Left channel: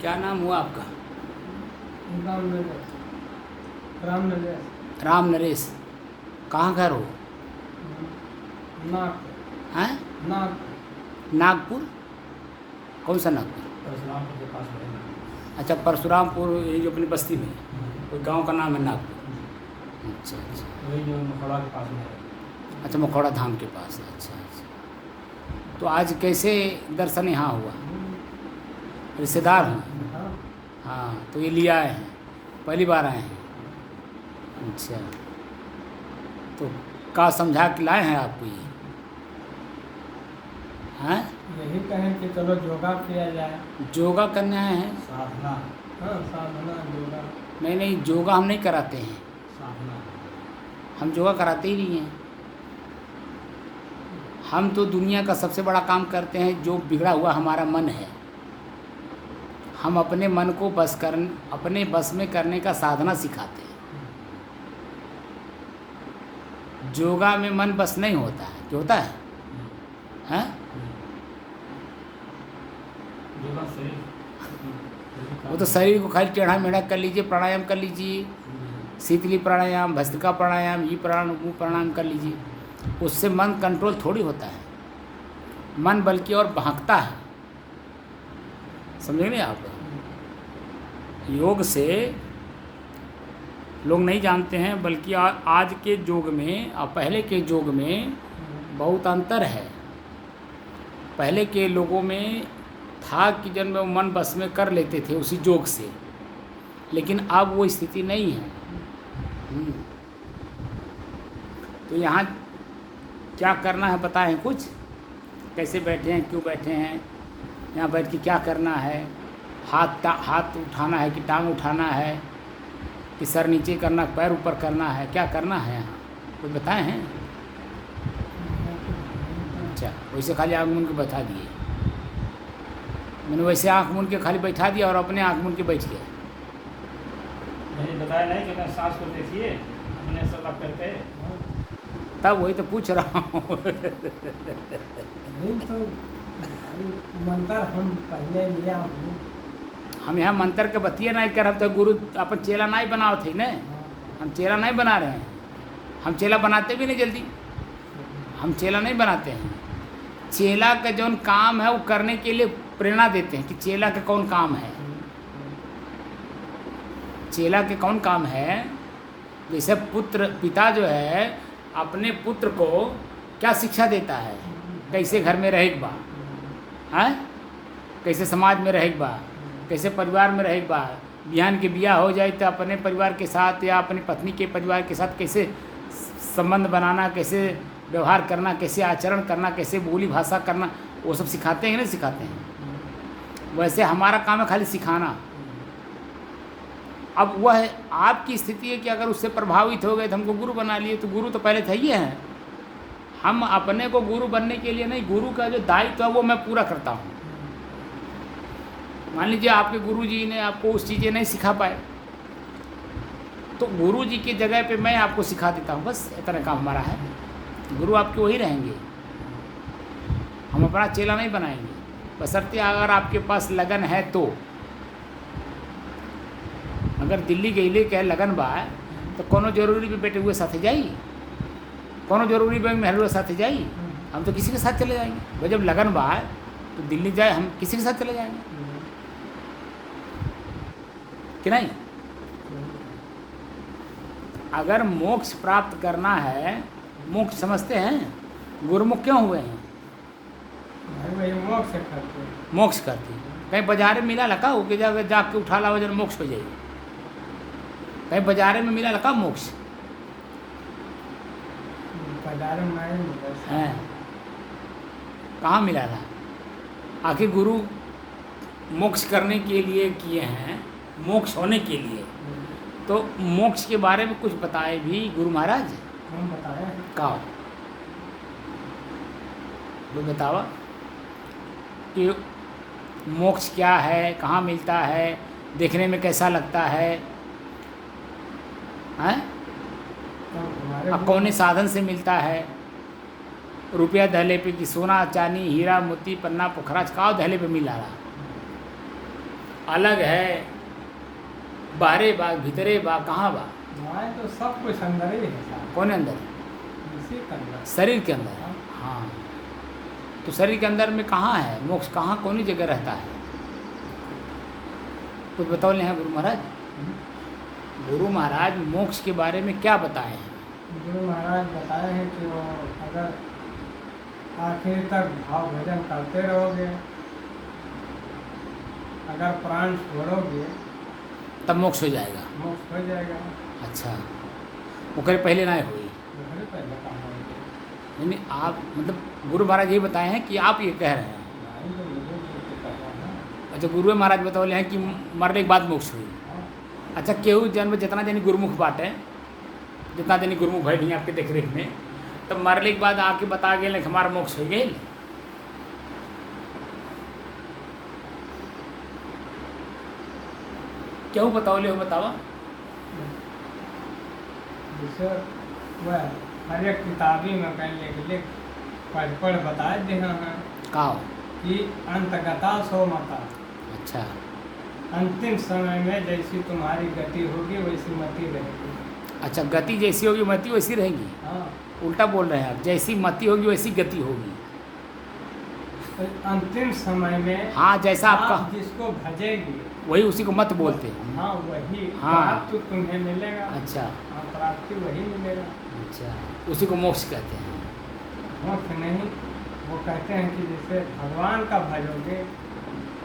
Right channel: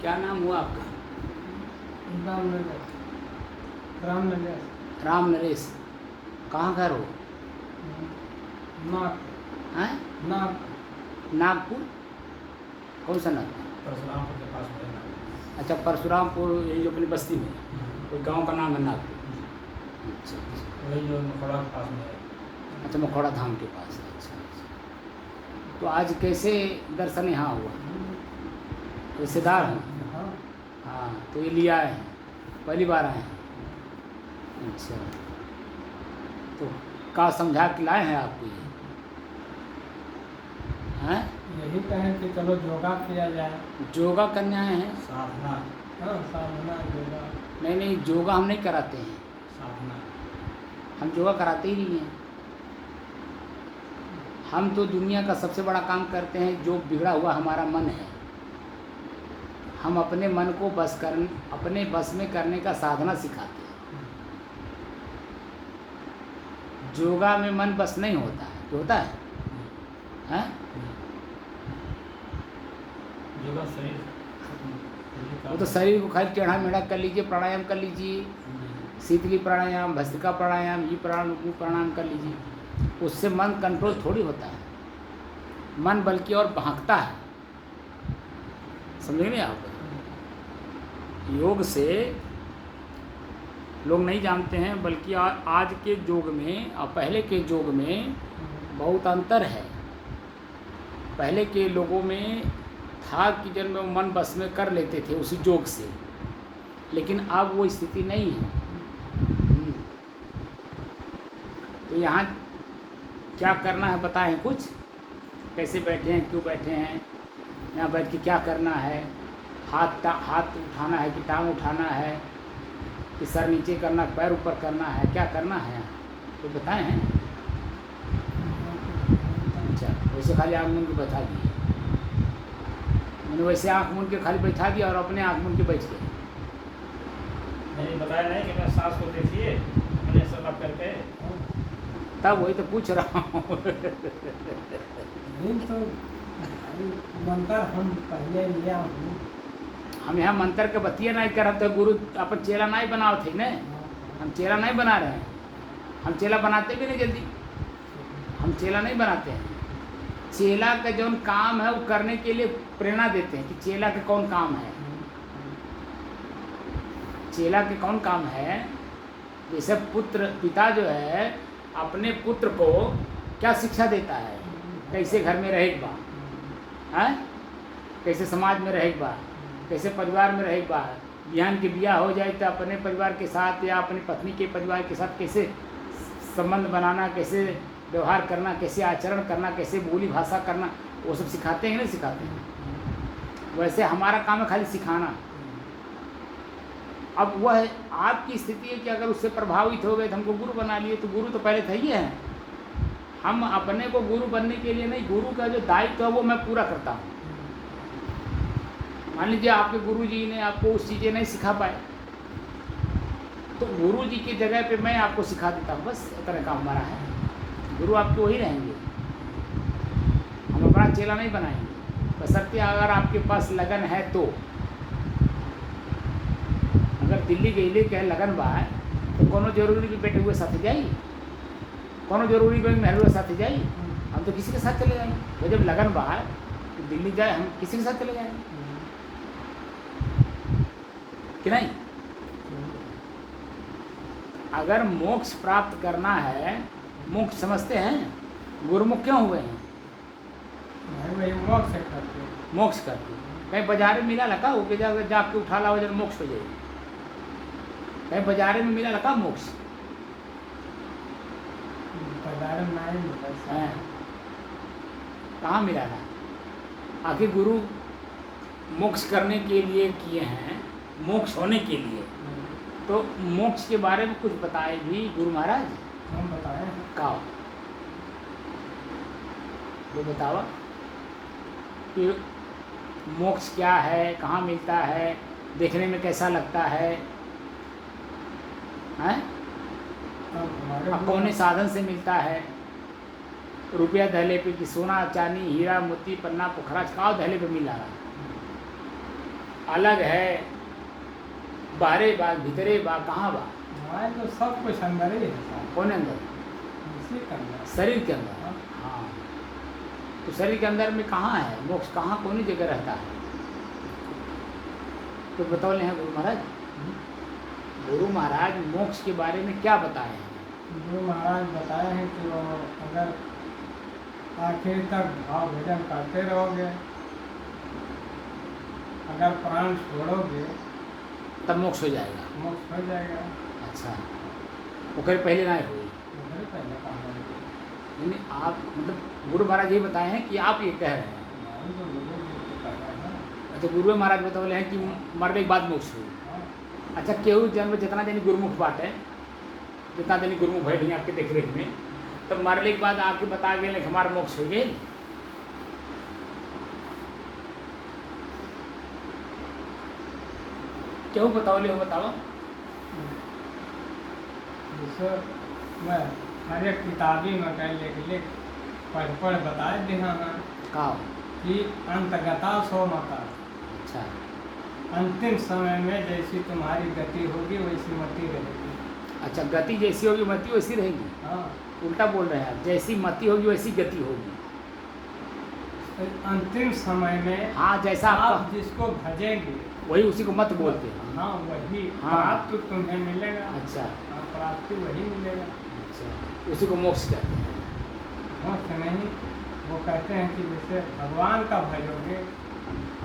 क्या नाम हुआ आपका? राम नरेश। राम नरेश। राम नरेश। कहाँ घर हो? नाक। हैं? नाक। नागपुर? कौन सा नागपुर? परशुरामपुर के पास में है। अच्छा, परशुरामपुर, ये जो अपनी बस्ती में कोई गांव का नाम है नागपुर। अच्छा अच्छा। वही जो मखौड़ा के पास में है। अच्छा, मखौड़ा धाम के पास है। अच्छा अच्छा। तो आज कैसे दर्शन यहाँ हुआ? रिश्तेदार हैं? हाँ। हाँ, तो ये लिया आए हैं, पहली बार आए हैं? अच्छा, तो का समझा के लाए हैं आपको ये? हैं? यही कहें कि चलो योगा किया जाए। योगा करने आए हैं? साधना। हाँ, साधना योगा। नहीं नहीं, योगा हम नहीं कराते हैं। साधना। हम योगा कराते ही नहीं हैं। हम तो दुनिया का सबसे बड़ा काम करते हैं, जो बिगड़ा हुआ हमारा मन है, हम अपने मन को अपने बस में करने का साधना सिखाते हैं। योगा में मन बस नहीं होता है, जो होता है हैं? योगा सही। वो तो शरीर को खाली टेढ़ा मेढ़ा कर लीजिए, प्राणायाम कर लीजिए, शीतली प्राणायाम, भस्त्रिका प्राणायाम, ये प्राणायाम वो प्राणायाम कर लीजिए, उससे मन कंट्रोल थोड़ी होता है। मन बल्कि और भागता है। समझ में आप? योग से लोग नहीं जानते हैं, बल्कि आज के योग में और पहले के योग में बहुत अंतर है। पहले के लोगों में था कि जब वो मन बस में कर लेते थे उसी योग से, लेकिन अब वो स्थिति नहीं है। तो यहाँ क्या करना है बताएं कुछ? कैसे बैठे हैं, क्यों बैठे हैं, यहाँ बैठ के क्या करना है? हाथ उठाना है कि टांग उठाना है, कि सर नीचे करना, पैर ऊपर करना है, क्या करना है तो बताएं हैं? अच्छा, वैसे खाली आँख मूंद के बैठा दिए, मैंने वैसे आँख मूंद के खाली बैठा दिया और अपने आँख मूंद के बैठ गया। नहीं बताया नहीं कि मैं सांस को देखिए अपने सब करके। तब वही तो पूछ रहा हूँ। नहीं तो मंत्र हम पहले लिया हूँ। हम यहाँ मंत्र के बतिया नहीं कर, तो गुरु अपन चेला नहीं बनाओ थे न, हम चेला नहीं बना रहे हैं। हम चेला बनाते भी नहीं जल्दी, हम चेला नहीं बनाते हैं। चेला का जो काम है वो करने के लिए प्रेरणा देते हैं कि चेला के कौन काम है। चेला के कौन काम है? जैसे पिता जो है अपने पुत्र को क्या शिक्षा देता है, कैसे घर में रहेगा बा, हैं? कैसे समाज में रहेगा बा, कैसे परिवार में रहेगा बा। बिहान के बियाह हो जाए तो अपने परिवार के साथ या अपनी पत्नी के परिवार के साथ कैसे संबंध बनाना, कैसे व्यवहार करना, कैसे आचरण करना, कैसे बोली भाषा करना, वो सब सिखाते हैं कि नहीं सिखाते हैं? वैसे हमारा काम है खाली सिखाना। अब वह आपकी स्थिति है कि अगर उससे प्रभावित हो गए तो हमको गुरु बना लिए, तो गुरु तो पहले थे ही हैं। हम अपने को गुरु बनने के लिए नहीं, गुरु का जो दायित्व है वो मैं पूरा करता हूँ। मान लीजिए आपके गुरु जी ने आपको उस चीज़ें नहीं सिखा पाए, तो गुरु जी की जगह पे मैं आपको सिखा देता हूँ, बस इतना काम हमारा है। गुरु आपके वही रहेंगे, हम अपना चेला नहीं बनाएंगे। बशर्ते अगर आपके पास लगन है तो। अगर दिल्ली गईले के लगन बा तो कोनो जरूरी भी बेटे हुए साथ जाइए, कोनो जरूरी बैंक नेहरू साथ जाइए, हम तो किसी के साथ चले जाएंगे। वो जब लगन बा तो दिल्ली जाए, हम किसी के साथ चले जाएंगे कि नहीं? अगर मोक्ष प्राप्त करना है, मोक्ष समझते हैं, गुरुमुख क्यों हुए हैं? मोक्ष करते। मोक्ष करते कहीं बाजारे में मिला लगा हो के जाके उठा ला वजन मोक्ष हो जाए। कहीं बाजारे में मिला लगा मोक्ष? बाजार में नहीं मिला हैं? कहाँ मिला था? आखिर गुरु मोक्ष करने के लिए किए हैं, मोक्ष होने के लिए। तो मोक्ष के बारे में कुछ बताए भी गुरु महाराज? हम बताए का वो बतावा कि मोक्ष क्या है, कहाँ मिलता है, देखने में कैसा लगता है, हैं? अब कौन साधन से मिलता है? रुपया दहले पे कि सोना चांदी हीरा मोती पन्ना पोखराज का दहले पे मिला रहा। अलग है, बाहरे बा भीतरे बा, कहाँ बा? माए तो सब कुछ अंदर ही है साहब, कौन है अंदर? इसी के अंदर। शरीर के अंदर। हाँ। हाँ, तो शरीर के अंदर में कहाँ है मोक्ष? कहाँ कौन सी जगह रहता है? कुछ बताओ हैं गुरु महाराज? गुरु महाराज मोक्ष के बारे में क्या बताए हैं? गुरु महाराज बताए हैं कि वो अगर आखिर तक भाव भजन करते रहोगे, अगर प्राण छोड़ोगे तब मोक्ष हो जाएगा। मोक्ष हो जाएगा। अच्छा, ओकरे पहले ना हुई? वो पहले कहा है। यानी आप मतलब गुरु महाराज ये बताए हैं कि आप ये कह रहे हैं? नहीं, तो लोगों को पता है। अच्छा, गुरु महाराज बताओ हैं कि मरने के बाद मोक्ष हुई। हाँ। अच्छा, केहू जन्म जितना जनी गुरुमुख बाटे, जितना जनी गुरुमुख बैठी आपके देख रेख में, तो मरने के बाद आके बता गए कि हमारा मोक्ष हो गए। क्यों बताओ ले हो बताओ? जैसे वह हर एक किताबी में कहीं लिख पढ़ बताए दे हैं का? कि अंतगता सो मता, अच्छा, अंतिम समय में जैसी तुम्हारी गति होगी वैसी मति रहेगी। अच्छा, गति जैसी होगी मति वैसी रहेगी? हाँ, उल्टा बोल रहे हैं आप, जैसी मति होगी वैसी गति होगी। तो अंतिम समय में हाँ, जैसा आप आपका जिसको भजेंगे वही उसी को मत बोलते हैं। हाँ वही हाँ। प्राप्त तुम्हें मिलेगा। अच्छा, हाँ, प्राप्ति वही मिलेगा। अच्छा, उसी को मोक्ष कहते हैं। मोक्ष नहीं, वो कहते हैं कि जैसे भगवान का भजोगे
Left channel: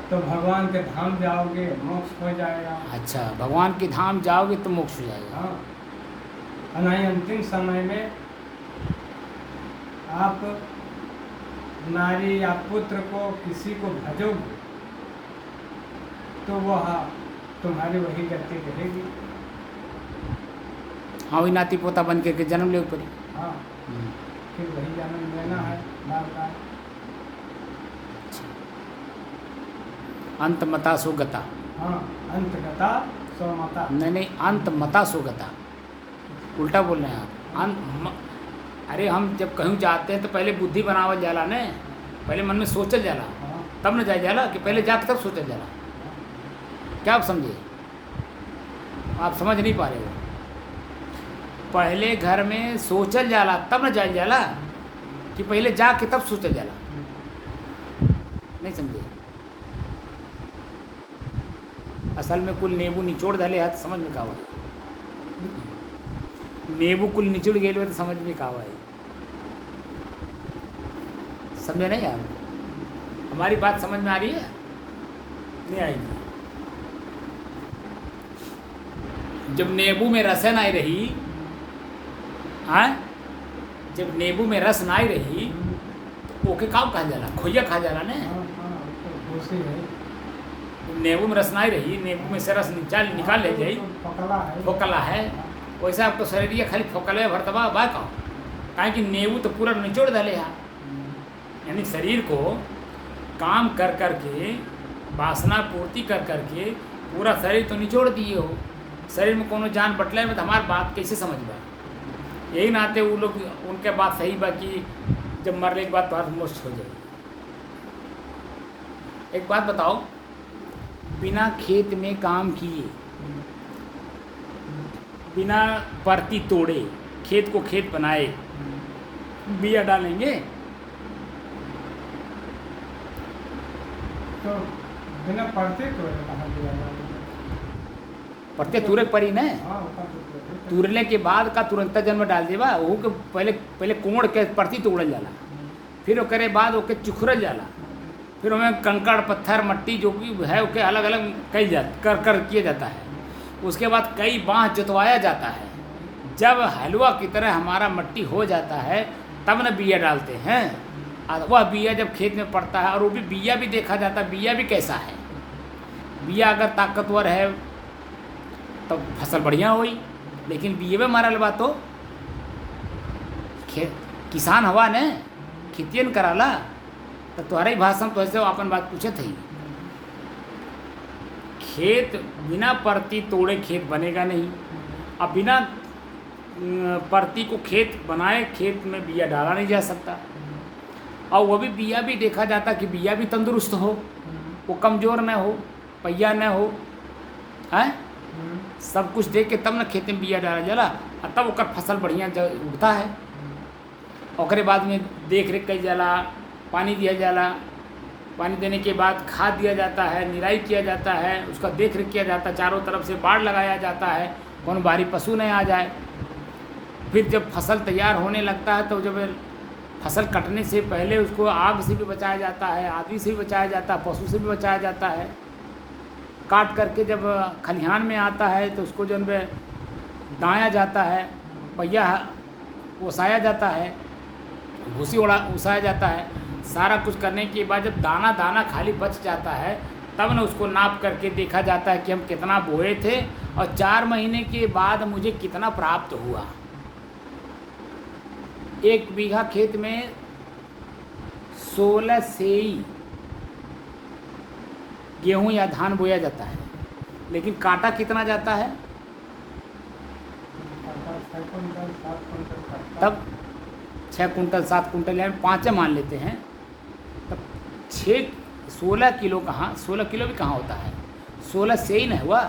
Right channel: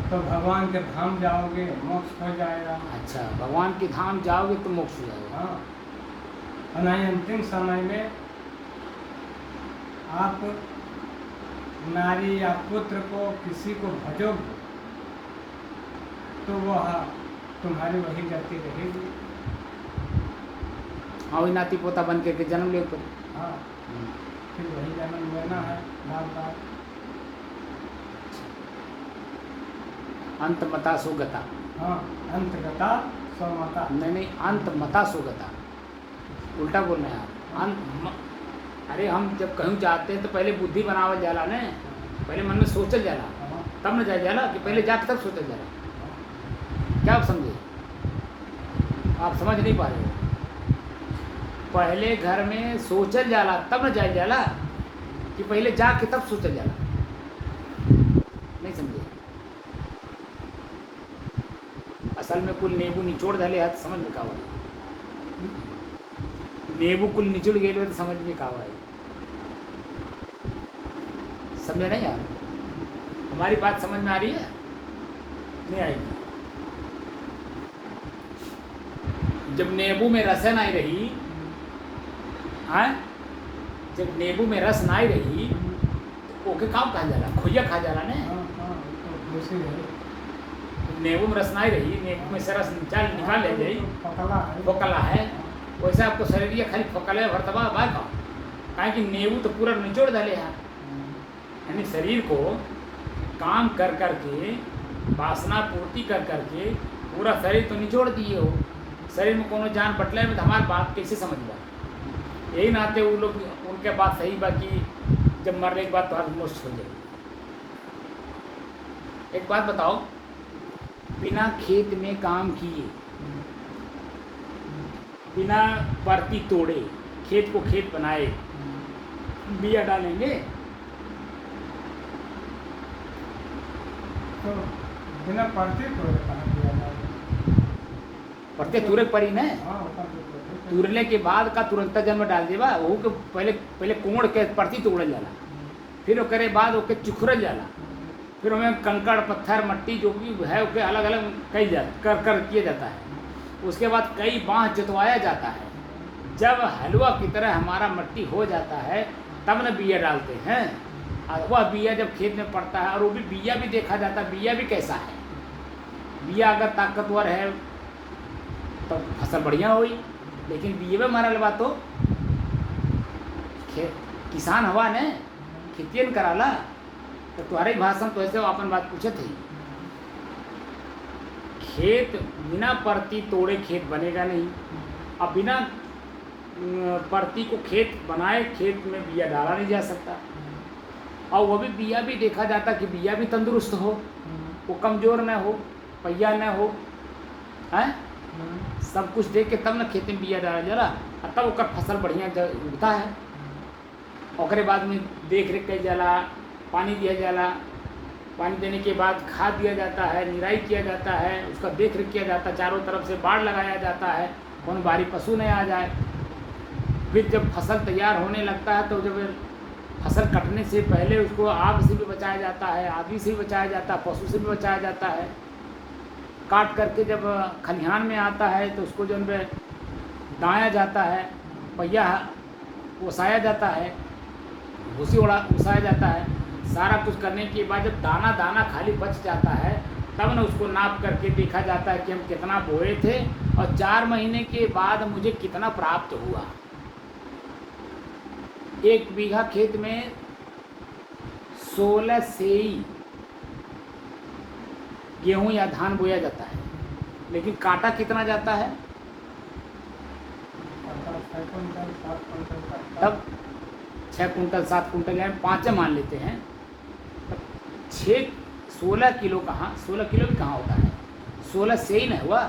तो भगवान के धाम जाओगे, मोक्ष हो जाएगा। अच्छा, भगवान के धाम जाओगे तो मोक्ष हो जाएगा। हाँ, और नहीं अंतिम समय में आप नारी या पुत्र को किसी को भजोगे तो वह तुम्हारी वही गति रहेगी। हाँ, वही नाती पोता बन के जन्म ले ऊपर। हाँ, फिर वही जन्म लेना है बार बार। अंत मता सुगता। हाँ, अंतगता स्वमता। नहीं, अंत मता सुगता, उल्टा बोल रहे हैं आप। अरे हम जब कहीं जाते हैं तो पहले बुद्धि बनावल जाला ने, पहले मन में सोचल जाला, हाँ, तब न जाए जाला कि पहले जाके तब सोचल जाला। क्या आप समझे? आप समझ नहीं पा रहे हो। पहले घर में सोचल जाला तब न जाए जाला कि पहले जाके तब सोचल जाला। नहीं समझे? असल में कुल नींबू निचोड़ धले हाथ समझ में का नींबू कुल निचुड़ गए तो समझ में का है। समझे नहीं यार? हमारी बात समझ में आ रही है? नहीं आएगी। जब नींबू में रस नहीं रही, हाँ, जब नींबू में रस नहीं रही तो ओके काम खा जाला, खोइया खा जाला ने। हाँ, हाँ, तो खुशी है। नींबू में रस नहीं रही, नींबू में से रस निकाल ले जाई, पकड़ा है। फोकला है, वैसे आपको शरीर खाली फोकला भरतबा बा का, काहे कि नींबू तो पूरा निचोड़ डाले है। यानी शरीर को काम कर कर के, वासना पूर्ति कर कर के पूरा शरीर तो निचोड़ दिए हो। शरीर में कोनो जान बटले में तो हमारी बात कैसे समझ बा? यही नाते वो लोग उनके बात सही बा कि जब मरने के बाद तो मोक्ष हो जाएगी। एक बात बताओ, बिना खेत में काम किए, बिना परती तोड़े, खेत को खेत बनाए, बिया डालेंगे तो बिना पढ़ते तो कहाँ दिया जाए? पड़ते तुरक पड़ी न। हाँ, होता तो है। तुरने के बाद का तुरंत जन्म डाल देवा, वो के पहले कोड़ के परती तोड़ल जाला, फिर ओकरे बाद ओके चुखरल जाला, फिर उसमें कंकड़ पत्थर मट्टी जो भी है ओके अलग अलग कई कर किया जाता है। उसके बाद कई बाँह जोतवाया जाता है। जब हलवा की तरह हमारा मट्टी हो जाता है तब न बिया डालते हैं। और वह बिया जब खेत में पड़ता है, और वो भी बिया भी देखा जाता है, बिया भी कैसा है। बिया अगर ताकतवर है तो फसल बढ़िया हुई, लेकिन बिये में मारल बा तो किसान हवा ने खेतियन कराला। तो तुम्हारे भाषण तो ऐसे अपन बात पूछे थे। खेत बिना परती तोड़े खेत बनेगा नहीं, अब बिना परती को खेत बनाए खेत में बिया डाला नहीं जा सकता। और वो भी बिया भी देखा जाता कि बिया भी तंदुरुस्त हो, वो कमज़ोर न हो। पहिया न हो, हैं, सब कुछ देख के तब न खेत में बिया डाला जाला और तब ओकर फसल बढ़िया उगता है। ओकरे बाद में देख रेख कई जाला, पानी दिया जाला, पानी देने के बाद खाद दिया जाता है, निराई किया जाता है, उसका देख रेख किया जाता है, चारों तरफ से बाड़ लगाया जाता है, कौन बाहरी पशु नहीं आ जाए। फिर जब फसल तैयार होने लगता है तो जब फसल कटने से पहले उसको आग से भी बचाया जाता है, आदमी से भी बचाया जाता है, पशु से भी बचाया जाता है। काट करके जब खलिहान में आता है तो उसको जब दाया जाता है, पहिया ओसाया जाता है, भूसी ओसाया जाता है, सारा कुछ करने के बाद जब दाना दाना खाली बच जाता है तब न उसको नाप करके देखा जाता है कि हम कितना बोए थे और 4 महीने के बाद मुझे कितना प्राप्त हुआ। 1 बीघा खेत में 16 सेई गेहूं या धान बोया जाता है, लेकिन काटा कितना जाता है? तब 6 कुंटल 7 कुंटल या 5 मान लेते हैं, तब 16 किलो कहाँ, 16 किलो भी कहाँ होता है, 16 सेई न हुआ।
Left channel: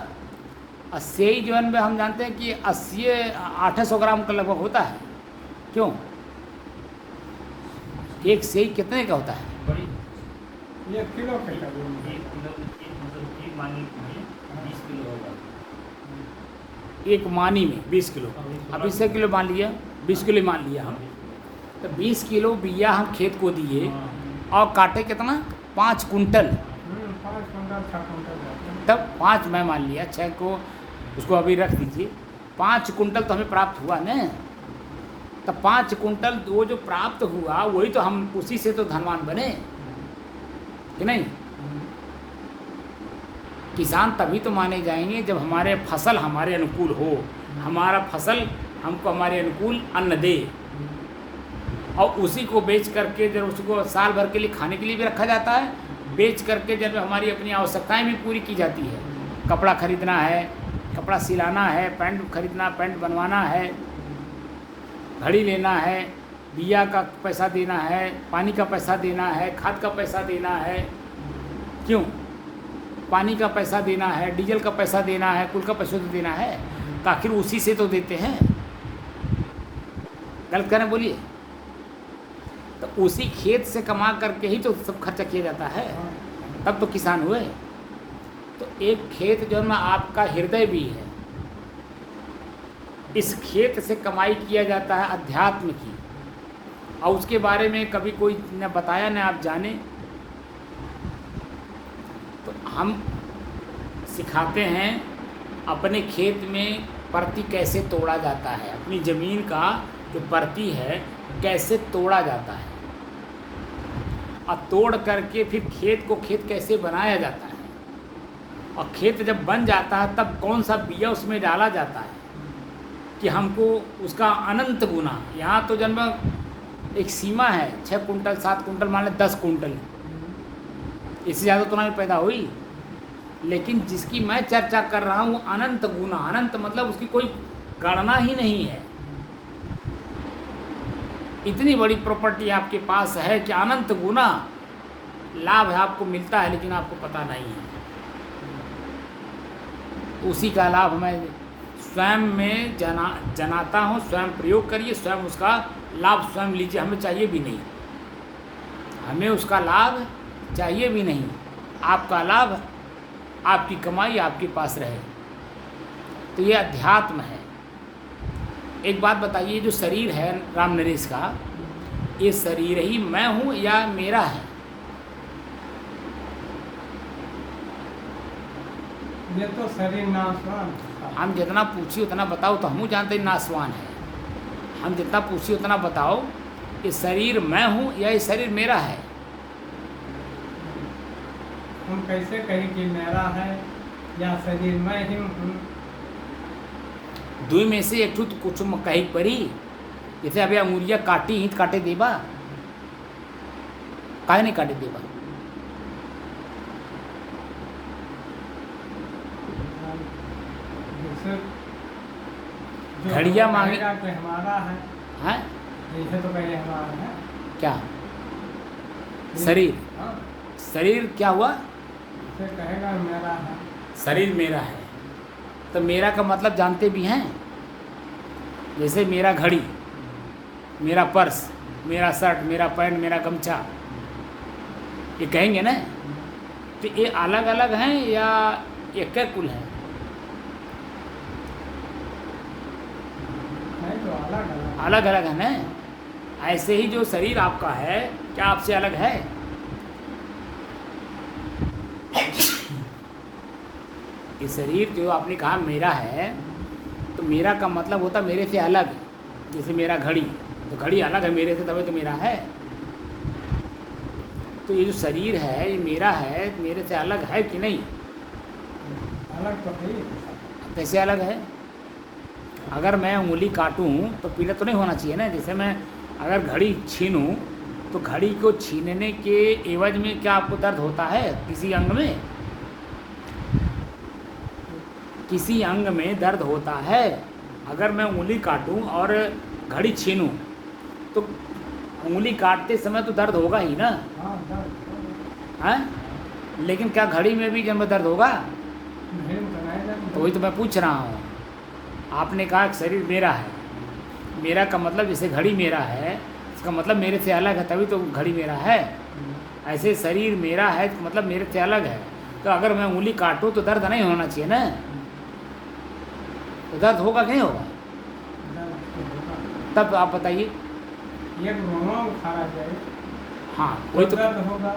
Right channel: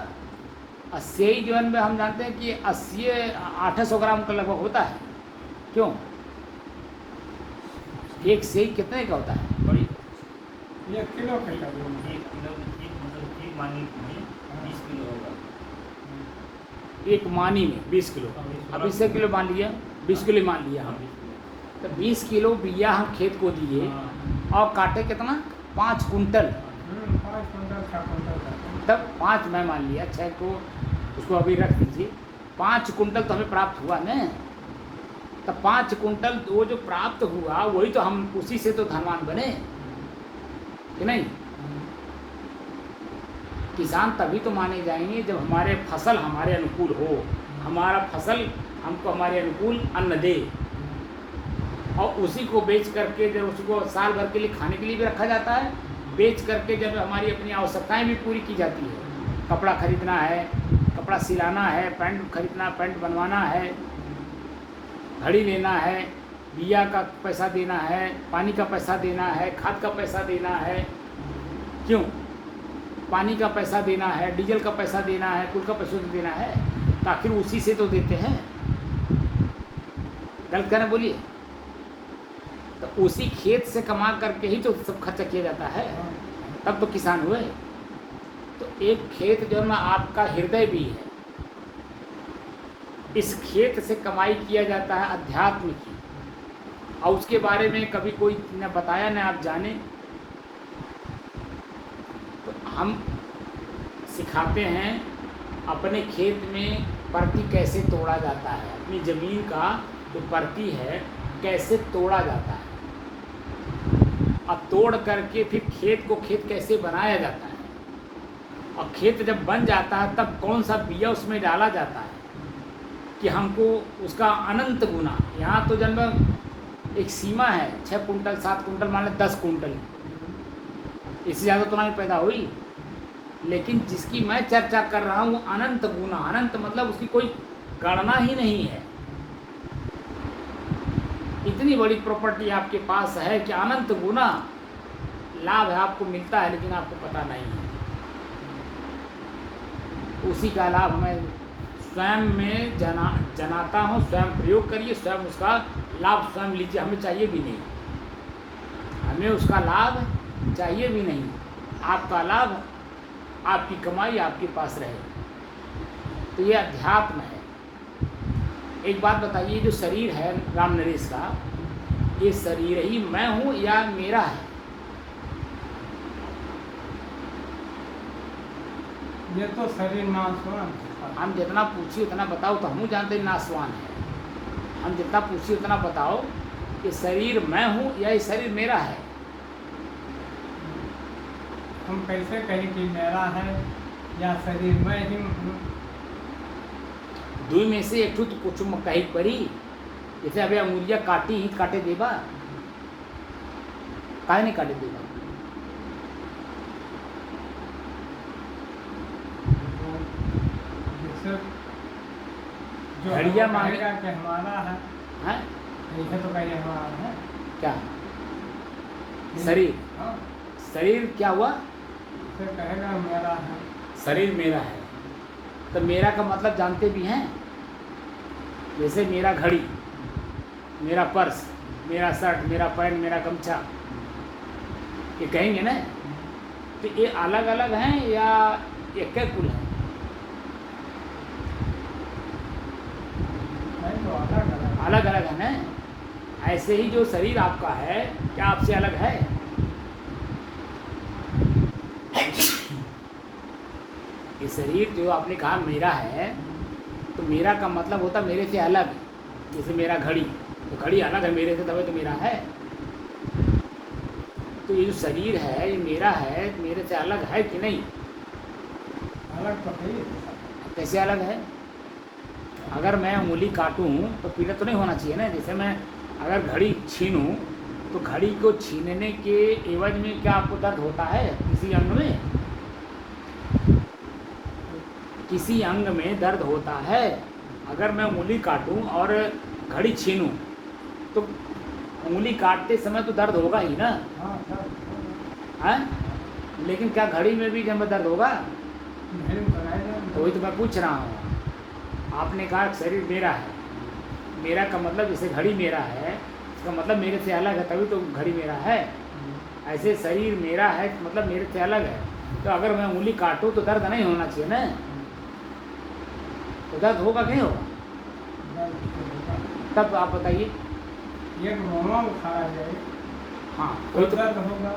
और सेई जो है हम जानते हैं कि 800 ग्राम का लगभग होता है। क्यों? एक सेई कितने का होता है? बड़ी 1 किलो के करीब। 1 किलो मतलब ठीक मान लीजिए 20 किलो होगा। एक मानी में 20 किलो, अब 20 किलो मान लिया, 20 किलो मान लिया हम, तो 20 किलो बिया हम खेत को दिए और काटे कितना? 5 कुंटल। 5 quintal 6 quintal. तब 5 मैं मान लिया, 6 को उसको अभी रख दीजिए। 5 कुंटल तो हमें प्राप्त हुआ न, तो 5 कुंटल वो जो प्राप्त हुआ वही तो हम उसी से तो धनवान बने कि नहीं। किसान तभी तो माने जाएंगे जब हमारे फसल हमारे अनुकूल हो, हमारा फसल हमको हमारे अनुकूल अन्न दे, और उसी को बेच करके जब उसको साल भर के लिए खाने के लिए भी रखा जाता है, बेच करके जब हमारी अपनी आवश्यकताएं भी पूरी की जाती है। कपड़ा खरीदना है, कपड़ा सिलाना है, पैंट खरीदना, पैंट बनवाना है, घड़ी लेना है, बिया का पैसा देना है, पानी का पैसा देना है, खाद का पैसा देना है। क्यों? पानी का पैसा देना है, डीजल का पैसा देना है, कुल का पैसा तो देना है, तो आखिर उसी से तो देते हैं। गलत कह रहे बोलिए? तो उसी खेत से कमा करके ही तो सब खर्चा किया जाता है, तब तो किसान हुए। तो एक खेत जो है आपका हृदय भी है, इस खेत से कमाई किया जाता है अध्यात्म की, और उसके बारे में कभी कोई न बताया न आप जाने। तो हम सिखाते हैं अपने खेत में परती कैसे तोड़ा जाता है, अपनी ज़मीन का जो परती है कैसे तोड़ा जाता है, और तोड़ करके फिर खेत को खेत कैसे बनाया जाता है, और खेत जब बन जाता है तब कौन सा बिया उसमें डाला जाता है कि हमको उसका अनंत गुना। यहाँ तो जन्म एक सीमा है, 6 कुंटल 7 कुंटल मान लें 10 कुंटल, इससे ज़्यादा तो नहीं पैदा हुई। लेकिन जिसकी मैं चर्चा कर रहा हूँ अनंत गुना, अनंत मतलब उसकी कोई गणना ही नहीं है। इतनी बड़ी प्रॉपर्टी आपके पास है कि अनंत गुना लाभ आपको मिलता है, लेकिन आपको पता नहीं है। उसी का लाभ मैं स्वयं में जनाता हूँ, स्वयं प्रयोग करिए, स्वयं उसका लाभ स्वयं लीजिए। हमें चाहिए भी नहीं, हमें उसका लाभ चाहिए भी नहीं। आपका लाभ, आपकी कमाई आपके पास रहे, तो ये अध्यात्म है। एक बात बताइए, जो शरीर है राम नरेश का, ये शरीर ही मैं हूँ या मेरा है? ये तो शरीर नाशवान। हम जितना पूछिए उतना बताओ, तो हम जानते हैं नाशवान है। हम जितना पूछिए उतना बताओ, ये शरीर मैं हूँ या ये शरीर मेरा है? हम कैसे कहें कि मेरा है या शरीर मैं ही हूँ? दुई में से एक ठू तो कुछ कही पड़ी। जैसे अभी अंगुरिया काटी ही काटे देबा, काहे नहीं काटे देबा? घड़िया मांगे कि हमारा है, हैं? ऐसे तो कहिए हमारा है। क्या शरीर? हाँ, शरीर क्या हुआ? फिर कहेगा मेरा है। शरीर मेरा है, तो मेरा का मतलब जानते भी हैं। जैसे मेरा घड़ी, मेरा पर्स, मेरा शर्ट, मेरा पैंट, मेरा गमछा, ये कहेंगे ना। तो ये अलग अलग हैं या एक कुल हैं? तो अलग अलग अलग अलग है ना। ऐसे ही जो शरीर आपका है, क्या आपसे अलग है? ये शरीर जो आपने कहा मेरा है, तो मेरा का मतलब होता मेरे से अलग है। जैसे मेरा घड़ी, तो घड़ी अलग है मेरे से, तभी तो मेरा है। तो ये जो शरीर है ये मेरा है, मेरे से अलग है कि नहीं? अलग तो है। कैसे अलग है? अगर मैं उंगली काटूं तो पीड़ा तो नहीं होना चाहिए ना। जैसे मैं अगर घड़ी छीनूं तो घड़ी को छीनने के एवज में क्या आपको दर्द होता है किसी अंग में? किसी अंग में दर्द होता है। अगर मैं उंगली काटूं और घड़ी छीनूं तो उंगली काटते समय तो दर्द होगा ही ना, हाँ दर्द है? लेकिन क्या घड़ी में भी जब दर्द होगा? नहीं बनाएगा। तो वही तो मैं पूछ रहा हूँ। आपने कहा कि शरीर मेरा है, मेरा का मतलब जैसे घड़ी मेरा है, इसका मतलब मेरे से अलग है, तभी तो घड़ी मेरा है। ऐसे शरीर मेरा है मतलब मेरे से अलग है। तो अगर मैं उंगली काटूं तो दर्द नहीं होना चाहिए ना। तो दर्द होगा कि नहीं होगा? दर्द तो होगा। तब आप बताइए। एक रोमा उखाड़ा जाए हाँ तो वही तो। दर्द होगा।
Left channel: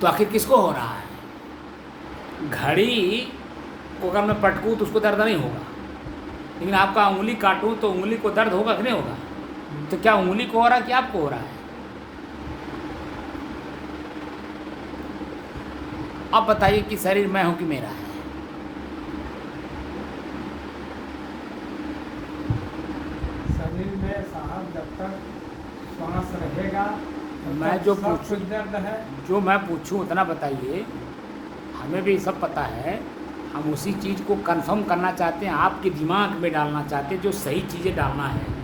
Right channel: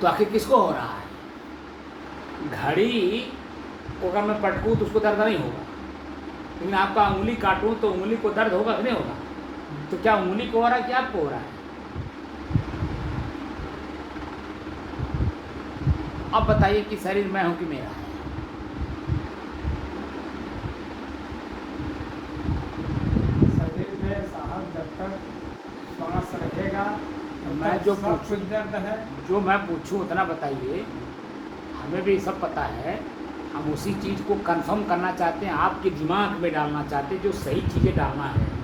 तो आखिर किसको हो रहा है? घड़ी को अगर मैं पटकूँ तो उसको दर्द नहीं होगा, लेकिन आपका उंगली काटूँ तो उंगली को दर्द होगा कि नहीं होगा? तो क्या उंगली को हो रहा है कि आपको हो रहा है? अब बताइए कि शरीर मैं हूँ कि मेरा है? शरीर में साहब जब तक श्वास रहेगा तब मैं तक जो सब पूछूं- कुछ दर्द है। जो मैं पूछूं उतना बताइए। हमें भी सब पता है, हम उसी चीज़ को कंफर्म करना चाहते हैं, आपके दिमाग में डालना चाहते हैं, जो सही चीज़ें डालना है।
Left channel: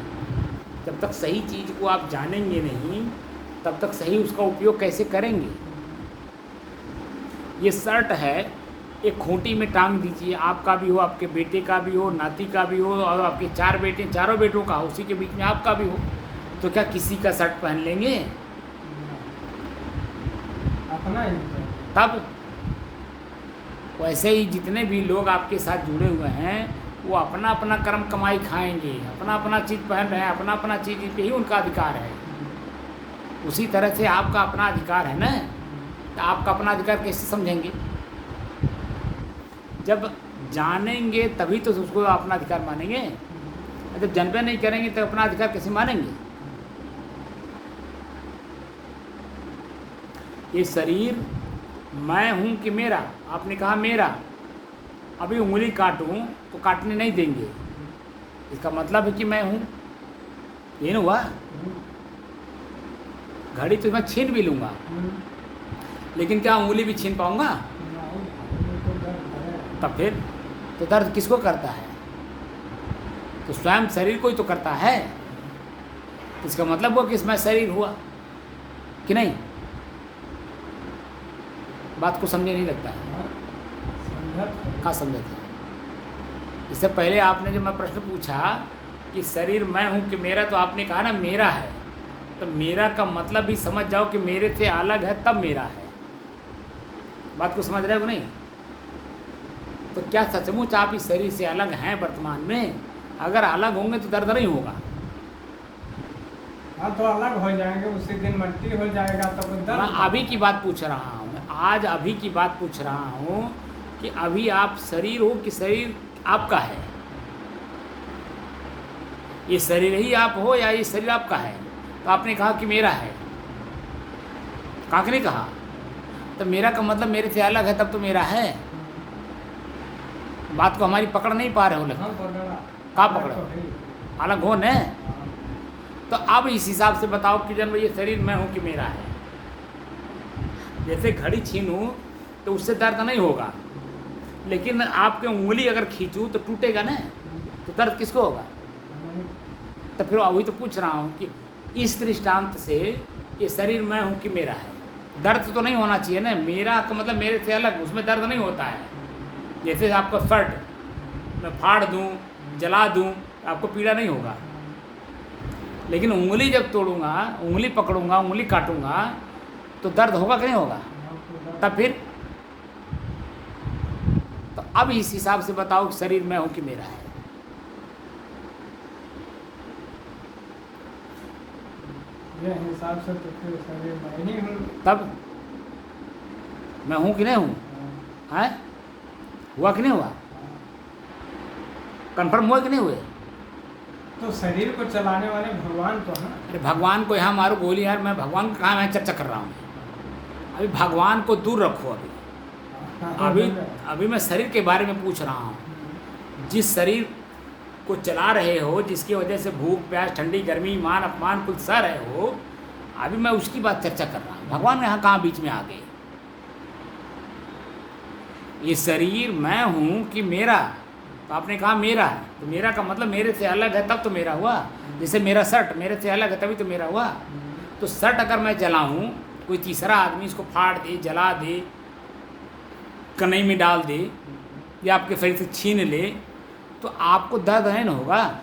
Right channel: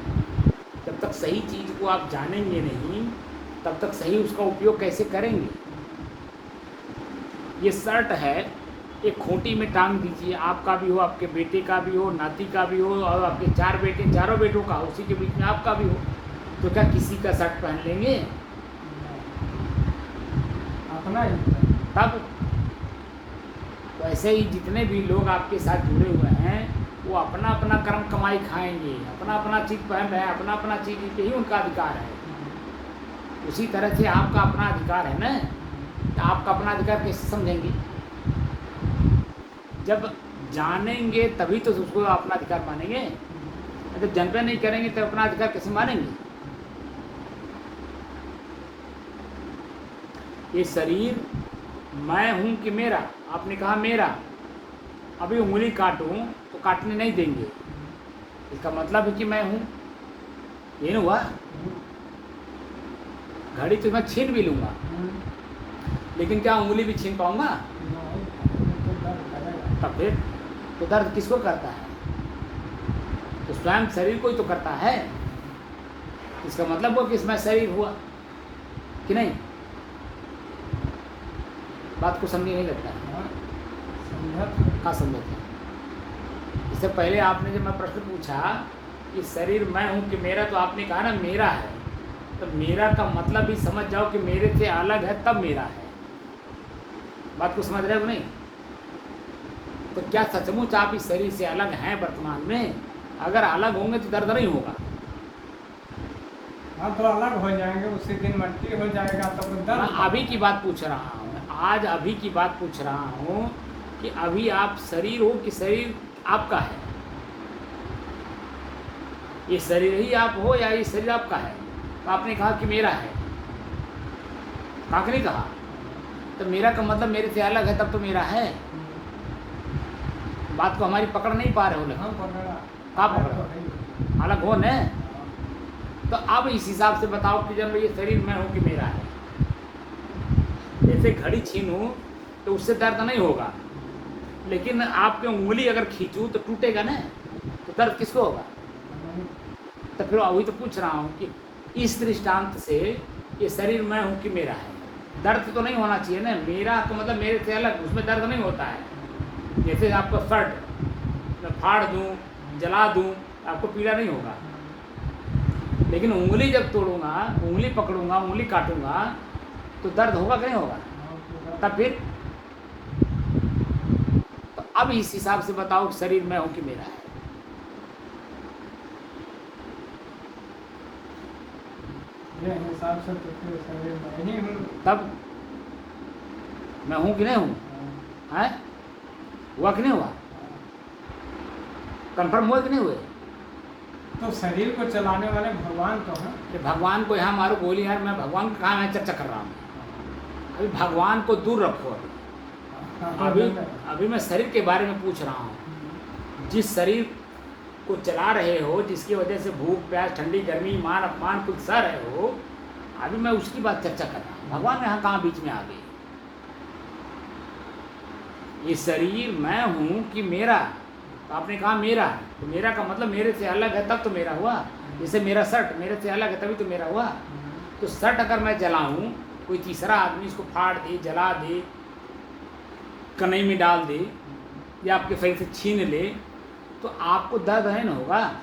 जब तक सही चीज़ को आप जानेंगे नहीं तब तक सही उसका उपयोग कैसे करेंगे? ये शर्ट है, एक खूंटी में टांग दीजिए, आपका भी हो, आपके बेटे का भी हो, नाती का भी हो, और आपके 4 बेटे, चारों बेटों का हो, उसी के बीच में आपका भी हो, तो क्या किसी का शर्ट पहन लेंगे? अपना ही है। तब वैसे ही जितने भी लोग आपके साथ जुड़े हुए हैं वो अपना अपना कर्म कमाई खाएंगे, अपना अपना चीज़ पहन रहे हैं, अपना अपना चीज़ पे ही उनका अधिकार है। उसी तरह से आपका अपना अधिकार है ना। तो आपका अपना अधिकार कैसे समझेंगे? जब जानेंगे तभी तो उसको अपना अधिकार मानेंगे। जब जानबे नहीं करेंगे तो अपना अधिकार कैसे मानेंगे? ये शरीर मैं हूँ कि मेरा? आपने कहा मेरा। अभी उंगली काटूं तो काटने नहीं देंगे, इसका मतलब है कि मैं हूँ, ये ना हुआ। घड़ी तो मैं छीन भी लूँगा, लेकिन क्या उंगली भी छीन पाऊँगा? तो दर्द करेगा। तब फिर तो दर्द किसको करता है? तो स्वयं शरीर को ही तो करता है। इसका मतलब वो कि इसमें शरीर हुआ कि नहीं? बात को समझे नहीं लगता है। हाँ, समझा तो। कहाँ समझे थे? इससे पहले आपने जब मैं प्रश्न पूछा कि शरीर मैं हूँ कि मेरा, तो आपने कहा ना मेरा है। तो मेरा का मतलब भी समझ जाओ कि मेरे से अलग है तब मेरा है। बात को समझ रहे हो नहीं? तो क्या सचमुच आप इस शरीर से अलग हैं वर्तमान में? अगर अलग होंगे तो दर्द नहीं होगा। हाँ तो अलग हो जाएंगे, उसी दिन मट्टी हो जाएगा तब तो मैं दर्द। अभी की बात पूछ रहा हूँ, आज अभी की बात पूछ रहा हूँ कि अभी आप शरीर हो कि शरीर आपका है? ये शरीर ही आप हो या ये शरीर आपका है? तो आपने कहा कि मेरा है, कहाँ नहीं कहा? तो मेरा का मतलब मेरे से अलग है तब तो मेरा है। बात को हमारी पकड़ नहीं पा रहे हो हाँ लेकिन पकड़ा। कहाँ अलग पकड़ा? तो है ही। अलग हो न। हाँ। तो अब इस हिसाब से बताओ कि जब ये शरीर मैं हूँ कि मेरा है। जैसे घड़ी छीनूं तो उससे दर्द नहीं होगा, लेकिन आपके उंगली अगर खींचूं तो टूटेगा ना, तो दर्द किसको होगा? नहीं, तो फिर अभी तो पूछ रहा हूँ कि इस दृष्टांत से ये शरीर मैं हूँ कि मेरा है, दर्द तो नहीं होना चाहिए ना, मेरा का मतलब मेरे से अलग, उसमें दर्द नहीं होता है। जैसे आपका शर्ट मैं फाड़ दूँ, जला दूँ, आपको पीड़ा नहीं होगा। लेकिन उंगली जब तोड़ूंगा, उंगली पकड़ूंगा, उंगली काटूंगा, तो दर्द होगा कि नहीं होगा? तब फिर तो अब इस हिसाब से बताओ कि शरीर मैं हूं कि मेरा है? ये हिसाब से तो फिर शरीर में नहीं हूँ। तब मैं हूं कि नहीं हूं? है? हुआ कि नहीं हुआ? कंफर्म हुआ कि नहीं हुए? तो शरीर को चलाने वाले भगवान तो हैं। अरे भगवान को यहाँ मारो गोली यार, मैं भगवान को कहाँ मैं चर्चा कर रहा हूँ। अभी भगवान को दूर रखो। अभी अभी मैं शरीर के बारे में पूछ रहा हूँ। जिस शरीर को चला रहे हो, जिसकी वजह से भूख प्यास ठंडी गर्मी मान अपमान कुछ सह रहे हो, अभी मैं उसकी बात चर्चा कर रहा हूँ। भगवान यहाँ कहाँ बीच में आ गए? ये शरीर मैं हूँ कि मेरा? तो आपने कहा मेरा, तो मेरा का मतलब मेरे से अलग है तब तो मेरा हुआ। जैसे मेरा शर्ट मेरे से अलग है तभी तो मेरा हुआ। तो शर्ट अगर मैं जलाऊं, कोई तीसरा आदमी इसको फाड़ दे, जला दे, कन्हई में डाल दे या आपके शरीर से छीन ले, तो आपको दर्द नहीं ना होगा।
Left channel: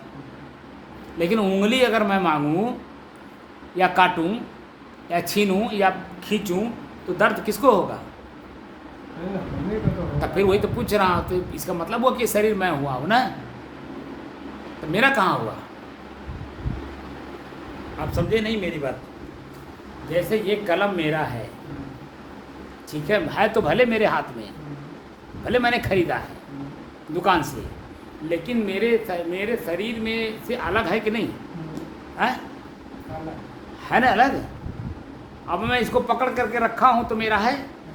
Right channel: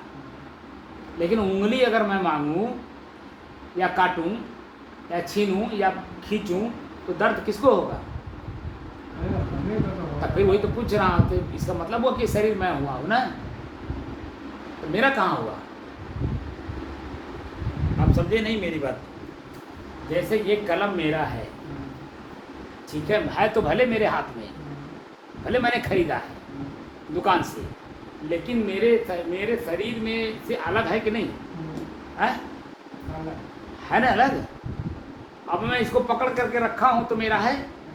लेकिन उंगली अगर मैं मांगूं या काटूं या छीनूं या खींचूं, तो दर्द किसको होगा? तो फिर वही तो पूछ रहा हूँ। तो इसका मतलब हुआ कि शरीर मैं हुआ हूँ ना, तो मेरा कहाँ हुआ? आप समझे नहीं मेरी बात? जैसे ये कलम मेरा है, ठीक है तो भले मेरे हाथ में, भले मैंने खरीदा है दुकान से, लेकिन मेरे शरीर में से अलग है कि नहीं है? है ना अलग। अब मैं इसको पकड़ करके रखा हूँ तो मेरा है,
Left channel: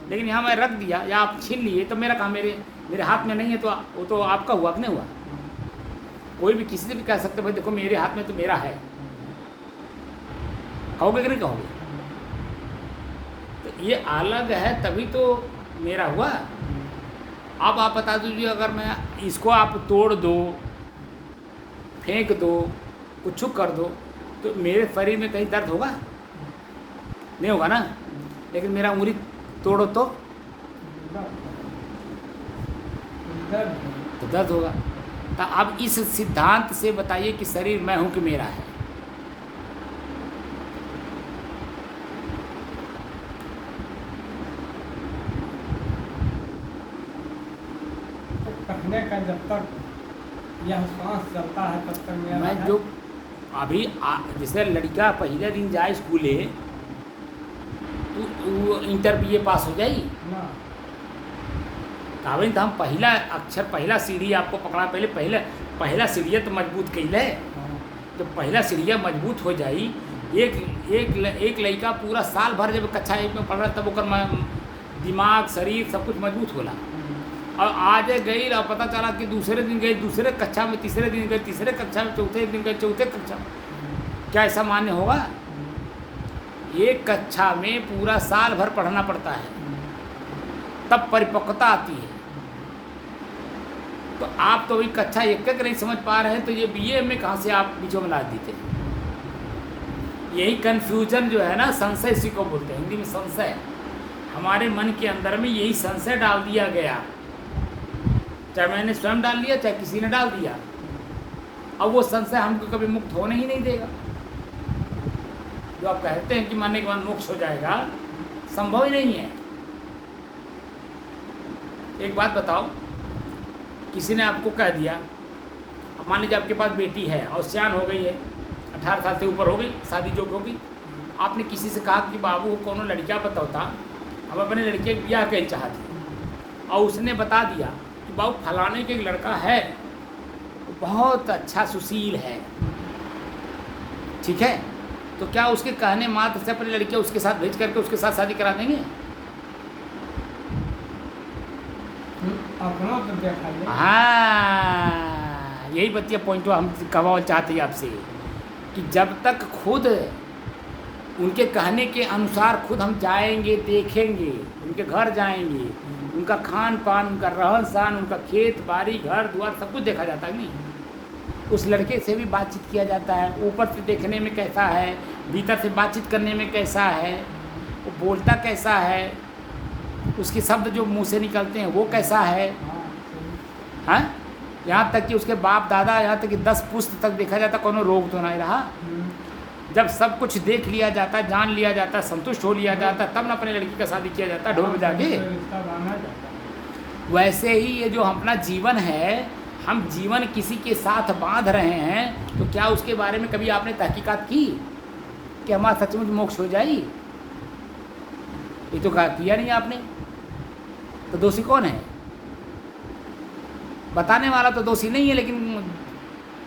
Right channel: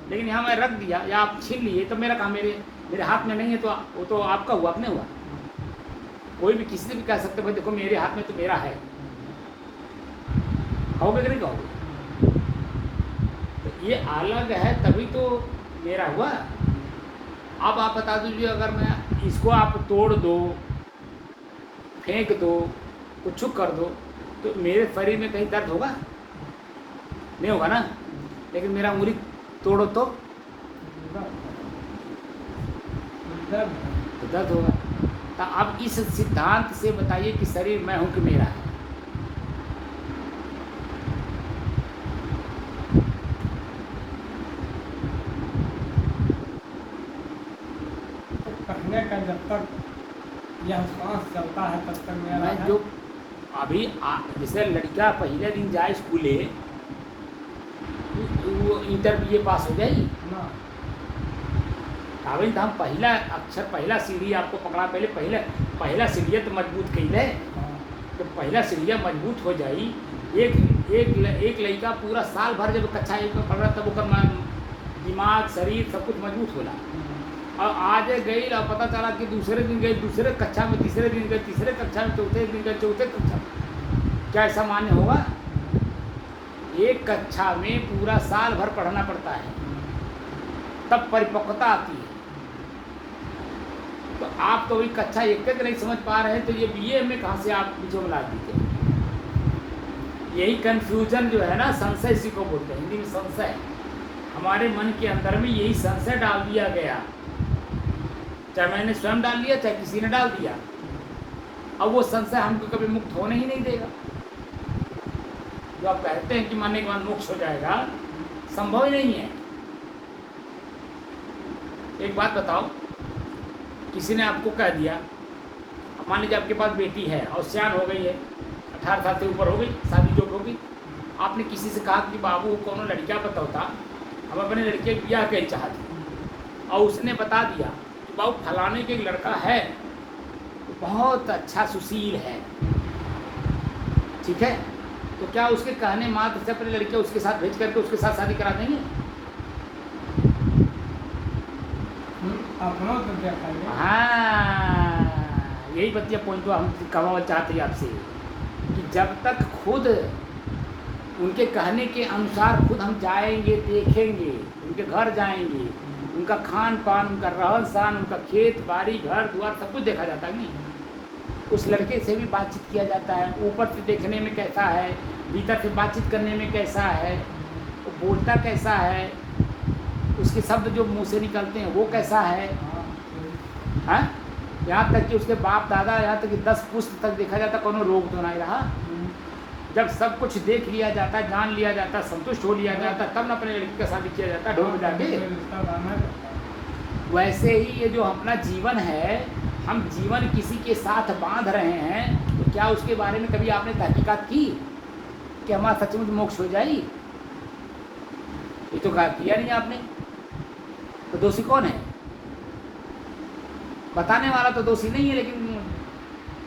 लेकिन यहाँ मैं रख दिया या आप छीन लिए तो मेरा काम मेरे हाथ में नहीं है, तो वो तो आपका हुआ कि नहीं हुआ? कोई भी किसी से भी कह सकते भाई देखो मेरे हाथ में तो मेरा है, कहोगे कि नहीं कहोगे? तो ये अलग है तभी तो मेरा हुआ। अब आप बता दीजिए, अगर मैं इसको आप तोड़ दो, फेंक दो, कुछ कर दो, तो मेरे शरीर में कहीं दर्द होगा? नहीं होगा ना। लेकिन मेरा उंगली तोड़ो तो दर्द होगा। तो अब इस सिद्धांत से बताइए कि शरीर मैं हूं कि मेरा है? कहने का जब तक यह सांस चलता है तब तक मेरा मैं है। जो अभी जैसे लड़का पहले दिन जाए स्कूले, वो इंटर BA पास हो जाएगी ना। कहते तो हम पहला अक्षर पहला सीढ़ी आपको पकड़ा, पहला सीढ़िया तो मजबूत कैल है, तो पहला सीढ़िया मजबूत हो जाई। एक लड़का पूरा साल भर जब कक्षा 1 में पढ़ रहा तब ओकर दिमाग शरीर सब कुछ मजबूत होला। अब आज गई और पता चला कि दूसरे दिन गए दूसरे कक्षा में, तीसरे दिन गए तीसरे कक्षा में, चौथे दिन गए चौथे कक्षा में। क्या ऐसा मान्य होगा? एक कक्षा में पूरा साल भर पढ़ना पड़ता है, तब परिपक्वता आती है। तो आप तो वही कक्षा 1 तक नहीं समझ पा रहे हैं, तो ये BA में कहाँ से आप बीचों में ला देते हैं? यही कन्फ्यूजन जो है ना, संशय इसी को बोलते हैं हिंदी में, संशय। हमारे मन के अंदर में यही संशय डाल दिया गया, चाहे मैंने स्वयं डाल दिया चाहे किसी ने डाल दिया। अब वो संशय हमको कभी मुक्त होने ही नहीं देगा। जो आप कहते हैं कि मरने के बाद मोक्ष हो जाएगा, संभव ही नहीं है। एक बात बताओ, किसी ने आपको कह दिया, मान लीजिए आपके पास बेटी है और सियान हो गई है, 18 साल से ऊपर हो गई, शादी जो होगी, आपने किसी से कहा कि बाबू कौन लड़का बताता, हम अपने लड़के के ब्याह के चाहते, और उसने बता दिया कि बाबू फलाने के एक लड़का है, बहुत अच्छा सुशील है, ठीक है, तो क्या उसके कहने मात्र से अपने लड़के उसके साथ भेज करके उसके साथ शादी करा देंगे? हाँ, यही बच्चे पॉइंट हम कहवा चाहते हैं आपसे, कि जब तक खुद उनके कहने के अनुसार खुद हम जाएंगे, देखेंगे, उनके घर जाएंगे, उनका खान पान, उनका रहन सहन, उनका खेत बाड़ी घर द्वार सब कुछ देखा जाता है। नहीं, उस लड़के से भी बातचीत किया जाता है, ऊपर से देखने में कैसा है, भीतर से बातचीत करने में कैसा है, वो बोलता कैसा है, उसके शब्द जो मुंह से निकलते हैं वो कैसा है, हाँ सही। हाँ? यहाँ तक कि उसके बाप दादा, यहाँ तक कि 10 पुश्त तक देखा जाता, कोनो रोग तो नहीं रहा। जब सब कुछ देख लिया जाता, जान लिया जाता, संतुष्ट हो लिया जाता, तब न अपने लड़की का शादी किया जाता ढोल बजा के। रिश्ता बांधा जाता है। वैसे ही ये जो अपना जीवन है, हम जीवन किसी के साथ बांध रहे हैं, तो क्या उसके बारे में कभी आपने तहकीकात की कि हमारा सचमुच मोक्ष हो जाए? ये तो किया नहीं आपने। तो दोषी कौन है? बताने वाला तो दोषी नहीं है, लेकिन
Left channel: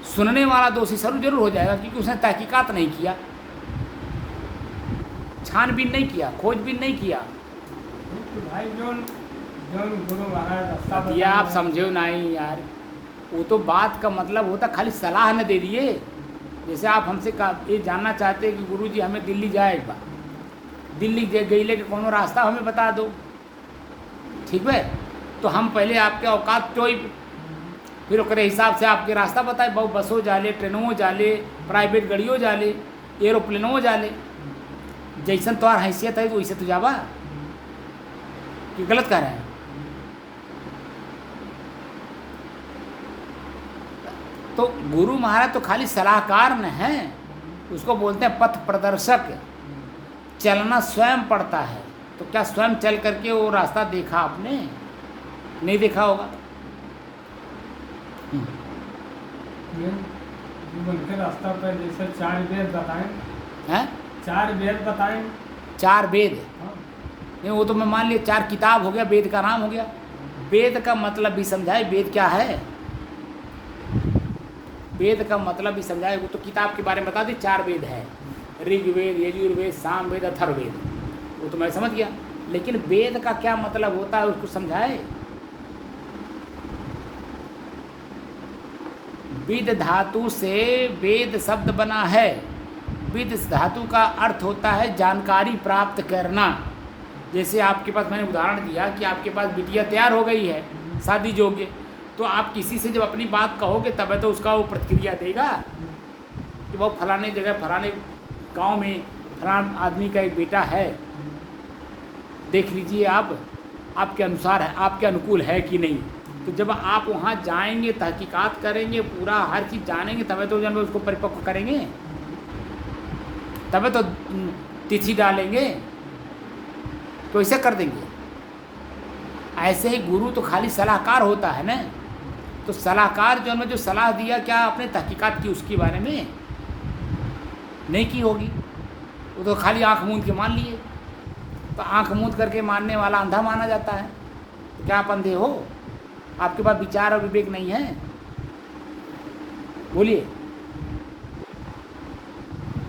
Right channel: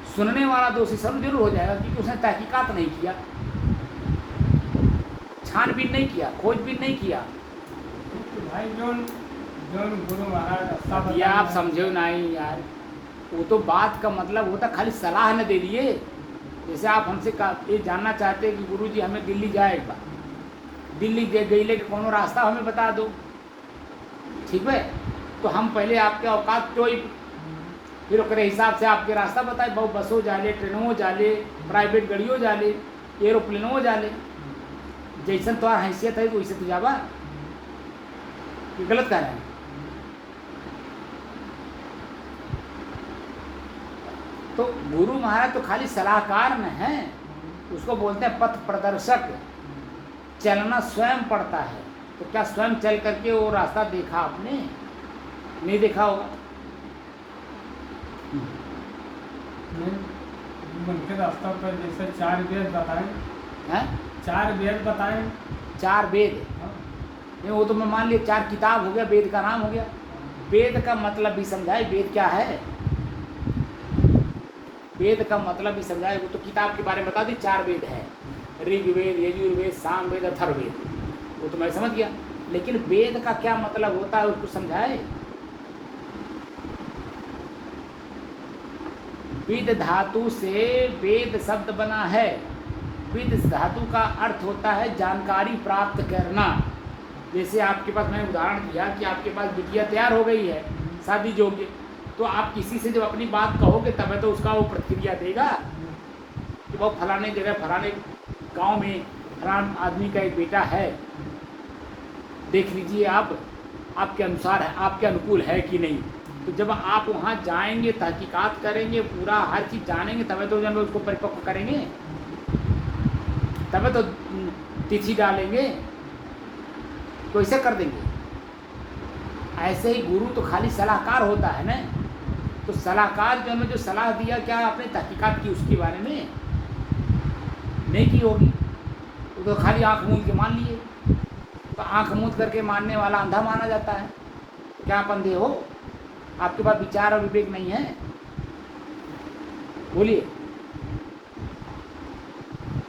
सुनने वाला दोषी जरूर हो जाएगा, क्योंकि उसने तहकीकात नहीं किया, छानबीन नहीं किया, खोजबीन नहीं किया। भाई जो गुरु महाराज रास्ता ये आप बताए- समझो नहीं यार, वो तो बात का मतलब होता, खाली सलाह न दे दिए। जैसे आप हमसे ये जानना चाहते हैं कि गुरुजी हमें दिल्ली जाएगा, दिल्ली गई ले कोनो रास्ता हमें बता दो, ठीक है? तो हम पहले आपके औकात तो फिर ओकरे हिसाब से आपके रास्ता बताए, बहुत बसों जाले, ट्रेनों जाले, प्राइवेट गाड़ियों जाले, एरोप्लेनों जाले। जैसन तो हैसियत है वैसे तो जावा, कि गलत कह रहे हैं? तो गुरु महाराज तो खाली सलाहकार न है, उसको बोलते हैं पथ प्रदर्शक। चलना स्वयं पड़ता है, तो क्या स्वयं चल करके वो रास्ता देखा आपने? नहीं देखा होगा। उनके रास्ता पर जैसे 4 वेद बताएं, हैं? 4 वेद बताएं। 4 वेद हाँ, नहीं, वो तो मैं मान लिया 4 किताब हो गया, वेद का नाम हो गया। वेद का मतलब भी समझाए, वेद क्या है? वेद का मतलब भी समझाए, वो तो किताब के बारे में बता दी। 4 वेद है, ऋग्वेद, यजुर्वेद, सामवेद, अथर्ववेद, वो तो मैं समझ गया। लेकिन वेद का क्या मतलब होता है उसको समझाए। विद धातु से वेद शब्द बना है। विद धातु का अर्थ होता है जानकारी प्राप्त करना। जैसे आपके पास, मैंने उदाहरण दिया कि आपके पास बिटिया तैयार हो गई है, शादी योग्य, तो आप किसी से जब अपनी बात कहोगे तब तो उसका वो प्रतिक्रिया देगा कि वो फलाने जगह, फलाने गांव में फलान आदमी का एक बेटा है, देख लीजिए आप, आपके अनुसार है, आपके अनुकूल है कि नहीं। तो जब आप वहाँ जाएंगे, तहकीकात करेंगे, पूरा हर चीज़ जानेंगे, तब तो जब उसको परिपक्व करेंगे, तब तो तिथि डालेंगे, तो ऐसे कर देंगे। ऐसे ही गुरु तो खाली सलाहकार होता है ना। तो सलाहकार जो हमें जो सलाह दिया, क्या आपने तहकीकात की उसके बारे में? नहीं की होगी, वो तो खाली आँख मूंद के मान लिए। तो आँख मूंद करके मानने वाला अंधा माना जाता है। तो क्या आप अंधे हो? आपके पास विचार और विवेक नहीं है? बोलिए,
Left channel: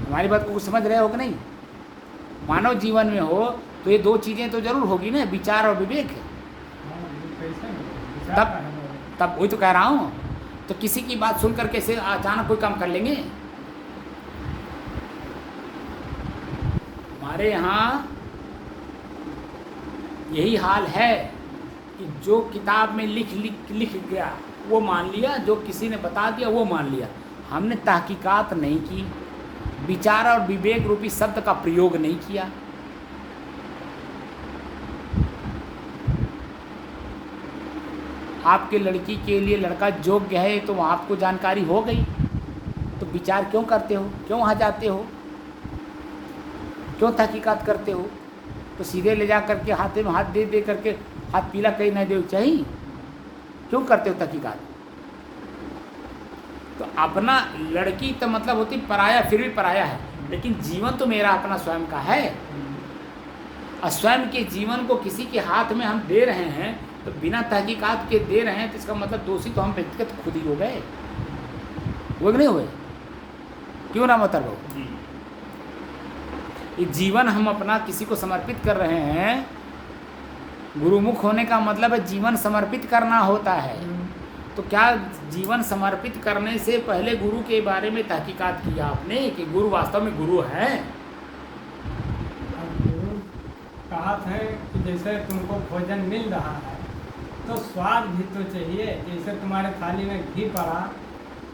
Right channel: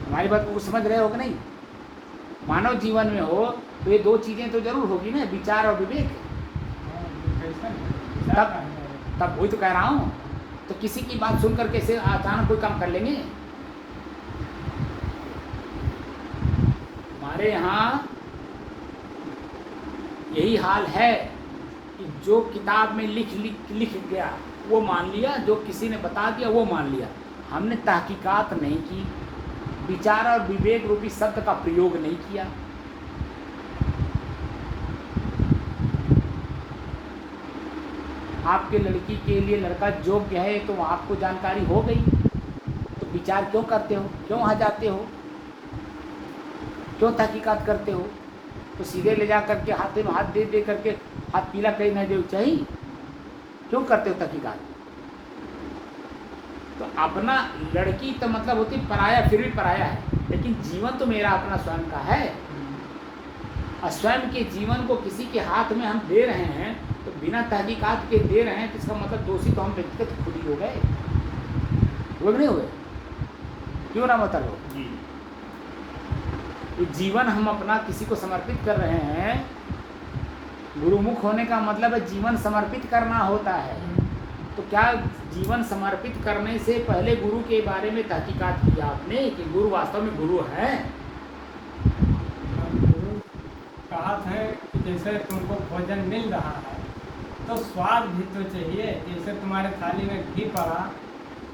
हमारी बात को समझ रहे हो कि नहीं? मानव जीवन में हो तो ये 2 चीज़ें तो जरूर होगी ना, विचार और विवेक। हाँ, ये कैसा है? तब वही तो कह रहा हूँ। तो किसी की बात सुन कर कैसे अचानक कोई काम कर लेंगे? हमारे यहाँ यही हाल है कि जो किताब में लिख गया वो मान लिया, जो किसी ने बता दिया वो मान लिया। हमने तहकीकात नहीं की, विचार और विवेक रूपी शब्द का प्रयोग नहीं किया। आपके लड़की के लिए लड़का योग्य है तो आपको जानकारी हो गई, तो विचार क्यों करते हो? क्यों वहाँ जाते हो? क्यों तहकीकात करते हो? तो सीधे ले जा करके हाथ में हाथ दे करके हाथ पीला कहीं नहीं दे चाहिए? क्यों करते हो तहकीकात? तो अपना लड़की तो मतलब होती पराया, फिर भी पराया है, लेकिन जीवन तो मेरा अपना स्वयं का है। और स्वयं के जीवन को किसी के हाथ में हम दे रहे हैं, तो बिना तहकीकात के दे रहे हैं, तो इसका मतलब दोषी तो हम व्यक्तिगत खुद ही हो गए, वो नहीं हुए? क्यों ना मतलब हो? ये जीवन हम अपना किसी को समर्पित कर रहे हैं। गुरुमुख होने का मतलब है जीवन समर्पित करना होता है। तो क्या जीवन समर्पित करने से पहले गुरु के बारे में तहकीकात किया आपने कि गुरु वास्तव में गुरु है? गुरु कहा है कि जैसे तुमको भोजन मिल रहा है तो स्वाद भी तो चाहिए। जैसे तुम्हारे थाली में घी पड़ा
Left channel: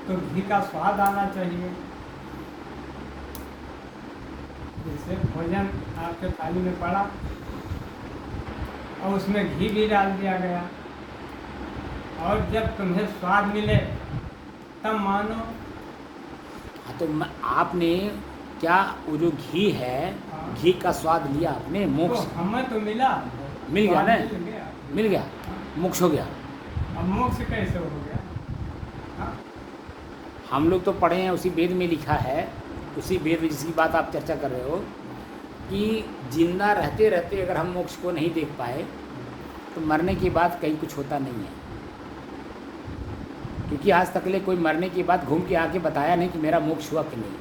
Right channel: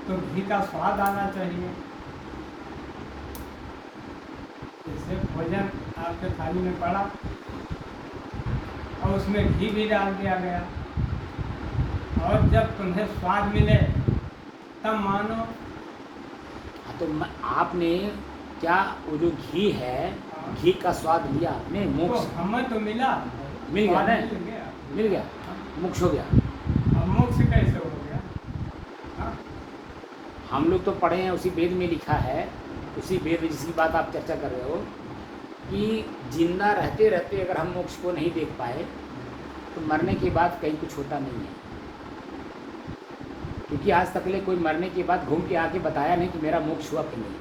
तो घी का स्वाद आना चाहिए। जैसे भोजन आपके थाली में पड़ा और उसमें घी भी डाल दिया गया, और जब तुम्हें स्वाद मिले तब मानो। हाँ, तो आपने क्या वो जो घी है, घी का स्वाद लिया आपने? तो मोक्ष हमें तो मिला, मिल गया स्वाद ना? मिल गया। मिल गया, मोक्ष हो गया। अब मोक्ष कैसे हो गया? हाँ? हम लोग तो पढ़े हैं, उसी वेद में लिखा है, उसी वेद जिसकी बात आप चर्चा कर रहे हो कि जिंदा रहते रहते अगर हम मोक्ष को नहीं देख पाए तो मरने के बाद कहीं कुछ होता नहीं है। क्योंकि आज तक ले कोई मरने के बाद घूम के आके बताया नहीं कि मेरा मोक्ष हुआ कि नहीं।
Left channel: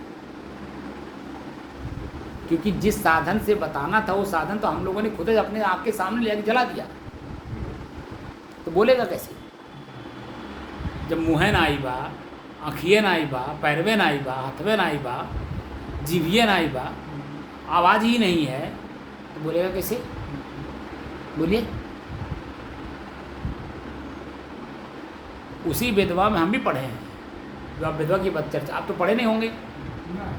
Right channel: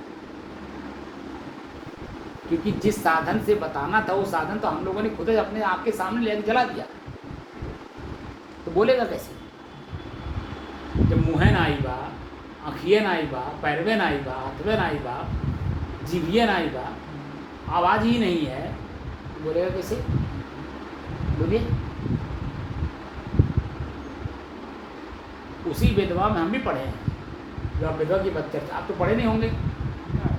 क्योंकि जिस साधन से बताना था वो साधन तो हम लोगों ने खुद अपने आपके सामने ले जला दिया, तो बोलेगा कैसे? जब मुँह ना आई बा, आँखिए ना आई बा, पैरवे ना आई बा, हाथवे ना आई बा, जीभिए ना आई बा, आवाज़ ही नहीं है, तो बोलेगा कैसे? बोलिए। उसी विधवा में हम भी पढ़े हैं, जो आप विधवा की बात चर्चा, आप तो पढ़े नहीं होंगे, ना,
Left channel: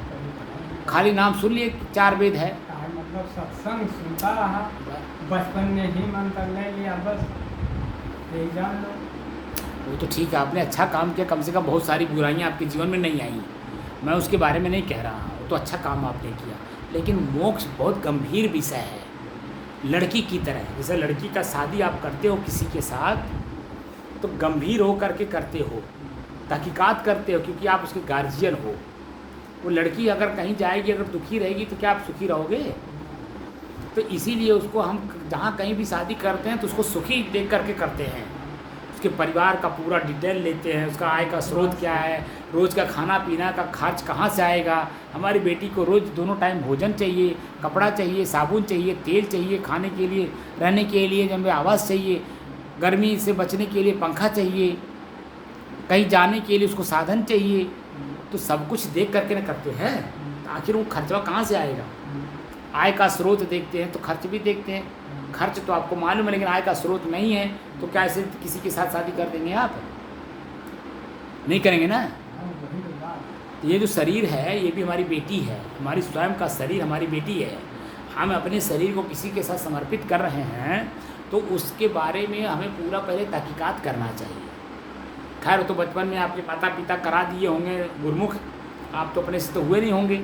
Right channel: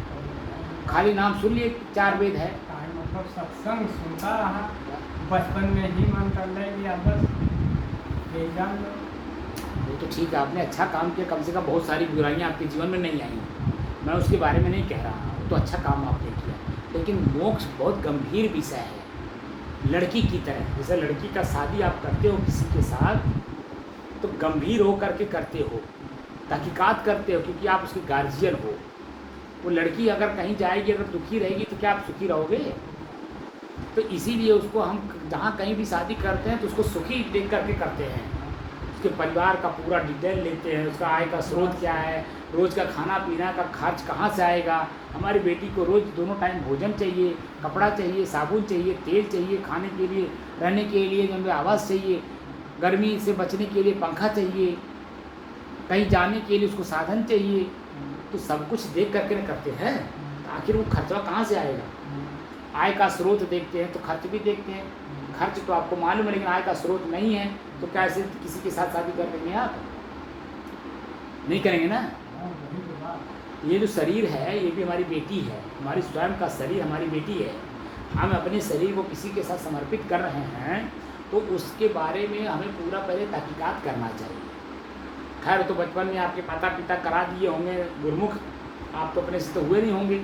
खाली नाम सुन लिए 4 वेद है। का मतलब सत्संग सुनता रहा, बचपन में ही मंत्र ले लिया, बस एग्जाम लो। वो तो ठीक है, आपने अच्छा काम किया, कम से कम बहुत सारी बुराइयां आपके जीवन में नहीं आई, मैं उसके बारे में नहीं कह रहा हूँ, वो तो अच्छा काम आपने किया। लेकिन मोक्ष बहुत गंभीर विषय है, लड़की की तरह। जैसे लड़की का शादी आप करते हो किसी के साथ तो गंभीर हो करके करते हो, तहकीकात करते हो, क्योंकि आप उसके गार्जियन हो। वो लड़की अगर कहीं जाएगी, अगर दुखी रहेगी तो क्या आप सुखी रहोगे? तो इसीलिए उसको हम जहाँ कहीं भी शादी करते हैं तो उसको सुखी देख करके करते हैं। उसके परिवार का पूरा डिटेल लेते हैं, उसका आय का स्रोत क्या है, रोज़ का खाना पीना का खर्च कहाँ से आएगा। हमारी बेटी को रोज़ दोनों टाइम भोजन चाहिए, कपड़ा चाहिए, साबुन चाहिए, तेल चाहिए, खाने के लिए, रहने के लिए जब आवास चाहिए, गर्मी से बचने के लिए पंखा चाहिए, कहीं जाने के लिए उसको साधन चाहिए। तो सब कुछ देख करके न करते हैं, आखिर वो खर्चा कहाँ से आएगा? आय का स्रोत देखते हैं तो खर्च भी देखते हैं। खर्च तो आपको मालूम है, लेकिन आय का स्रोत नहीं है तो कैसे किसी के साथ शादी कर देंगे? आप नहीं करेंगे ना। ये जो शरीर है ये भी हमारी बेटी है, हमारी स्वयं का शरीर हमारी बेटी है। हम अपने शरीर को किसी के साथ समर्पित कर रहे हैं तो उसके बारे में हमें पूरा पहले तहकीकात करना चाहिए। खैर तो बचपन में आपके माता पिता करा दिए होंगे गुरमुख, आप तो अपने से तो हुए नहीं होंगे।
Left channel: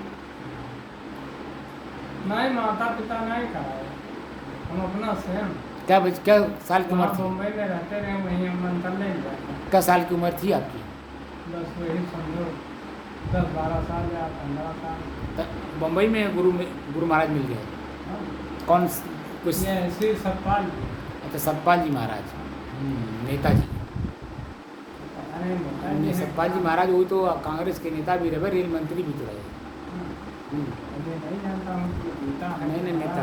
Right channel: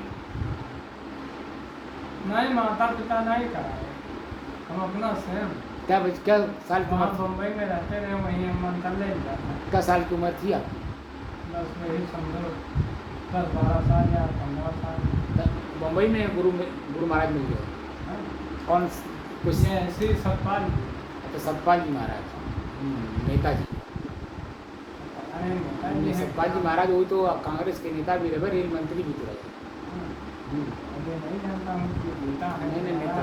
नहीं, माता पिता नहीं कराए, हम अपना स्वयं। क्या साल की उम्र थी? मुंबई में रहते रहे, वहीं हम मंत्र ले जाते। क्या साल की उम्र थी आपकी? बस वही समझो 10-12 साल या 15 साल। मुंबई में गुरु महाराज मिल गए? हाँ। कौन कुछ? ये ऐसे सतपाल जी। अच्छा, सतपाल जी महाराज, नेताजी। अरे सतपाल जी महाराज वो तो कांग्रेस के नेता भी रहे, रेल मंत्री भी तो रहे। अभी नहीं जानता हूँ कि नेता है। नहीं, नेता।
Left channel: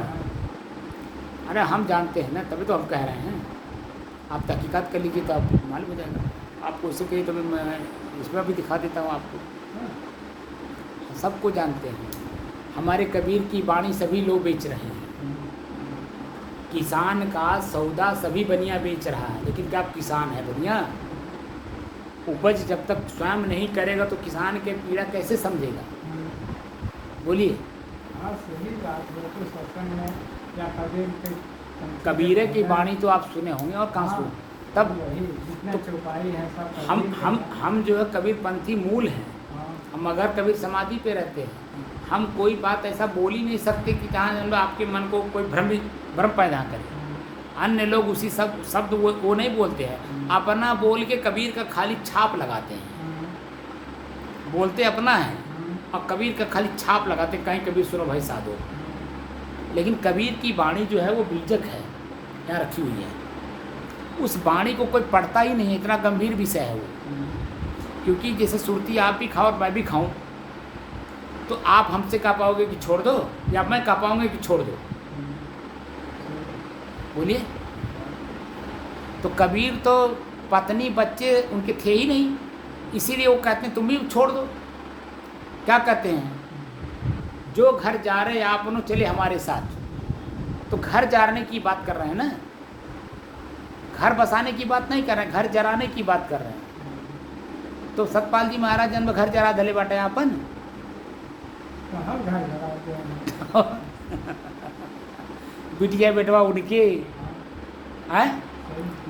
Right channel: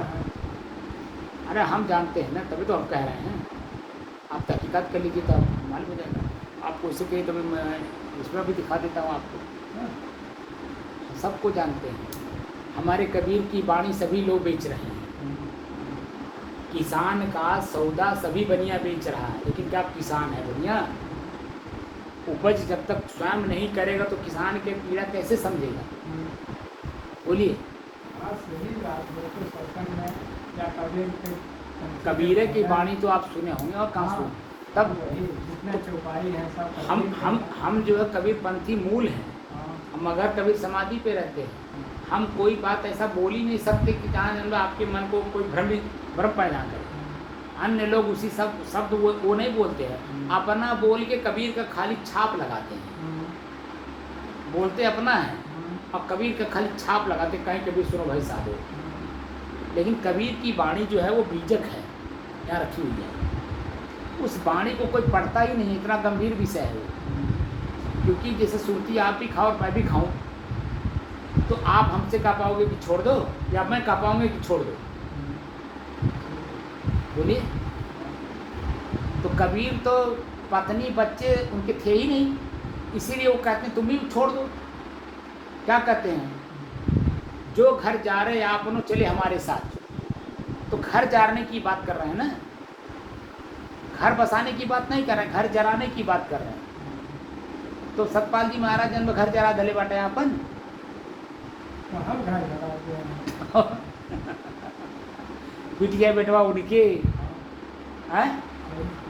अरे हम जानते हैं ना, तभी तो हम कह रहे हैं। आप तहकीकात कर लीजिए तो आपको मालूम हो जाएगा। आपको इससे कहिए तो मैं इसमें भी दिखा देता हूँ आपको। सबको जानते हैं, हमारे कबीर की वाणी सभी लोग बेच रहे हैं। किसान का सौदा सभी बनिया बेच रहा है, लेकिन क्या किसान है बनिया? उपज जब तक स्वयं नहीं करेगा तो किसान के पीड़ा कैसे समझेगा? बोलिए। हाँ, सही बात है। तो सत्संग में या कबीर की वाणी तो आप सुने होंगे, और कहाँ सुने? तब जितने चौपाई हैं सब हम जो है कबीर पंथी मूल हैं। हम अगर कबीर समाधि पे रहते हैं, हम कोई बात ऐसा बोल ही नहीं सकते कि जहाँ आपके मन को कोई भ्रम पैदा करे। अन्य लोग उसी शब्द वो नहीं बोलते हैं, अपना बोल के कबीर का खाली छाप लगाते हैं। बोलते अपना है और कबीर का खाली छाप लगाते, कहीं कबीर सुनो भाई साधो। लेकिन कबीर की वाणी जो है वो बीजक है, यहाँ रखी हुई है। उस वाणी को कोई पढ़ता ही नहीं, इतना गंभीर विषय है वो। क्योंकि जैसे सुरती आप भी खाओ और मैं भी खाऊं, तो आप हमसे कह पाओगे कि छोड़ दो, या मैं कह पाऊंगा कि छोड़ दो? बोलिए। तो कबीर तो पत्नी बच्चे उनके थे ही नहीं, इसीलिए वो कहते हैं तुम भी छोड़ दो। क्या कहते हैं? जो घर जा रहे आप उन्होंने चले हमारे साथ। तो घर जाने की बात कर रहे हैं ना, घर बसाने की बात नहीं कर रहे हैं, घर जराने की बात कर रहे हैं। तो सतपाल जी महाराज जन्म घर जरा दले बाटे अपन। हम घर जराते हैं। बिटिया बेटवा उनके, हैं,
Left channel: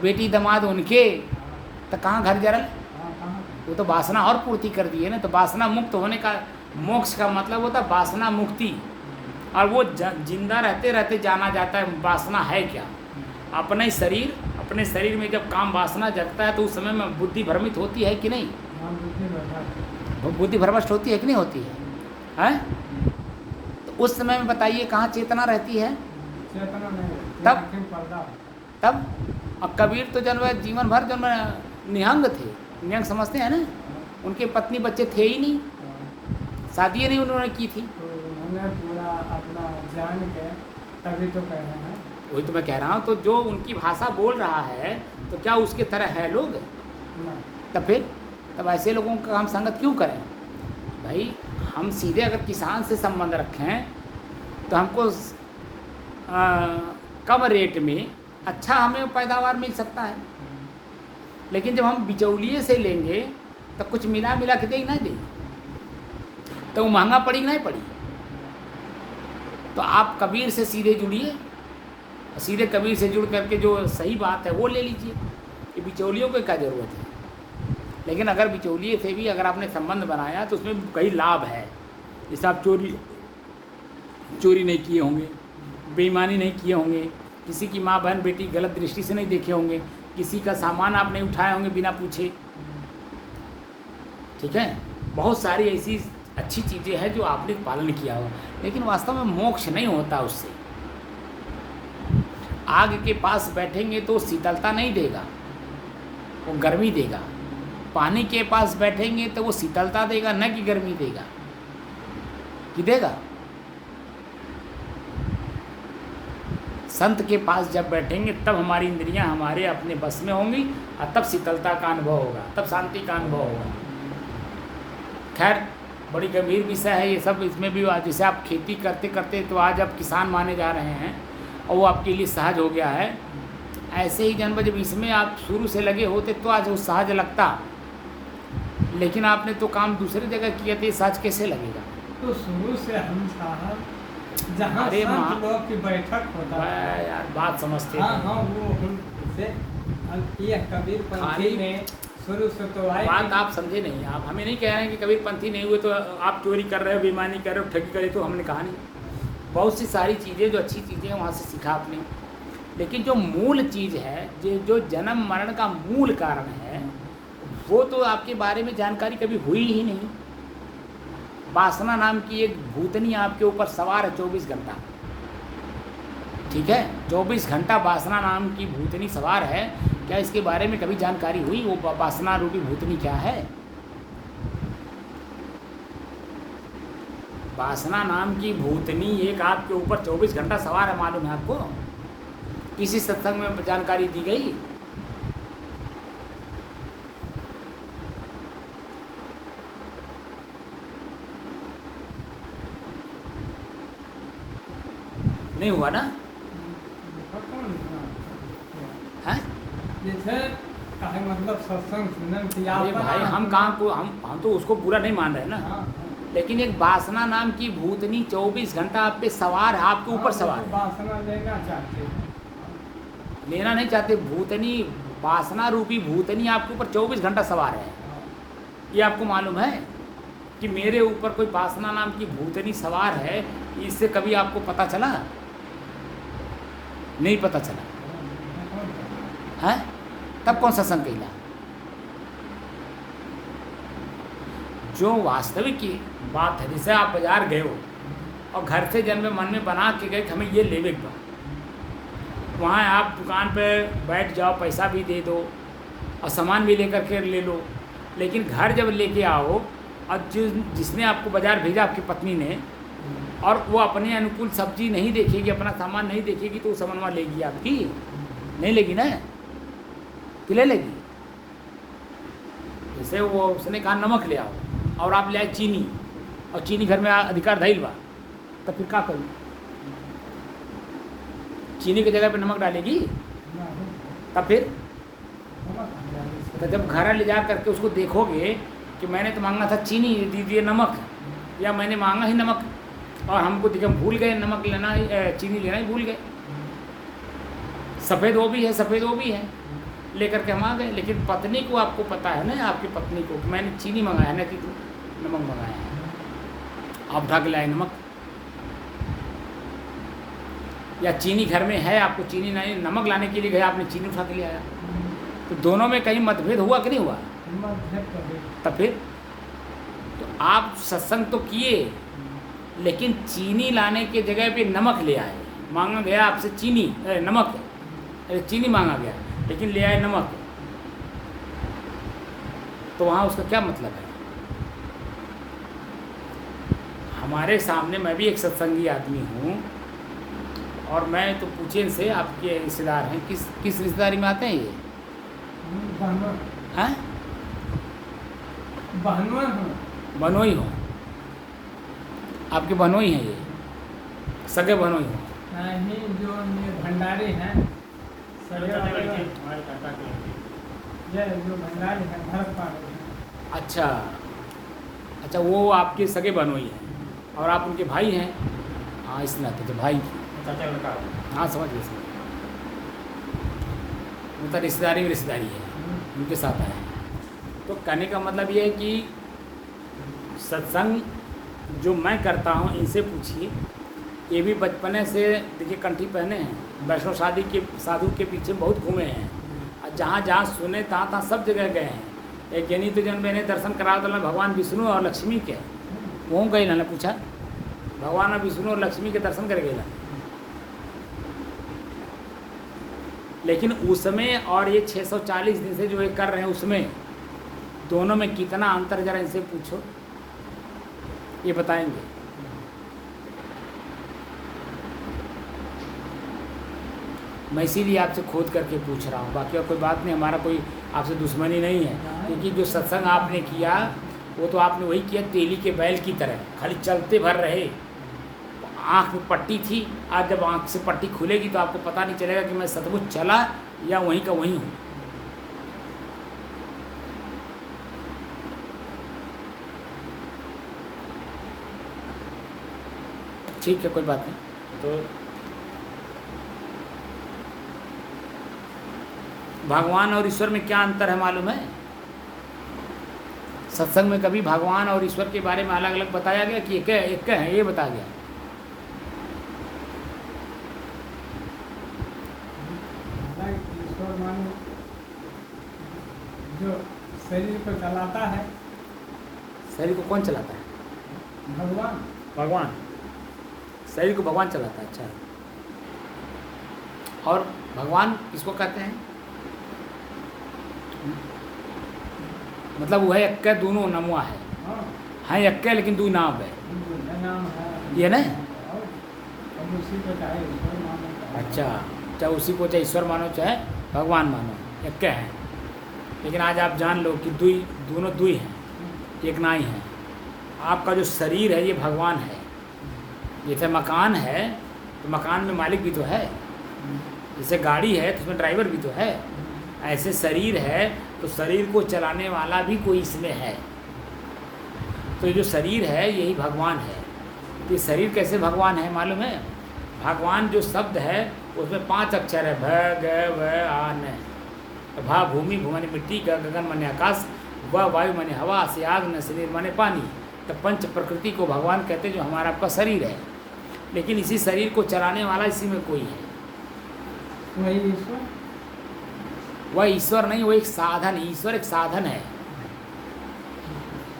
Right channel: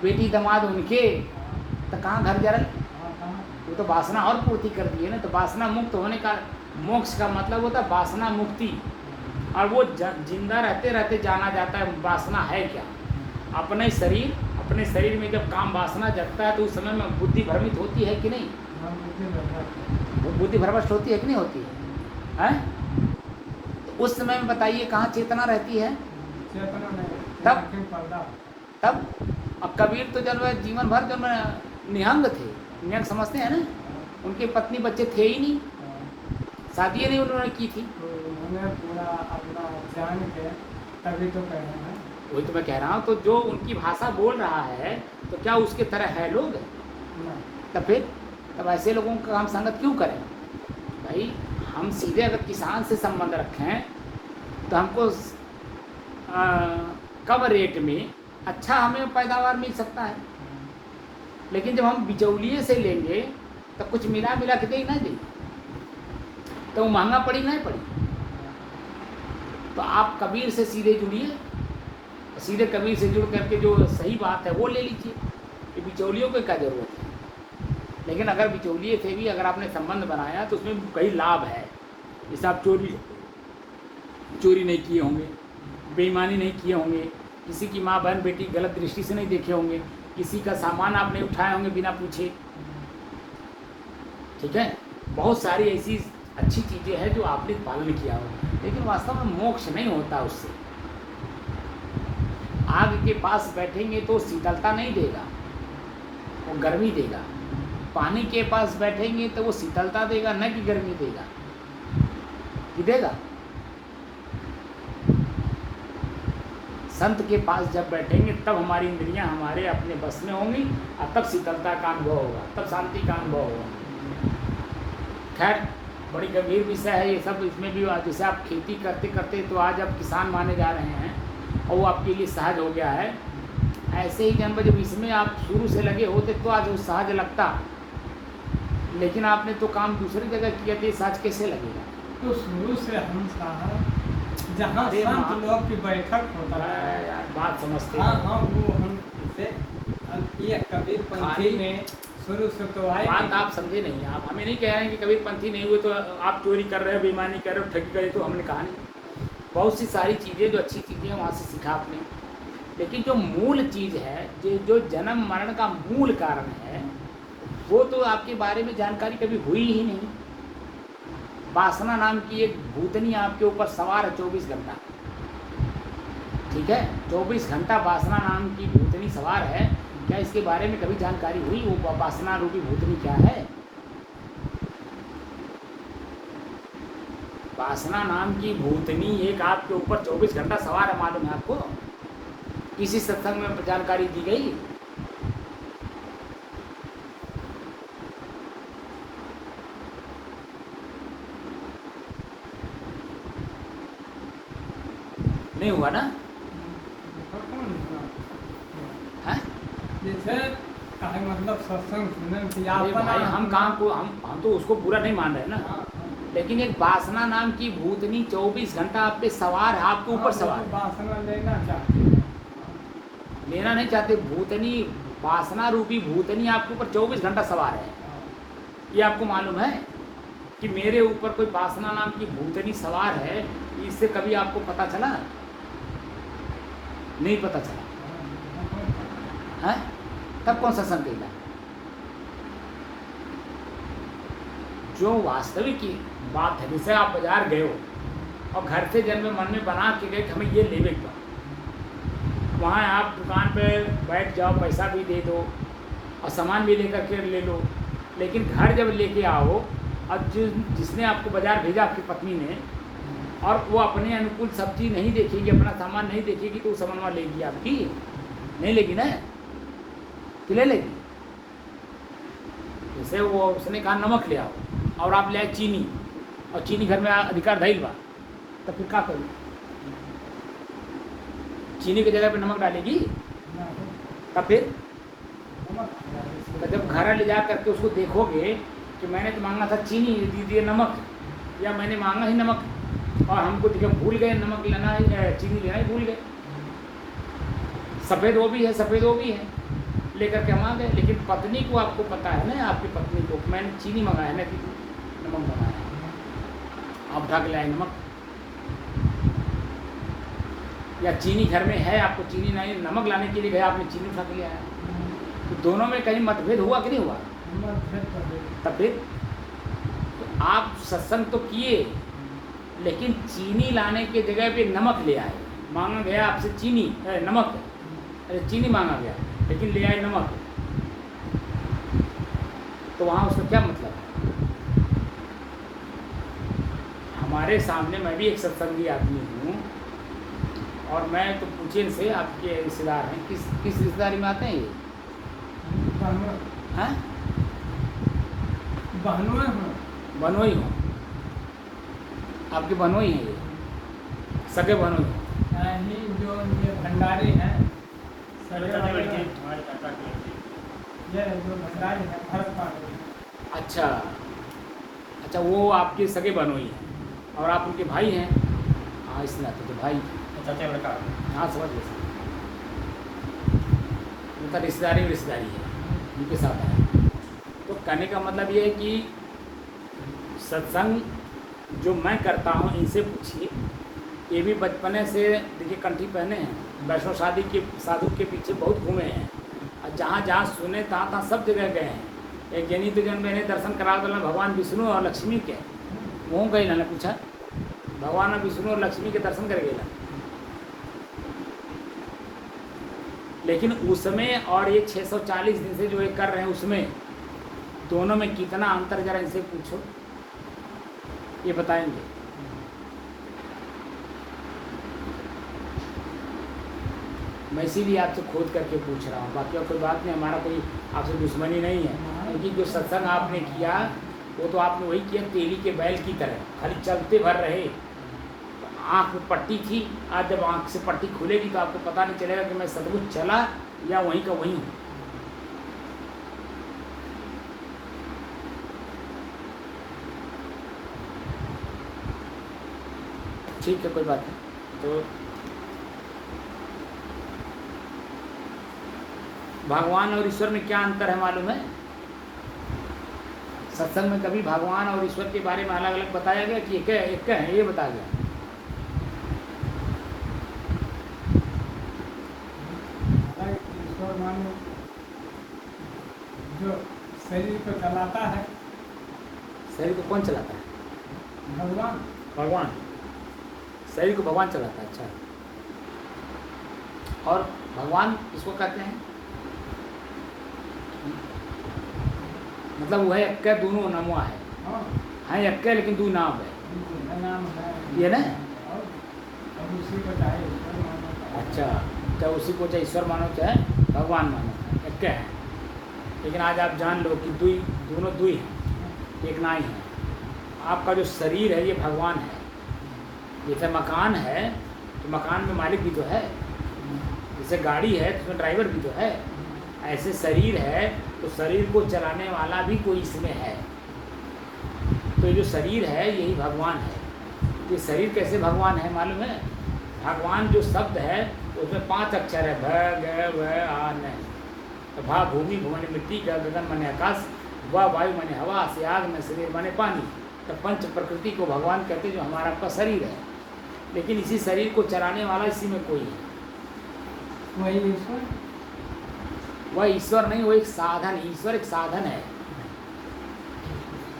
बेटी दामाद उनके, तो कहाँ घर जरल? वो तो वासना और पूर्ति कर दी है ना। तो वासना मुक्त होने का, मोक्ष का मतलब होता है वासना मुक्ति। और वो जिंदा रहते रहते जाना जाता है वासना है क्या। अपने शरीर में जब काम वासना जगता है तो उस समय में बुद्धि भ्रमित होती है कि नहीं? वो बुद्धि भ्रष्ट होती है कि नहीं होती है, हैं? तो उस समय में बताइए कहाँ चेतना रहती है? तब अब कबीर तो जब जीवन भर जब निहंग थे, निहंग समझते हैं ना, उनके पत्नी बच्चे थे ही नहीं, शादी नहीं उन्होंने की थी। पूरा अपना जान के तभी तो कह रहे हैं। वही तो मैं कह रहा हूँ। तो जो उनकी भाषा बोल रहा है तो क्या उसके तरह है लोग? तब फिर तब ऐसे लोगों का हम संगत क्यों करें भाई? हम सीधे अगर किसान से संबंध रखें तो हमको कम रेट में अच्छा हमें पैदावार मिल सकता है। लेकिन जब हम बिचौलिए से लेंगे तो कुछ मिला के दे ना दे, तो वो महंगा पड़ी नहीं पड़ी। तो आप कबीर से सीधे जुड़िए, सीधे कबीर से जुड़ करके जो सही बात है वो ले लीजिए। ये बिचौलियों को क्या ज़रूरत है? लेकिन अगर बिचौलिए से भी अगर आपने संबंध बनाया तो उसमें कई लाभ है। जैसे आप चोरी नहीं किए होंगे, बेईमानी नहीं किए होंगे, किसी की माँ बहन बेटी गलत दृष्टि से नहीं देखे होंगे, किसी का सामान आप नहीं उठाए होंगे बिना पूछे, ठीक है। बहुत सारी ऐसी अच्छी चीज़ें हैं जो आपने पालन किया हो। लेकिन वास्तव में मोक्ष नहीं होता उससे। आग के पास बैठेंगे तो शीतलता नहीं देगा, वो गर्मी देगा। पानी के पास बैठेंगे तो वो शीतलता देगा, न कि गर्मी देगा। कि देगा? संत के पास जब बैठेंगे तब हमारी इंद्रियां हमारे अपने बस में होंगी और तब शीतलता का अनुभव होगा, तब शांति का अनुभव होगा। खैर बड़ी गंभीर विषय है ये सब। इसमें भी जैसे आप खेती करते करते तो आज आप किसान माने जा रहे हैं और वो आपके लिए सहज हो गया है। ऐसे ही जब इसमें आप शुरू से लगे होते तो आज वो सहज लगता। लेकिन आपने तो काम दूसरी जगह किए थे, सहज कैसे लगेगा? तो शुरू से हम साहब जहाँ संत लोग की बैठक होता है यार बात समझते हाँ हैं। हाँ वो हमसे ये कबीर पंथी में शुरू से तो आए। बात आप समझे नहीं। आप हमें नहीं कह रहे हैं कि कबीर पंथी नहीं हुए तो आप चोरी कर रहे हो, बेईमानी कर रहे हो, ठगी कर रहे हो। तो हमने कहा नहीं। बहुत सी सारी चीज़ें जो अच्छी चीज़ें हैं वहाँ से सीखा आपने। लेकिन जो मूल चीज़ है, जो जन्म मरण का मूल कारण है, वो तो आपके बारे में जानकारी कभी हुई ही नहीं। वासना नाम की एक भूतनी आपके ऊपर सवार है 24 घंटा, ठीक है। 24 घंटा वासना नाम की भूतनी सवार है। क्या इसके बारे में कभी जानकारी हुई वो वासना रूपी भूतनी क्या है? वासना नाम की भूतनी एक आपके ऊपर 24 घंटा सवार है, मालूम है आपको? किसी सत्संग में जानकारी दी गई? नहीं हुआ ना? हैं? जैसे कहे मतलब सत्संग सुनने की अरे भाई हम काम को हम तो उसको बुरा नहीं मान रहे ना। लेकिन एक वासना नाम की भूतनी 24 घंटा आप पे सवार है, आपके ऊपर सवार है। वासना लेना चाहते हैं, लेना नहीं चाहते। भूतनी, वासना रूपी भूतनी आपके ऊपर 24 घंटा सवार है। ये आपको मालूम है कि मेरे ऊपर कोई वासना नाम की भूतनी सवार है? इससे कभी आपको पता चला? नहीं पता चला है। तब कौन सा संकेत? जो वास्तविक की बात है, जैसे आप बाजार गए हो और घर से जन्म मन में बना के गए कि हमें ये लेने का, वहाँ आप दुकान पे बैठ जाओ, पैसा भी दे दो और सामान भी लेकर के ले लो। लेकिन घर जब लेके आओ और जिसने आपको बाजार भेजा आपकी पत्नी ने, और वो अपने अनुकूल सब्जी नहीं देखेगी, अपना सामान नहीं देखेगी, तो सामान लेगी आपकी? नहीं लेगी ना, तो ले लेगी। जैसे वो उसने कहा नमक ले आओ और आप ले आए चीनी, और चीनी घर में अधिकार धैल बा, तो फिर क्या करूँ? चीनी की जगह पे नमक डालेगी? तब फिर तो जब घर ले जा करके उसको देखोगे कि मैंने तो मांगा था चीनी, दीजिए नमक, या मैंने मांगा ही नमक, और हमको देखिए हम भूल गए नमक लेना ही चीनी लेना ही भूल गए। सफ़ेद वो भी है, सफ़ेद वो भी है, लेकर के हम आ गए। लेकिन पत्नी को आपको पता है ना, आपकी पत्नी को मैंने चीनी मंगाया ना कि नमक मंगाया, आप उठा के लाए नमक, या चीनी घर में है, आपको चीनी नहीं, नमक लाने के लिए गए, आपने चीनी उठा के ले आया। तो दोनों में कहीं मतभेद हुआ कि नहीं हुआ? तब फिर तो आप सत्संग तो किए, लेकिन चीनी लाने के जगह पे नमक ले आए। मांगा गया आपसे चीनी नमक, चीनी मांगा गया लेकिन ले आए नमक, तो वहाँ उसका क्या मतलब है? हमारे सामने, मैं भी एक सत्संगी आदमी हूँ, और मैं तो पूछे इनसे, आपके रिश्तेदार हैं, किस रिश्तेदारी में आते हैं ये? हैं? बनोई हो, आपके बनोई हैं ये, सगे बनोई हो? नहीं, जो ये भंडारी हैं, जो भंडारी हैं भरत पांडे। अच्छा अच्छा, वो आपके सगे बनोई हैं और आप उनके भाई हैं? हाँ, इस नाते तो भाई, चाचा लड़का। हाँ समझ गए, उनका रिश्तेदारी में रिश्तेदारी है, उनके साथ आया। तो कहने का मतलब ये है कि सत्संग जो मैं करता हूँ, इनसे पूछिए, ये भी बचपने से देखिए कंठी पहने हैं, वैष्णो शादी के साधु के पीछे बहुत घूमे हैं, और जहाँ जहाँ सुने तहाँ सब जगह गए हैं। एक जनी तो जन मैंने दर्शन करा दिया भगवान विष्णु और लक्ष्मी के, वो गए ना पूछा, भगवान और विष्णु और लक्ष्मी के दर्शन कर गए। लेकिन उसमें और ये 640 दिन से जो ये कर रहे हैं, उसमें दोनों में कितना अंतर, जरा इनसे पूछो, ये बताएंगे। मैं इसीलिए आपसे खोद करके पूछ रहा हूँ, बाकी और कोई बात नहीं, हमारा कोई आपसे दुश्मनी नहीं है। क्योंकि जो सत्संग आपने किया वो तो आपने वही किया तेली के बैल की तरह, खाली चलते भर रहे। आँख में पट्टी थी, आज जब आँख से पट्टी खुलेगी तो आपको पता नहीं चलेगा कि मैं सचमुच चला या वहीं का वहीं हूँ। ठीक है, कोई बात नहीं। तो भगवान और ईश्वर में क्या अंतर है मालूम है? सत्संग में कभी भगवान और ईश्वर के बारे में अलग अलग बताया गया कि एक है, ये बताया गया? ईश्वर मानो जो शरीर को चलाता है। शरीर को कौन चलाता है? भगवान। भगवान शरीर को भगवान चलाता है। अच्छा, और भगवान किसको कहते हैं? मतलब वो है एक दोनों नमवा है, हैं एक लेकिन दो नाम है, नाम है ये ना? और उसी को चाहे ईश्वर मानो। अच्छा, चाहे उसी को चाहे ईश्वर मानो चाहे भगवान मानो, एक है। लेकिन आज आप जान लो कि दोनों दुई हैं, एक ना ही है। आपका जो शरीर है ये भगवान है। जैसे मकान है तो मकान में मालिक भी तो है, जैसे गाड़ी है तो उसमें ड्राइवर भी तो है, ऐसे शरीर है तो शरीर को चलाने वाला भी कोई इसमें है। तो ये जो शरीर है यही भगवान है। ये शरीर कैसे भगवान है मालूम है? भगवान जो शब्द है उसमें 5 अक्षर है, भ ग व आ न। भा भूमि, भूमि मिट्टी, ग गगन माने आकाश, व वायु माने हवा, से आग, न शरीर माने पानी। तो पंच प्रकृति को भगवान कहते हैं, जो हमारा आपका शरीर है। लेकिन इसी शरीर को चलाने वाला इसी में कोई है। वही ईश्वर? वह ईश्वर नहीं, वो एक साधन। ईश्वर एक साधन है।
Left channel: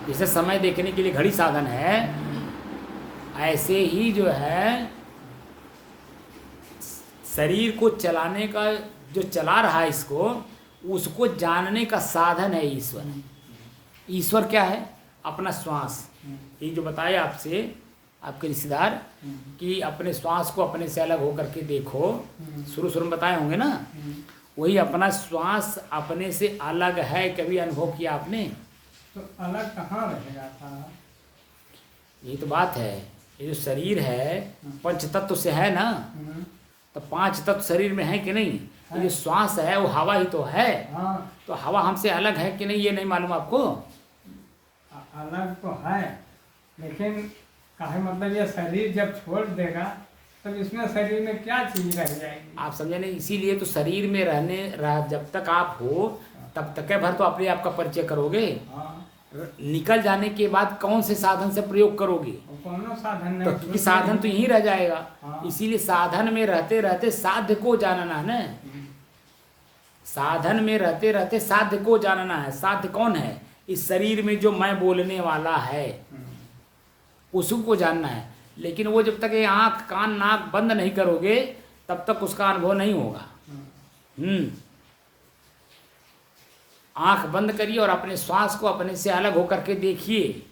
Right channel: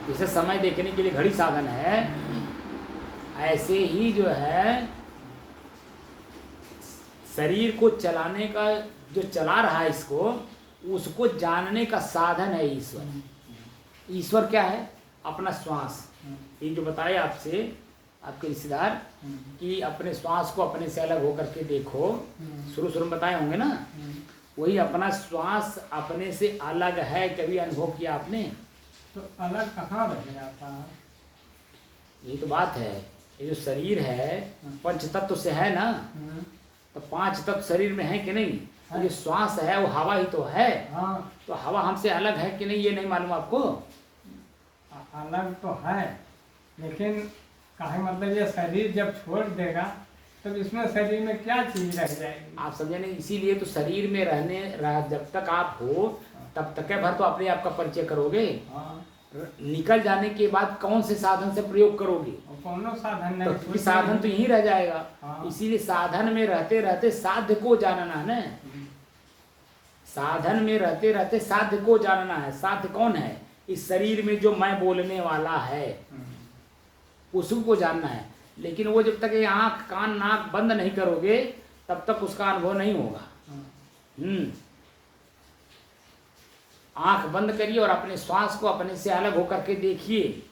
जैसे समय देखने के लिए घड़ी साधन है, ऐसे ही जो है शरीर को चलाने का, जो चला रहा है इसको, उसको जानने का साधन है ईश्वर। ईश्वर क्या है? अपना श्वास। ये जो बताया आपसे आपके रिश्तेदार कि अपने श्वास को अपने से अलग होकर के देखो, शुरू में बताए होंगे ना, वही अपना श्वास अपने से अलग है। कभी अनुभव किया आपने? तो अलग कहाँ रहेगा साहब? ये तो बात है। ये जो शरीर है 5 तत्व से है ना, तो 5 तत्व शरीर में है कि नहीं? ये जो श्वास है वो हवा ही तो है। हाँ, तो हवा हमसे अलग है कि नहीं, ये नहीं मालूम आपको? अलग तो है, लेकिन काहे मतलब ये शरीर जब छोड़ देगा तब इसमें शरीर में क्या चीज रह जाएगी? आप समझे नहीं, इसीलिए तो शरीर में जब तक आप हो तब तक भर तो अपने आप का परिचय करोगे। हाँ, निकल जाने के बाद कौन से साधन से प्रयोग करोगे? और कोनो साधन तो नहीं, क्योंकि साधन तो यही रह जाएगा। हाँ। इसीलिए साधन में रहते रहते साध्य को जानना है ना। साधन में रहते रहते साध्य को जानना है। साध्य कौन है? इस शरीर में जो मैं बोलने वाला है उसको जानना है। लेकिन वो जब तक ये आँख कान नाक बंद नहीं करोगे तब तक उसका अनुभव नहीं होगा। आँख बंद करिए और अपने श्वास को अपने से अलग होकर के देखिए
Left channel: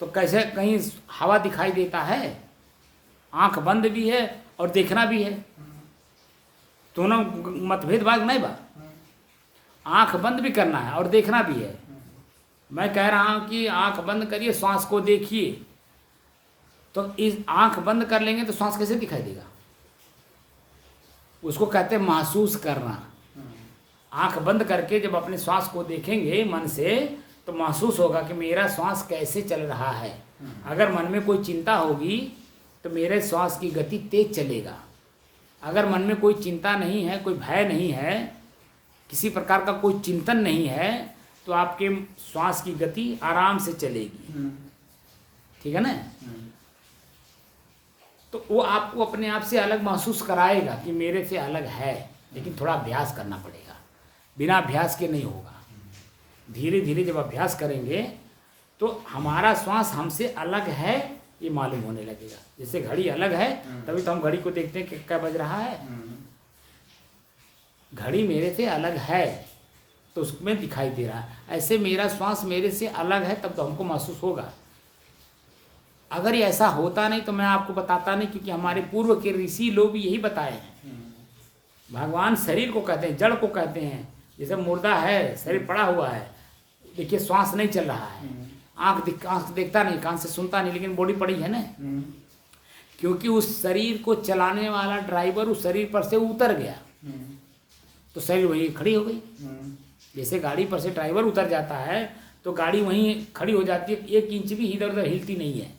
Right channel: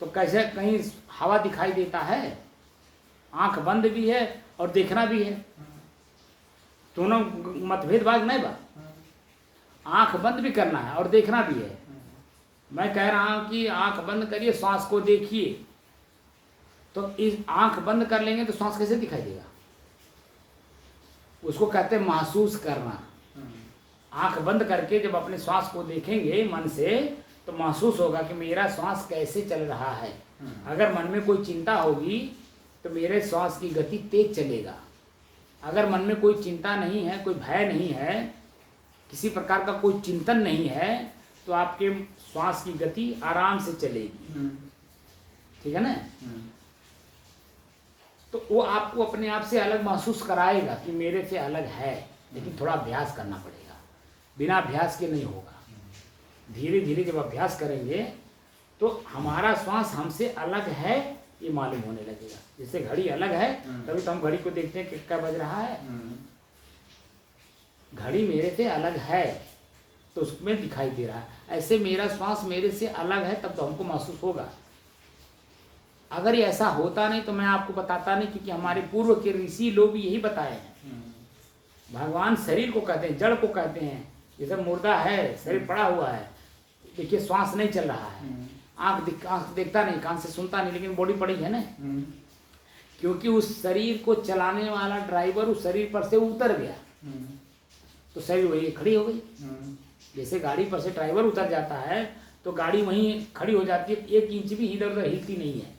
तो कैसे कहीं हवा दिखाई देता है? आँख बंद भी है और देखना भी है, दोनों मतभेद बात नहीं बा। आँख बंद भी करना है और देखना भी है। मैं कह रहा हूँ कि आँख बंद करिए, श्वास को देखिए। तो इस आँख बंद कर लेंगे तो श्वास कैसे दिखाई देगा? उसको कहते हैं महसूस करना। आँख बंद करके जब अपने श्वास को देखेंगे मन से तो महसूस होगा कि मेरा श्वास कैसे चल रहा है। अगर मन में कोई चिंता होगी तो मेरे श्वास की गति तेज चलेगा। अगर मन में कोई चिंता नहीं है, कोई भय नहीं है, किसी प्रकार का कोई चिंतन नहीं है तो आपके श्वास की गति आराम से चलेगी। ठीक है ना? तो वो आपको अपने आप से अलग महसूस कराएगा कि मेरे से अलग है, लेकिन थोड़ा अभ्यास करना पड़ेगा। बिना अभ्यास के नहीं होगा। धीरे धीरे जब अभ्यास करेंगे तो हमारा श्वास हमसे अलग है ये मालूम होने लगेगा। जैसे घड़ी अलग है तभी तो हम घड़ी को देखते हैं कि क्या बज रहा है। घड़ी मेरे से अलग है तो उसमें दिखाई दे रहा है। ऐसे मेरा श्वास मेरे से अलग है तब तो हमको महसूस होगा। अगर ये ऐसा होता नहीं तो मैं आपको बताता नहीं, क्योंकि हमारे पूर्व के ऋषि लोग भी यही बताए हैं। भगवान शरीर को कहते हैं, जड़ को कहते हैं। जैसे मुर्दा है, शरीर पड़ा हुआ है, देखिए श्वास नहीं चल रहा है, आँख देखता नहीं, कान से सुनता नहीं, लेकिन बॉडी पड़ी है ना। क्योंकि उस शरीर को चलाने वाला ड्राइवर उस शरीर पर से उतर गया तो शरीर वही खड़ी हो गई। जैसे गाड़ी पर से ड्राइवर उतर जाता है तो गाड़ी वहीं खड़ी हो जाती है, 1 इंच भी इधर उधर हिलती नहीं है।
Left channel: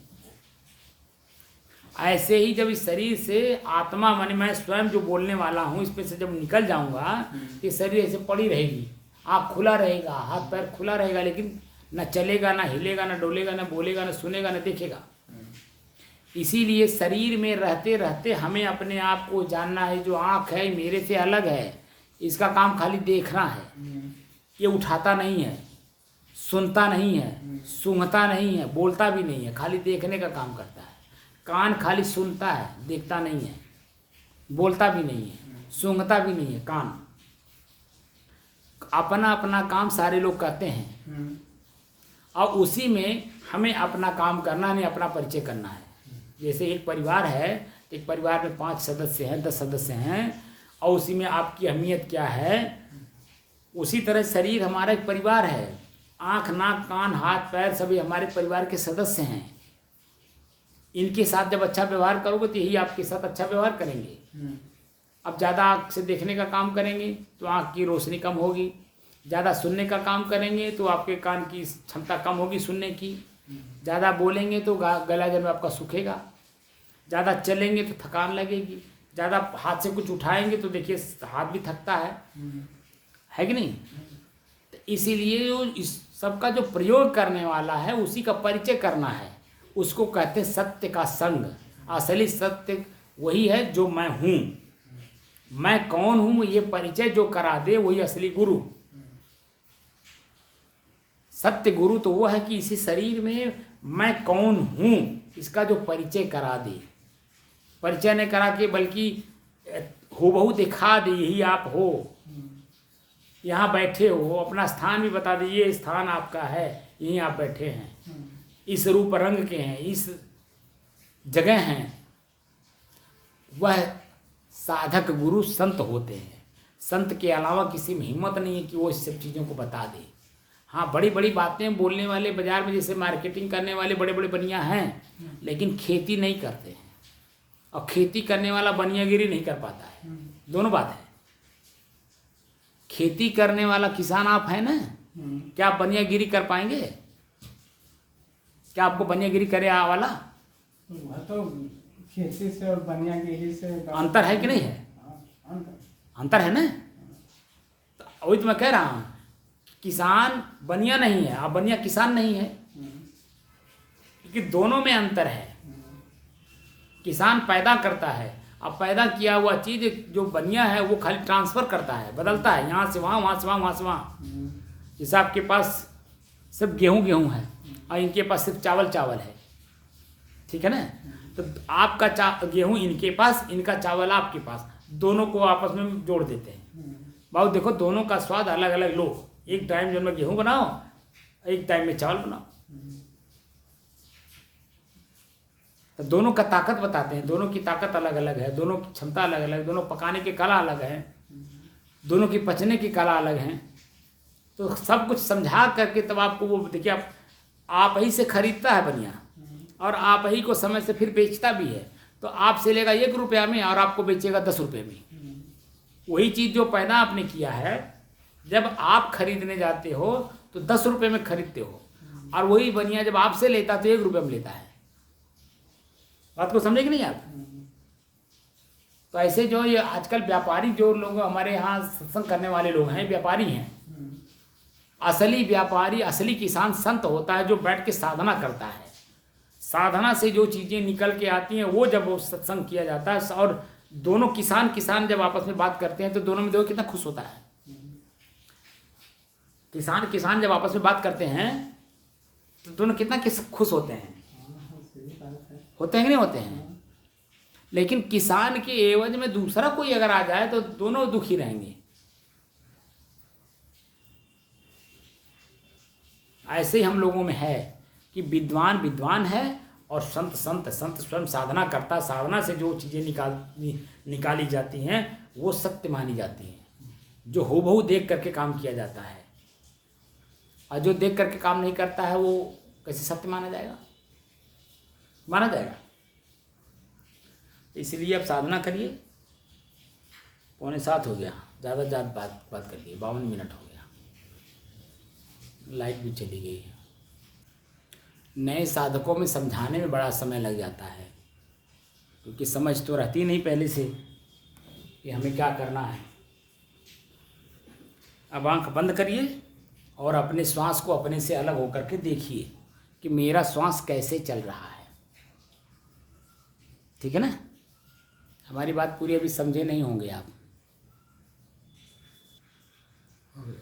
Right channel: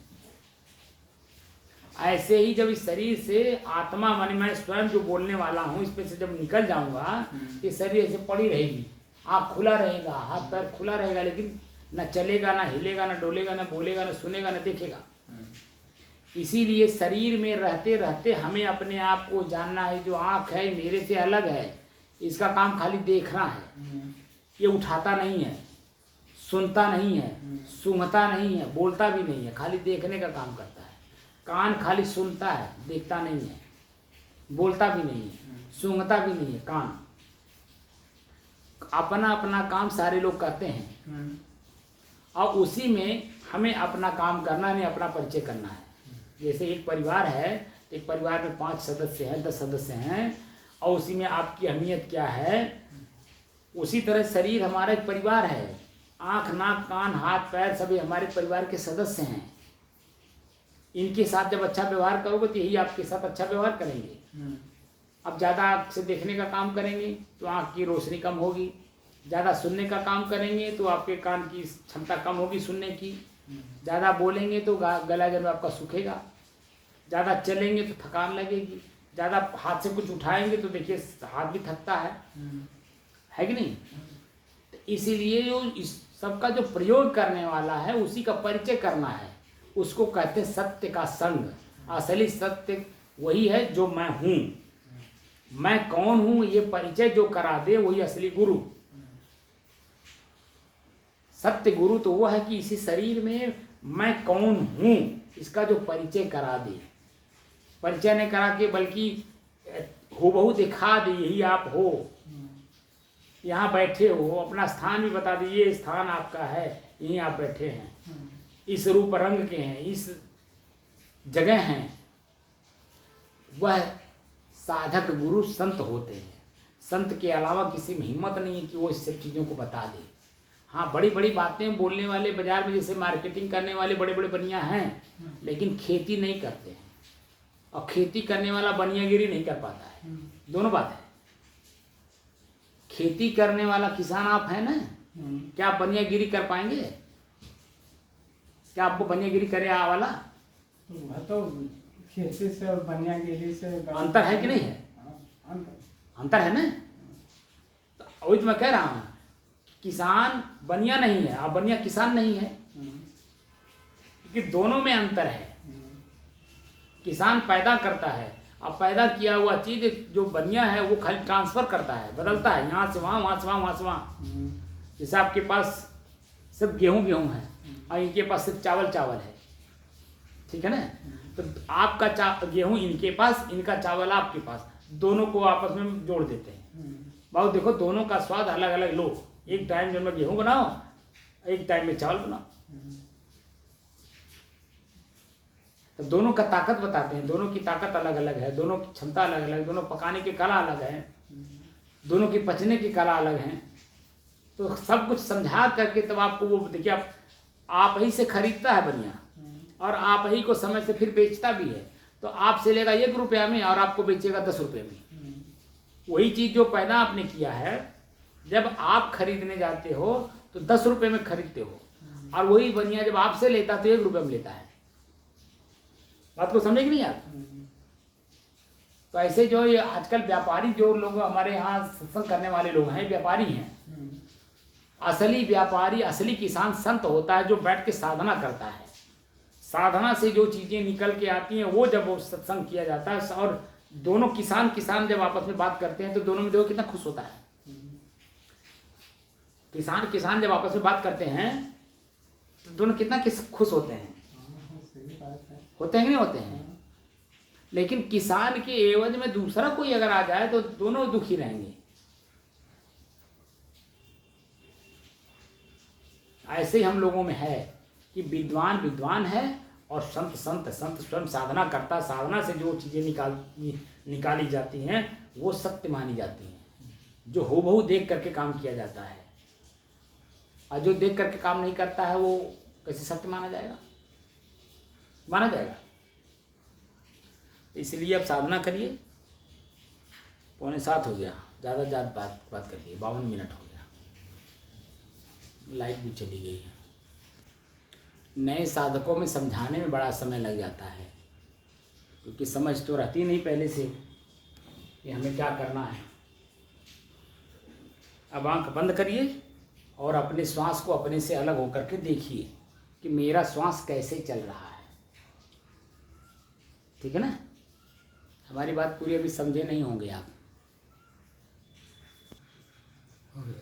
ऐसे ही जब इस शरीर से आत्मा मन मैं स्वयं जो बोलने वाला हूँ इस पे से जब निकल जाऊंगा ये शरीर ऐसे पड़ी रहेगी, आँख खुला रहेगा, हाथ पैर खुला रहेगा, लेकिन न चलेगा, न हिलेगा, न डोलेगा, न बोलेगा, न सुनेगा, न देखेगा। इसीलिए शरीर में रहते रहते हमें अपने आप को जानना है। जो आँख है मेरे से अलग है, इसका काम खाली देखना है। ये उठाता नहीं है, सुनता नहीं है, सूंघता नहीं है, बोलता भी नहीं है, खाली देखने का काम करता है। कान खाली सुनता है, देखता नहीं है, बोलता भी नहीं है, सूंघता भी नहीं है। कान अपना अपना काम सारे लोग करते हैं और उसी में हमें अपना काम करना नहीं, अपना परिचय करना है। जैसे एक परिवार है, एक परिवार में 5 सदस्य हैं, 10 सदस्य हैं और उसी में आपकी अहमियत क्या है। उसी तरह शरीर हमारा एक परिवार है। आँख नाक कान हाथ पैर सभी हमारे परिवार के सदस्य हैं। इनके साथ जब अच्छा व्यवहार करोगे तो यही आपके साथ अच्छा व्यवहार करेंगे। अब ज़्यादा आँख से देखने का काम करेंगे तो आँख की रोशनी कम होगी, ज़्यादा सुनने का काम करेंगे तो आपके कान की क्षमता कम होगी सुनने की, ज़्यादा बोलेंगे तो गला जब आपका सूखेगा, ज़्यादा चलेंगे तो थकान लगेगी, ज़्यादा हाथ से कुछ उठाएंगे तो देखिए हाथ भी थकता है कि नहीं। तो इसीलिए इस सबका जो प्रयोग करने वाला है उसी का परिचय करना है। उसको कहते हैं सत्य का संग। असली सत्य वही है जो मैं हूँ। मैं कौन हूँ ये परिचय जो करा दे वही असली गुरु। सत्य गुरु तो वो है कि इसी शरीर में मैं कौन हूँ इसका जो परिचय करा दे। परिचय नहीं करा के बल्कि हूबहू दिखा दे यही आप हो, यहाँ बैठे हो, अपना स्थान भी बता दे ये स्थान आपका है, यहीं आप बैठे हैं, इस रूप रंग के हैं, इस जगह हैं। वह साधक गुरु संत होते हैं। संत के अलावा किसी में हिम्मत नहीं है कि वो इस सब चीज़ों को बता दे। हाँ, बड़ी बड़ी बातें बोलने वाले बाजार में जैसे मार्केटिंग करने वाले बड़े बड़े बनिया हैं, लेकिन खेती नहीं करते हैं। और खेती करने वाला बनियागिरी नहीं कर पाता है। दोनों बात है। खेती करने वाला किसान आप है ना, क्या आप बनियागिरी कर पाएंगे? क्या आपको बनियागिरी करे वाला? वह तो खेती से और बनिया गिरी से अंतर है कि नहीं है? हाँ, अंतर। अंतर है ना? तो वही तो मैं कह रहा हूँ, किसान बनिया नहीं है और बनिया किसान नहीं है, क्योंकि दोनों में अंतर है। किसान पैदा करता है, अब पैदा किया हुआ चीज जो बनिया है वो खाली ट्रांसफर करता है, बदलता है, यहाँ से वहाँ, वहाँ से वहाँ, वहाँ से वहाँ। जैसे आपके पास सिर्फ गेहूँ है और इनके पास सिर्फ चावल है, ठीक है ना? तो आपका गेहूँ इनके पास, इनका चावल आपके पास, दोनों को आपस में जोड़ देते हैं। बाबू देखो, दोनों का स्वाद अलग अलग लो, एक टाइम में गेहूँ बनाओ, एक टाइम में चावल बनाओ, तो दोनों का ताकत बताते हैं, दोनों की ताकत अलग अलग है, दोनों की क्षमता अलग अलग है, दोनों पकाने की कला अलग है, दोनों की पचने की कला अलग है। तो सब कुछ समझा करके तब आपको वो देखिए, आप ही से खरीदता है बनिया और आप ही को समय से फिर बेचता भी है, तो आपसे लेगा 1 रुपया में और आपको बेचेगा 10 रुपये में। वही चीज़ जो पैदा आपने किया है, जब आप खरीदने जाते हो तो 10 रुपये में खरीदते हो, और वही बनिया जब आपसे लेता तो 1 रुपये में लेता है। बात को समझे कि नहीं आप? तो ऐसे जो ये आजकल व्यापारी जो लोग हमारे यहाँ सत्संग करने वाले लोग हैं, व्यापारी हैं। असली व्यापारी, असली किसान संत होता है जो बैठ के साधना करता है। साधना से जो चीजें निकल के आती हैं वो जब वो सत्संग किया जाता है, और दोनों किसान जब आपस में बात करते हैं तो दोनों में देखो कितना खुश होता है। किसान जब आपस में बात करते हैं तो दोनों कितना खुश होते हैं, होते हैं कि नहीं होते हैं? लेकिन किसान के एवज में दूसरा कोई अगर आ जाए तो दोनों दुखी रहेंगे। ऐसे ही हम लोगों में है कि विद्वान विद्वान है और संत स्वयं साधना करता, साधना से जो चीजें निकाली जाती हैं वो सत्य मानी जाती हैं, जो हूबहू देख करके काम किया जाता है। और जो देख करके काम नहीं करता है वो कैसे सत्य माना जाएगा? माना जाएगा। इसलिए अब साधना करिए। 6:45 हो गया, ज़्यादा बात कर ली, 52 मिनट हो गया, लाइट भी चली गई है। नए साधकों में समझाने में बड़ा समय लग जाता है, क्योंकि समझ तो रहती नहीं पहले से कि हमें क्या करना है। अब आंख बंद करिए और अपने श्वास को अपने से अलग होकर के देखिए कि मेरा श्वास कैसे चल रहा है। ठीक है ना? हमारी बात पूरी अभी समझे नहीं होंगे आप। हो गया।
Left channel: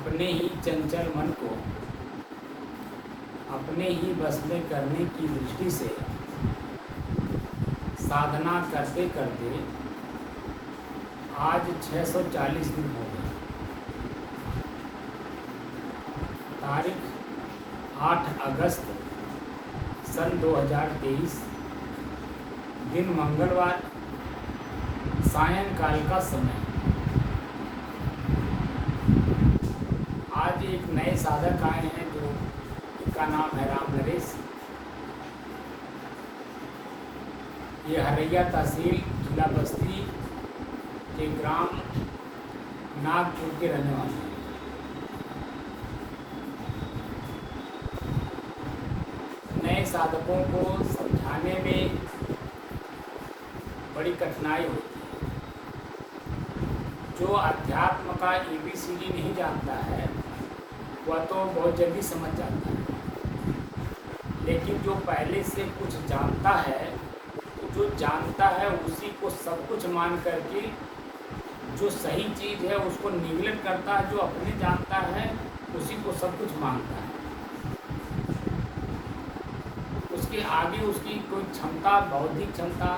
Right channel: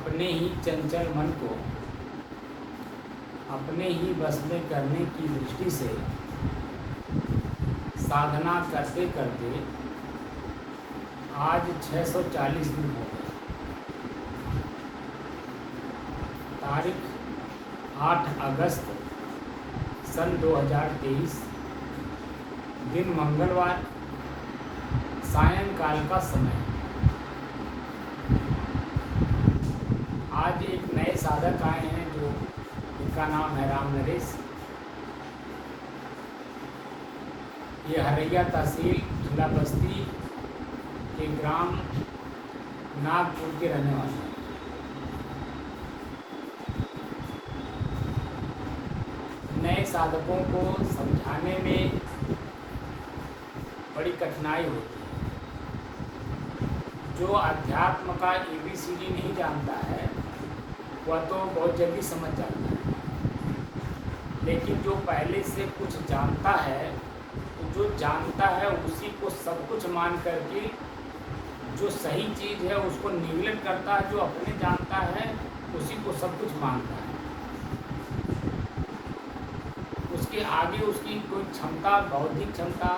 अपने ही चंचल मन को अपने ही बस में करने की दृष्टि से साधना करते करते आज 640 दिन हो गए। तारीख 8 अगस्त सन 2023, दिन मंगलवार, सायंकाल का समय। आज एक नए साधक आए हैं जो इनका नाम है राम नरेश। ये हरैया तहसील जिला बस्ती के ग्राम नागपुर के रहने वाले हैं। नए साधकों को समझाने में बड़ी कठिनाई होती है। जो अध्यात्म का ABCD नहीं जानता है वह तो बहुत जल्दी समझ जाता है, लेकिन जो पहले से कुछ जानता है, जो जानता है उसी को सब कुछ मान करके जो सही चीज़ है उसको निगलेक्ट करता है, जो अपने जानता है उसी को सब कुछ मानता है। उसके आगे उसकी कोई क्षमता, बौद्धिक क्षमता,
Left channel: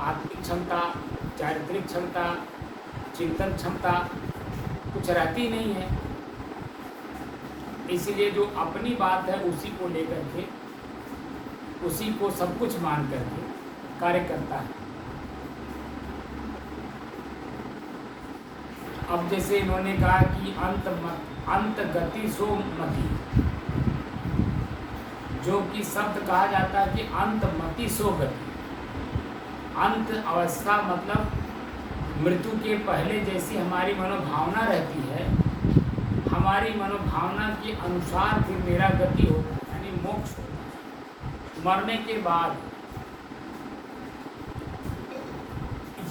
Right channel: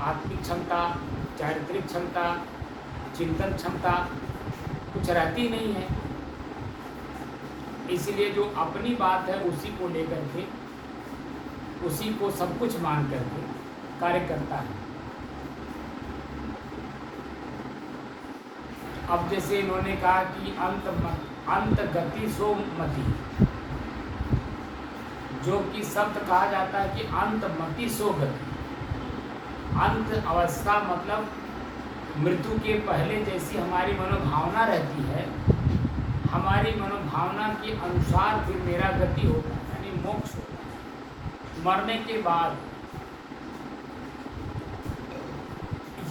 आत्मिक क्षमता, चारित्रिक क्षमता, चिंतन क्षमता कुछ रहती नहीं है। इसलिए जो अपनी बात है उसी को लेकर के, उसी को सब कुछ मान करके कार्य करता है। अब जैसे इन्होंने कहा कि अंत गति सो मति, जो कि शब्द कहा जाता है कि अंत मति सो गति। अंत अवस्था मतलब मृत्यु के पहले जैसी हमारी मनोभावना रहती है, हमारी मनोभावना के अनुसार फिर मेरा गति होता है, यानी मोक्ष होता है। मरने के बाद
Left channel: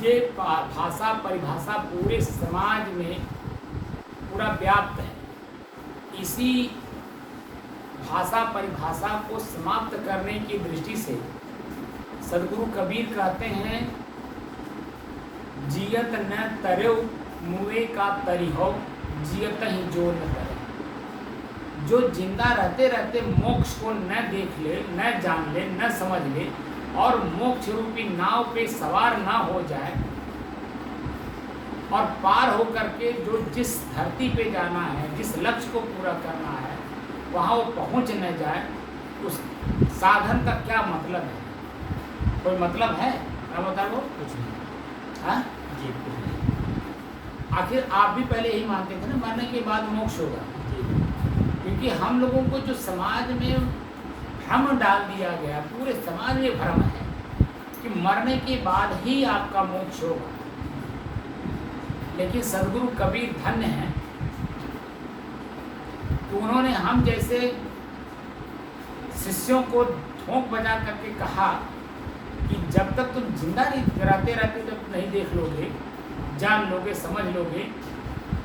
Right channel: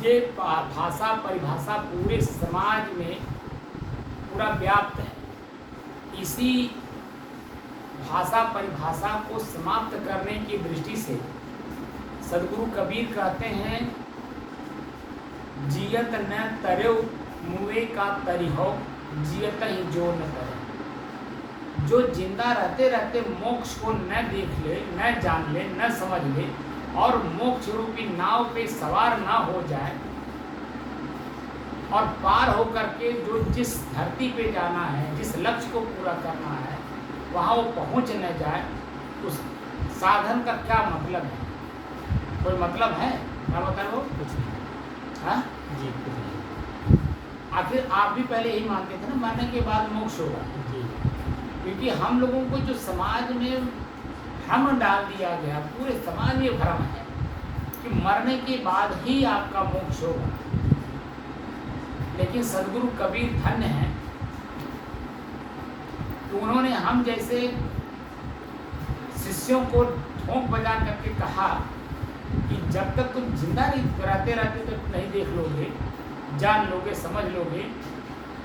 ये भाषा परिभाषा पूरे समाज में पूरा व्याप्त है। इसी भाषा परिभाषा को समाप्त करने की दृष्टि से सदगुरु कबीर कहते हैं, जियत न तरो मुए का तरिहो, जियत ही जो न करे। जो जिंदा रहते रहते मोक्ष को न देख ले, न जान ले, न समझ ले और मोक्ष रूपी नाव पे सवार ना हो जाए और पार हो करके जो जिस धरती पे जाना है, जिस लक्ष्य को पूरा करना है वहाँ वो पहुँच न जाए, उस साधन का क्या मतलब है? कोई मतलब है? क्या बताओ? वो कुछ नहीं। हाँ जी, कुछ नहीं। आखिर आप भी पहले यही मानते थे ना, मरने के बाद मोक्ष होगा। क्योंकि हम लोगों को जो समाज में भ्रम डाल दिया गया, पूरे समाज में भ्रम है कि मरने के बाद ही आपका मोक्ष होगा। लेकिन सदगुरु कबीर धन्य हैं तो उन्होंने हम जैसे शिष्यों को ठोंक बजा करके कहा कि जब तक तुम जिंदा नहीं रहते रहते जब नहीं देख लोगे, जान लोगे, समझ लोगे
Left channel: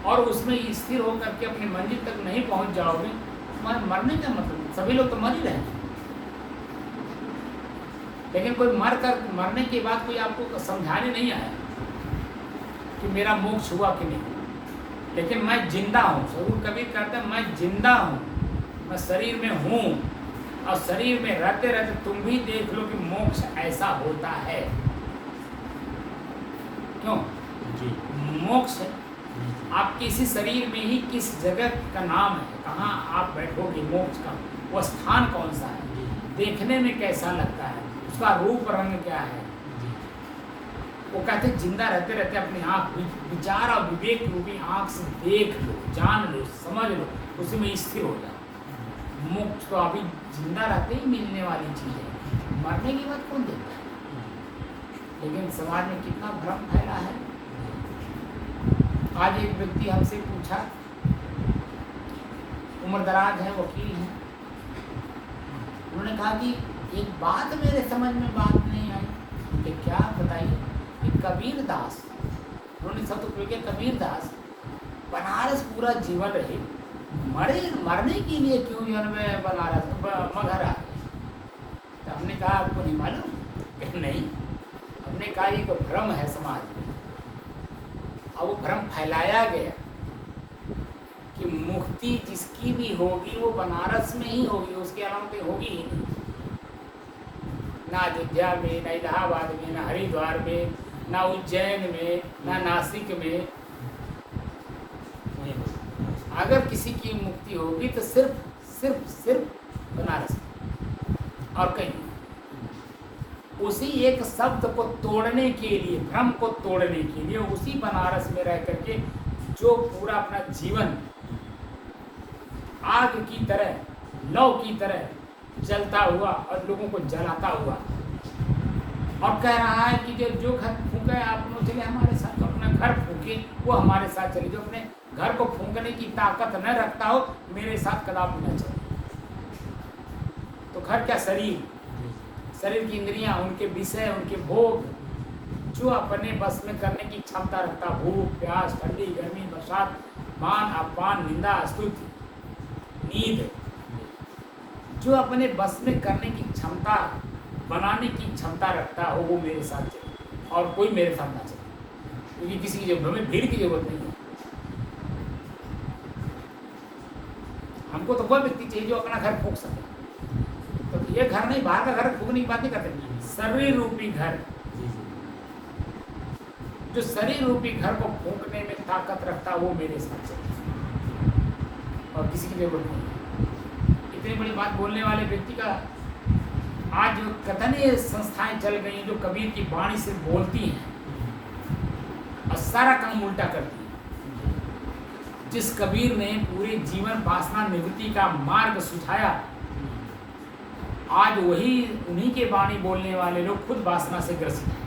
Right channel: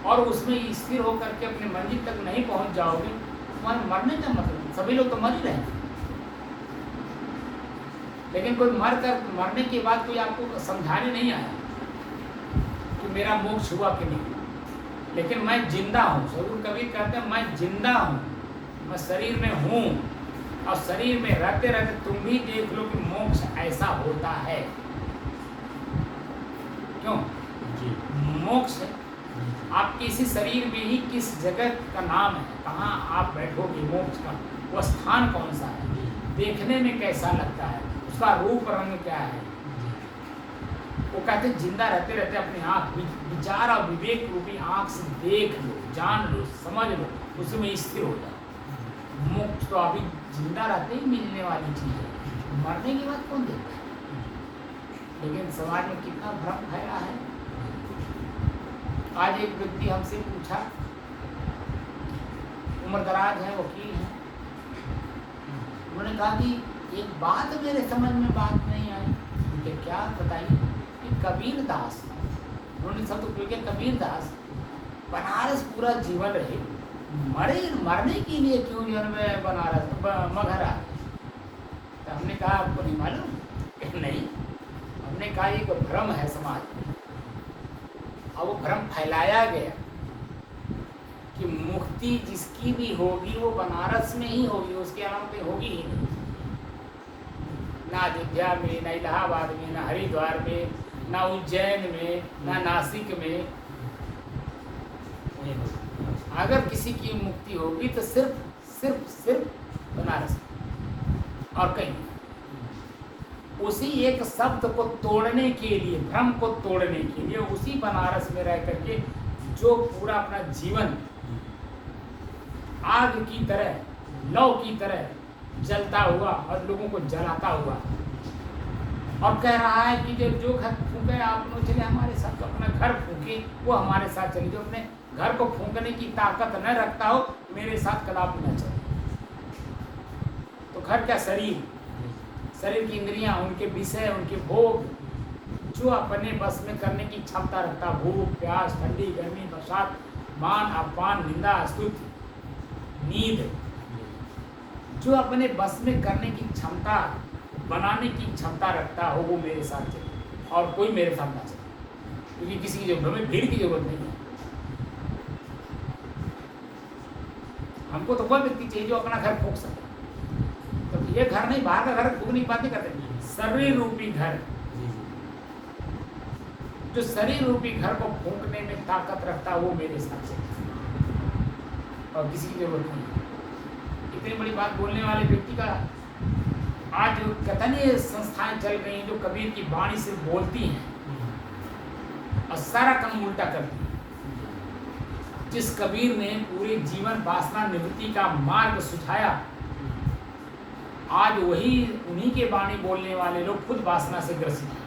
और उसमें स्थिर होकर के अपनी मंजिल तक नहीं पहुंच जाओगे, तुम्हारे मरने का मतलब, सभी लोग तो मर ही रहे हैं। लेकिन कोई मरने के बाद कोई आपको समझाने नहीं आया कि मेरा मोक्ष हुआ कि नहीं। लेकिन मैं जिंदा हूँ, सदगुरु कबीर कहते हैं मैं जिंदा हूँ, मैं शरीर में हूँ और शरीर में रहते रहते तुम भी देख लो कि मोक्ष ऐसा होता है। क्यों? मोक्ष आप इसी शरीर में ही किस जगह का नाम है, कहाँ आप बैठोगे, मोक्ष का वो स्थान कौन सा है, देखने में कैसा लगता है, उसका रूप रंग क्या है। वो कहते जिंदा रहते रहते अपनी आँख, विचार और विवेक रूपी आँख से देख लो, जान लो, समझ लो, उसमें स्थिर हो जाओ। मोक्ष तो अभी जिंदा रहते ही मिलने वाली चीज़ है, मरने के बाद कौन देखता है। लेकिन समाज में कितना भ्रम फैला है। आज एक व्यक्ति हमसे पूछा, उम्रदराज है, वकील है, उन्होंने कहा कि एक बात मेरे समझ में बात नहीं आई। उनके क्या बताइए? कबीर दास, उन्होंने सब तो क्योंकि कबीर दास बनारस पूरा जीवन रहे, मरने के लिए क्यों जीवन में बनारस मगहर आए? तो हमने कहा आपको नहीं मालूम? नहीं। हमने कहा ये तो भ्रम है समाज में, और वो भ्रम फैलाया गया कि मुक्ति जिसकी भी होगी वो बनारस में ही होगी, उसके अलावा कहीं होगी ही नहीं। ना अयोध्या में, ना इलाहाबाद में, ना हरिद्वार में, ना उज्जैन में, ना नासिक में। वहीं होगा। अगर किसी की मुक्ति होगी तो सिर्फ सिर्फ सिर्फ बनारस में और कहीं नहीं। उसी एक शब्द को तोड़ने के लिए, भ्रम को तोड़ने के लिए उसी बनारस में रह करके जो पूरा अपना जीवन आग की तरह, लौ की तरह जलता हुआ और लोगों को जलाता हुआ, और कह रहा है कि जो घर फूके आप लोग चले हमारे साथ, तो अपना घर फूके वो हमारे साथ चले। जो अपने घर को फूकने की ताकत न रखता हो मेरे साथ कदापि न चले। तो घर क्या, शरीर, शरीर की इंद्रियां, उनके विषय, उनके भोग, जो अपने बस में करने की क्षमता रखता, भूख प्यास, ठंडी गर्मी, बरसात, मान अपमान, निंदा स्तुति, नींद, जो अपने बस में करने की क्षमता, बनाने की क्षमता रखता हो वो मेरे साथ चले और कोई मेरे साथ ना चले। क्योंकि किसी की जरूरत, हमें भीड़ की जरूरत नहीं है। हमको तो वह व्यक्ति चाहिए जो अपना घर फूंक सके। तो ये घर नहीं, बाहर का घर फूंक नहीं पाते, करते शरीर रूपी घर, जो शरीर रूपी घर को फूंकने में ताकत रखता वो मेरे साथ चले और किसी की जरूरत नहीं। इतनी बड़ी बात बोलने वाले व्यक्ति का आज जो कथनीय संस्थाएं चल गई हैं जो कबीर की वाणी से बोलती हैं और सारा काम उल्टा करती हैं। जिस कबीर ने पूरे जीवन वासना निवृत्ति का मार्ग सुझाया, आज वही उन्हीं के वाणी बोलने वाले लोग खुद वासना से ग्रसित हैं।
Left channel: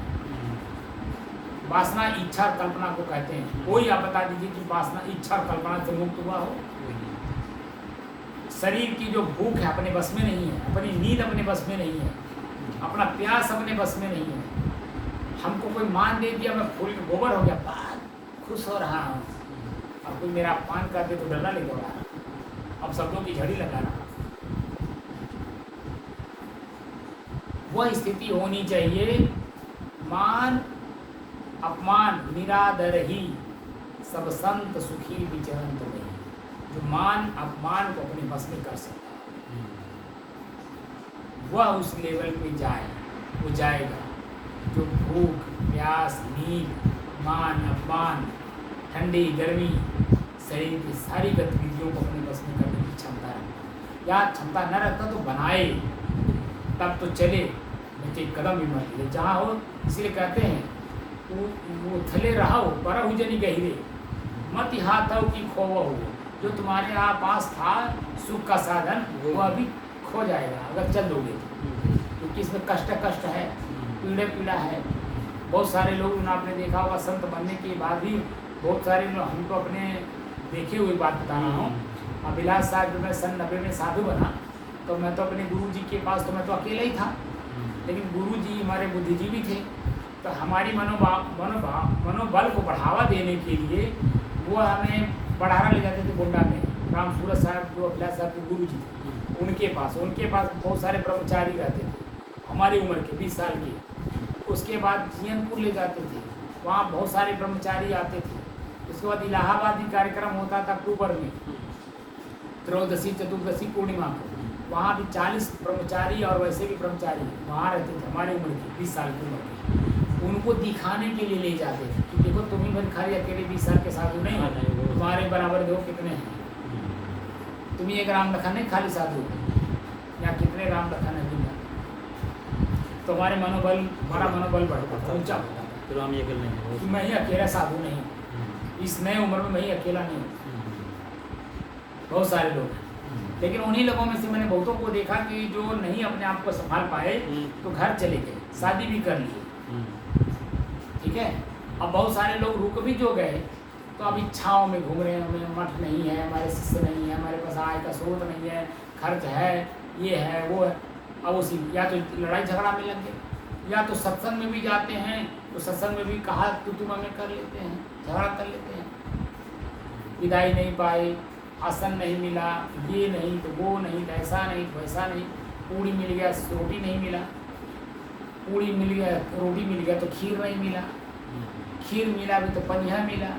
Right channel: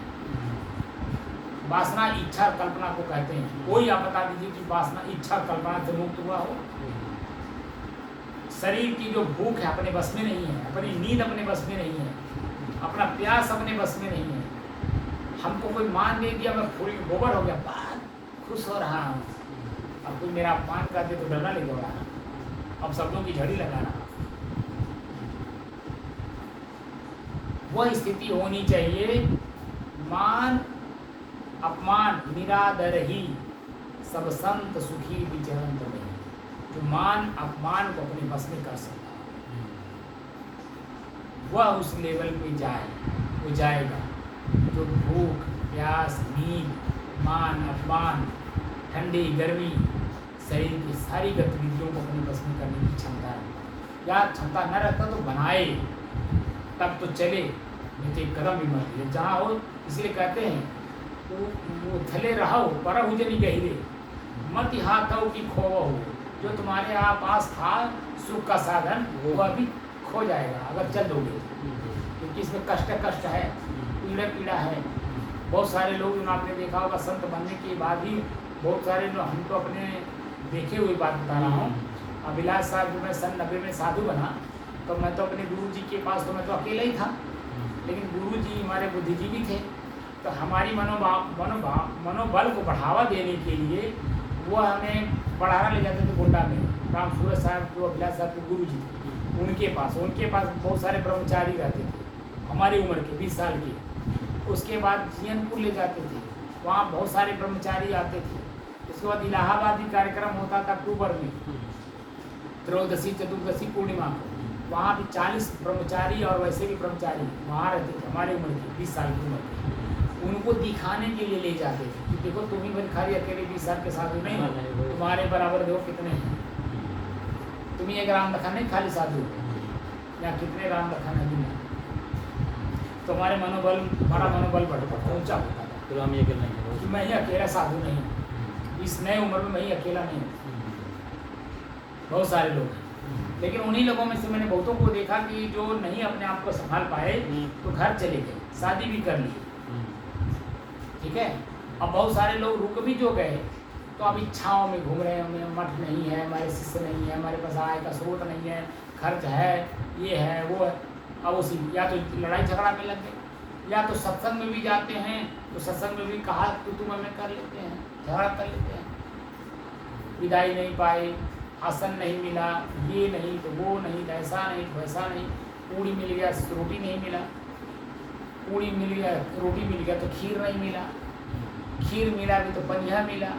वासना इच्छा कल्पना को कहते हैं। कोई आप बता दीजिए कि वासना इच्छा कल्पना से मुक्त हुआ हो। शरीर की जो भूख है अपने बस में नहीं है, अपनी नींद अपने बस में नहीं है, अपना प्यास अपने बस में नहीं है। हमको कोई मान दे दिया, मैं फूल गोबर हो गया, बहुत खुश हो रहा हूँ। अब कोई मेरा अपमान कर दे तो डरना लग रहा, अब शब्दों की झड़ी लगा रहा। वह स्थिति होनी चाहिए, मान अपमान निरादर ही सब संत सुखी विचरण तो, जो मान अपमान को अपने बस में कर सकता वह उस लेवल पे जाए, वो जाएगा जो भूख प्यास नींद मान अपमान ठंडी गर्मी शरीर की सारी गतिविधियों को अपने बस में करने की क्षमता रखता। या क्षमता न रखता तो बनाए, तब तो चले, नहीं तो एक कदम भी मत ले जहाँ हो। इसलिए कहते हैं वो थले रहो पर जनी गहरे मत हाथ हो कि खोवा हो। जो तुम्हारे यहाँ पास था सुख का साधन वो अभी खो जाएगा अगर चल दोगे, क्योंकि इसमें कष्ट है, पीड़ा है। बहुत सारे लोग आपने देखा होगा, संत बनने के बाद भी बहुत सारे लोग, हम तो अपने देखे हुए बात बता रहा हूँ। अभिलाष साहब जब मैं सन 90 में साधु बना तो मैं तो अपने गुरु जी के पास, तो मैं तो अकेला ही था, लेकिन गुरु जी हमारे बुद्धिजीवी थे। तो हमारी मनोबल को बढ़ावा देने के लिए वो हमें बढ़ाना ले जाते थे गोंडा में। राम सूरज साहब जो अभिलाष साहब के गुरु जी थे, उनके पास बहुत सारे ब्रह्मचारी रहते थे हमारी उम्र के 20 साल के। उसके बाद जियनपुर ले जाते थे, वहाँ बहुत सारे ब्रह्मचारी आते थे। उसके बाद इलाहाबाद भी कार्यक्रम होता था अक्टूबर में, त्रयोदशी चतुर्दशी पूर्णिमा को। वहाँ भी 40 ब्रह्मचारी और वैसे भी ब्रह्मचारी वहाँ रहते थे हमारी उम्र के 20 साल की उम्र के। उनको दिखाने के लिए ले जाते थे कि देखो तुम ही बन खाली अकेले 20 साल के साधु नहीं, तुम्हारे बराबर दो कितने हैं, तुम ही एक राम लखन नहीं खाली साधु, या कितने राम लखन है दुनिया। तो हमारा मनोबल बढ़ता था, ऊंचा होता था। तो हम ये अकेले नहीं है, मैं ही अकेला साधु नहीं, इस नए उम्र में मैं ही अकेला नहीं, बहुत सारे लोग हैं। लेकिन उन्हीं लोगों में से मैंने बहुतों को देखा कि जो नहीं अपने आप को संभाल पाए तो घर चले गए, शादी भी कर ली, ठीक है। अब बहुत सारे लोग रुक भी जो गए तो अब इच्छाओं में घूम रहे हैं, हमें मठ नहीं है, हमारे शिष्य नहीं है, हमारे पास आय का स्रोत नहीं है, खर्च है, ये है वो है। अब उसी या तो लड़ाई झगड़ा में लग गए, या तो सत्संग में भी जाते हैं तो सत्संग में भी कहा तो तुम हमें कर लेते हैं, झगड़ा कर लेते हैं। विदाई नहीं पाए, आसन नहीं मिला, ये नहीं तो वो नहीं, ऐसा नहीं तो वैसा नहीं, पूड़ी मिल गया रोटी नहीं मिला, पूड़ी मिल गया रोटी मिल गया तो खीर नहीं मिला, खीर मिला भी तो पनिया मिला,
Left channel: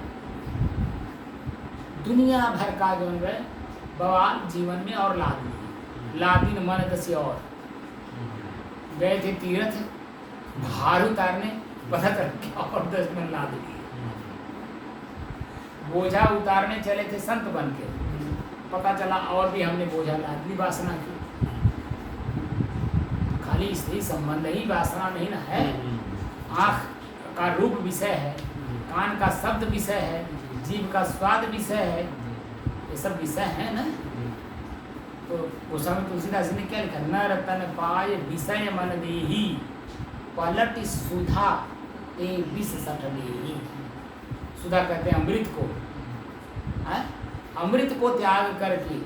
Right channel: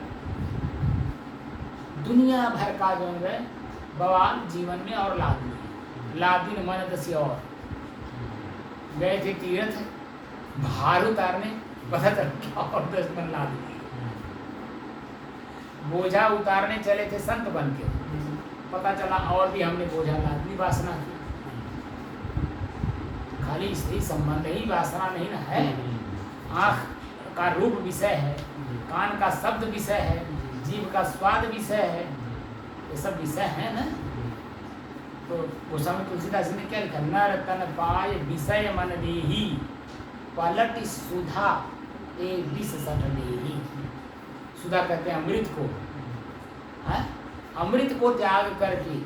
दुनिया भर का जो है बवाल जीवन में और लादिन मन दसी और गए थे तीर्थ भार उतारने पता चला और 10 मन लाद दिए। बोझा उतारने चले थे संत बन के, पता चला और भी हमने बोझा लाद ली वासना की। खाली स्त्री संबंध ही वासना नहीं ना है। आँख का रूप विषय है, कान का शब्द विषय है, जीव का स्वाद विषय है, ये सब विषय है ना। तो गोस्वामी तुलसीदास जी ने क्या लिखा, नर तन पाय विषय मन देही पलट सुधा ए विष सठ देही। सुधा कहते हैं अमृत को, है? अमृत को त्याग करके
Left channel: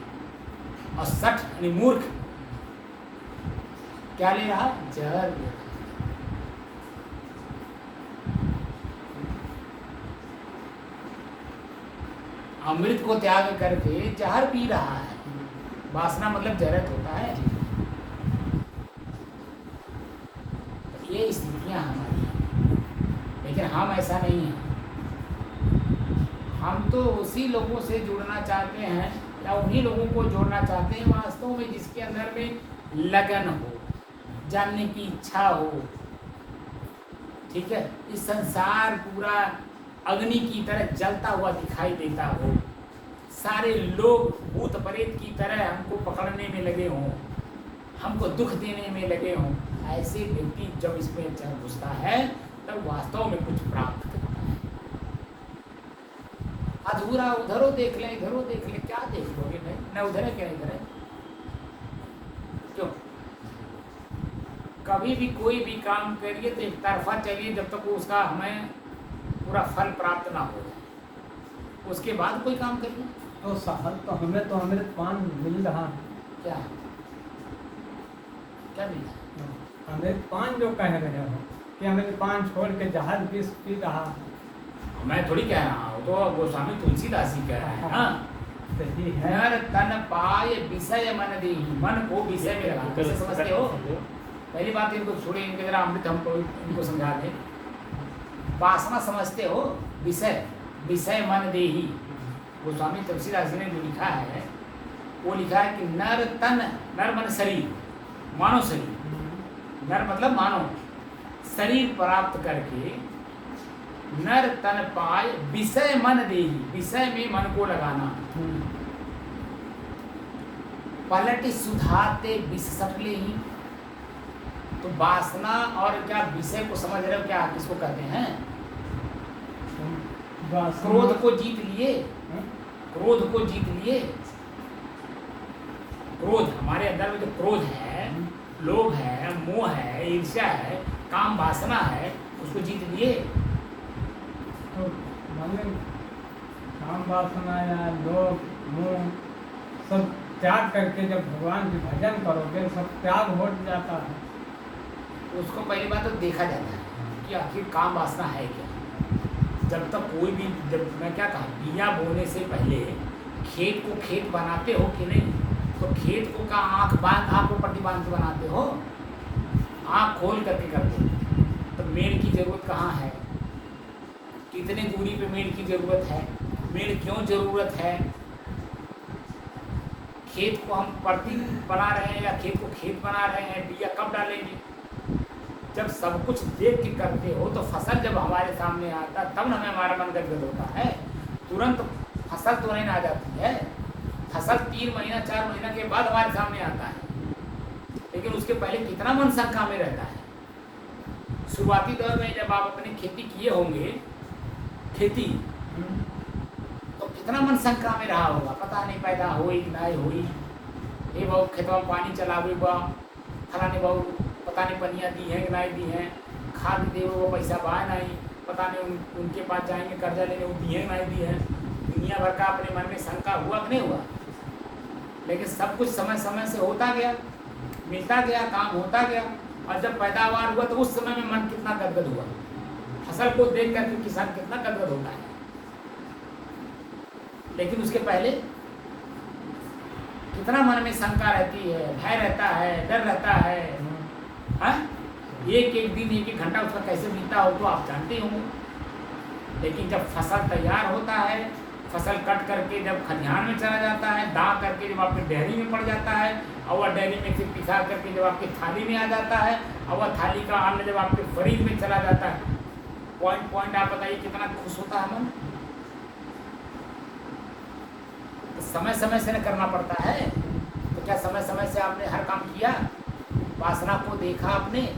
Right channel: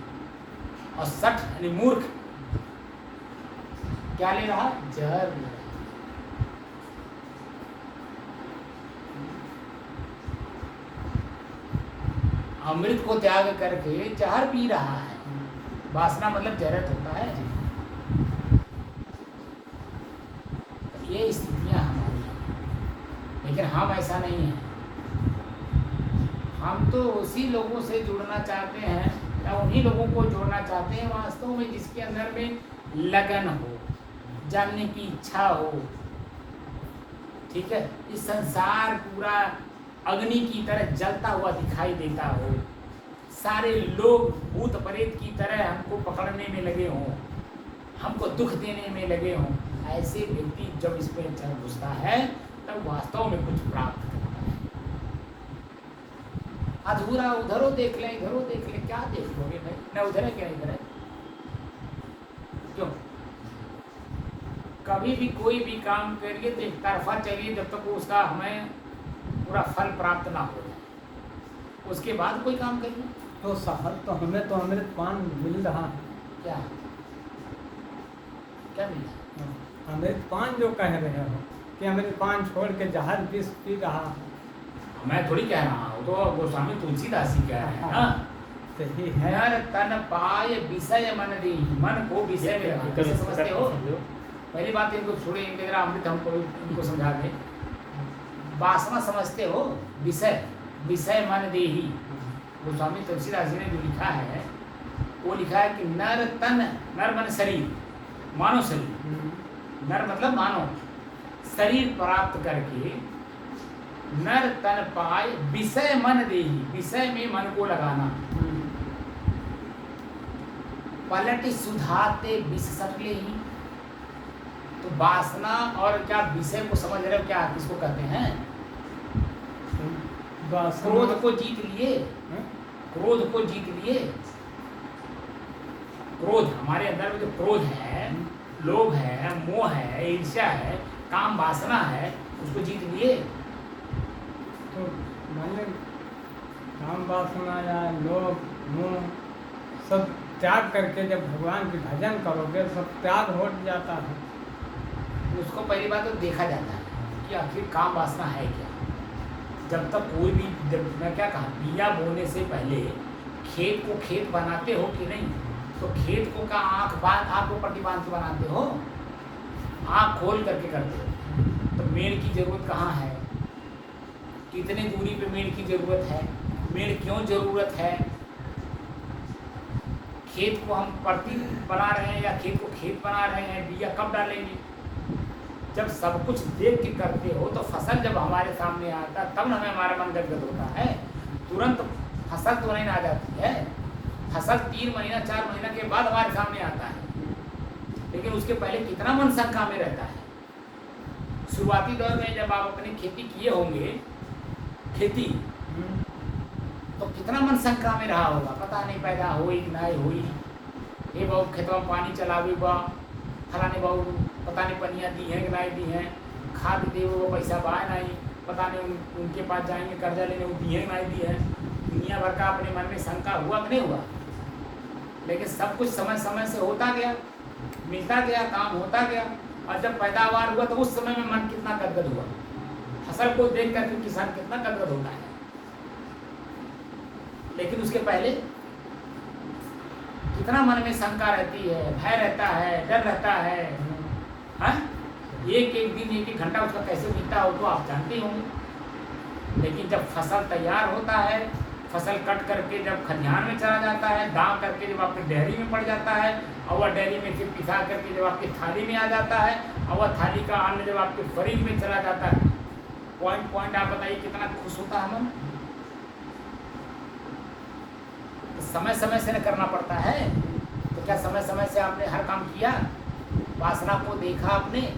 और सठ यानी मूर्ख क्या ले रहा, जहर ले रहा। अमृत को त्याग करके जहर पी रहा है। वासना मतलब जहरत होता है। तो ये स्थितियां हमारी, लेकिन हम ऐसा नहीं है। हम तो उसी लोगों से जुड़ना चाहते हैं या उन्हीं लोगों को जोड़ना चाहते हैं वास्तव में जिसके अंदर में लगन हो, जानने की इच्छा हो। ठीक है, इस संसार पूरा अग्नि की तरह जलता हुआ दिखाई देता हो, सारे लोग भूत प्रेत की तरह हमको पकड़ने में लगे हों, हमको दुख देने में लगे हों, ऐसे व्यक्ति जब इसमें घुसता है तब वास्तव में कुछ प्राप्त करता है। अधूरा उधरो देख ले, इधरो देख ले, क्या देख लोगे भाई, न उधर है क्या इधर है। क्यों कभी भी कोई भी काम करिए तो एक तरफा चलिए जब तक उसका हमें पूरा फल प्राप्त ना हो, उसके बाद कोई काम करिए। तो सफल तो हमें तो अमृत पान मिल रहा है। क्या क्या मिल रहा है? अमृत पान जो कह रहे हो कि अमृत पान छोड़ के जहर विष पी रहा है। मैं थोड़ी कह रहा हूँ, तो गोस्वामी तुलसीदास जी कह रहे हैं ना। सही है। नर तन पाय विषय मन देहि, मन को विषय में रखा। कैसे समझते हो? पहली बात इनको छोड़िए, इनके जरा अमृत हमको इनको समझा दें। वासना समझते हो, विषय विषय मन देहि। गोस्वामी तुलसीदास जी ने जो लिखा है वो लिखा है कि नर तन, नर मन शरीर, मानव शरीर, नर मतलब मानव शरीर प्राप्त करके नर तन पाय विषय मन देहि, विषय में मन को लगाना। पलट सुधाते विष सट लेहि। तो वासना और क्या विषय को समझ रहे हो, क्या किसको कहते हैं? क्रोध को जीत लिए, क्रोध को जीत लिए। क्रोध हमारे अंदर में जो क्रोध है, लोभ है, मोह है, ईर्ष्या है, काम वासना है, उसको जीत लिए। तो मैंने काम वासना या लोभ मोह सब त्याग करके जब भगवान की भजन करोगे सब त्याग हो जाता है। उसको पहली बात तो देखा जाता है कि आखिर काम वासना है क्या। जब तक कोई भी, जब मैं क्या कहा, बिया बोने से पहले खेत को खेत बनाते हो कि नहीं, तो खेत को का आँख को प्रतिबांध के बनाते हो, आँख खोल करके करते हो। तो मेड़ की ज़रूरत कहाँ है, कितने दूरी पे मेड़ की ज़रूरत है, मेड़ क्यों ज़रूरत है, खेत को हम प्रतिदिन बना रहे हैं या खेत को खेत बना रहे हैं, बिया कब डालेंगे। जब सब कुछ देख के करते हो तो फसल जब हमारे सामने आता तब हमें हमारा मन गदगद होता है। तुरंत फसल तो नहीं आ जाती है, फसल 3 महीना 4 महीना के बाद हमारे सामने आता है, लेकिन उसके पहले कितना मन शंका में रहता है। शुरुआती दौर में जब आप अपनी खेती किए होंगे, खेती तो कितना मन शंका में रहा होगा, पता नहीं पैदा हुई कि नहीं हुई, ये बहु खेतों में पानी चलावे बा, फलाने बहु पता नहीं पनियाँ दी हैं कि नहीं दी हैं, खाद दे वो पैसा बाय नहीं, पता नहीं उनके पास जाएंगे कर्जा लेने, वो दी है नहीं दी है। दुनिया भर का अपने मन में शंका हुआ कि नहीं हुआ, लेकिन सब कुछ समय समय से होता गया, मिलता गया, काम होता गया, और जब पैदावार हुआ तो उस समय में मन कितना गदगद हुआ। फसल को देख कर किसान कितना गदगद होता है, लेकिन उसके पहले कितना मन में शंका रहती है, भय रहता है, डर रहता है। हाँ, एक दिन 1 घंटा उसका कैसे बीता हो तो आप जानते होंगे। लेकिन जब फसल तैयार होता है, फसल कट करके जब खलिहान में चला जाता है, दाँ करके जब आपके डेयरी में पड़ जाता है, और वह डेयरी में फिर पिसा करके जब आपकी थाली में आ जाता है, और वह थाली का अन्न जब आपके फ्रिज में चला जाता है, पॉइंट पॉइंट आप बताइए कितना खुश होता है मन। तो समय समय से न करना पड़ता है। तो क्या समय समय से आपने हर काम किया? वासना को देखा आपने,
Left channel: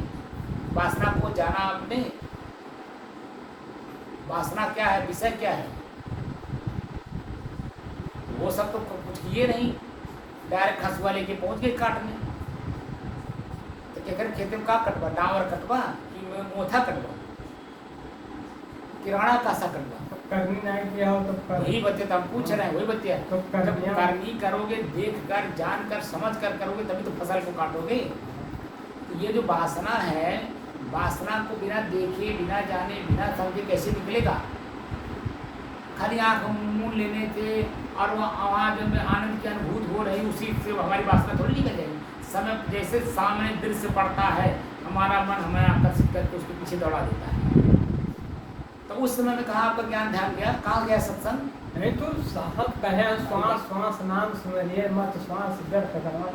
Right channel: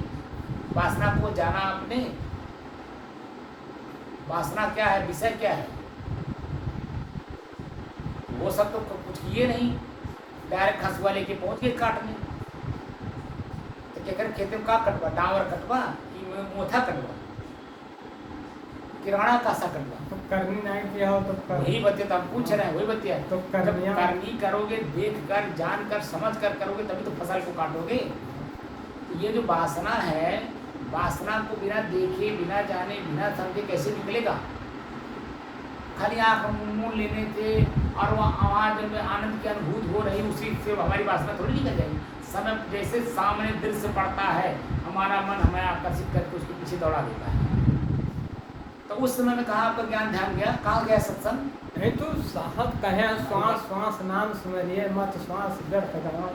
वासना को जाना आपने। वासना क्या है, विषय क्या है, वो सब तो कुछ किए नहीं, डायरेक्ट हंसुआ लेके पहुंच गए काटने। तो क्या करे, खेत में का कटवा, डावर कटवा कि मोथा कटवा, किराना कासा कटवा? तो करनी नहीं किया हो तो वही बच्चे तो हम पूछ रहे हैं, वही बच्चे तो कर जब दिया। करनी करोगे, देख कर जान कर समझ कर करोगे तभी तो फसल को काटोगे। तो ये जो वासना है, वासना को बिना देखे, बिना जाने, बिना समझे कैसे निकलेगा? खाली आँख मुँह लेने से और वो आवाज़ में आनंद की अनुभूति हो रही, उसी से हमारी वासना थोड़ी निकल जाएगी। समय जैसे सामने दृश्य पड़ता है, हमारा मन हमें आकर्षित करके उसके पीछे दौड़ा देता है। तो उस समय में कहाँ आपका ज्ञान ध्यान गया, कहाँ गया सत्संग? नहीं तो साहब कहे श्वास श्वास नाम सुमरिए मत श्वास व्यर्थ गवाओ।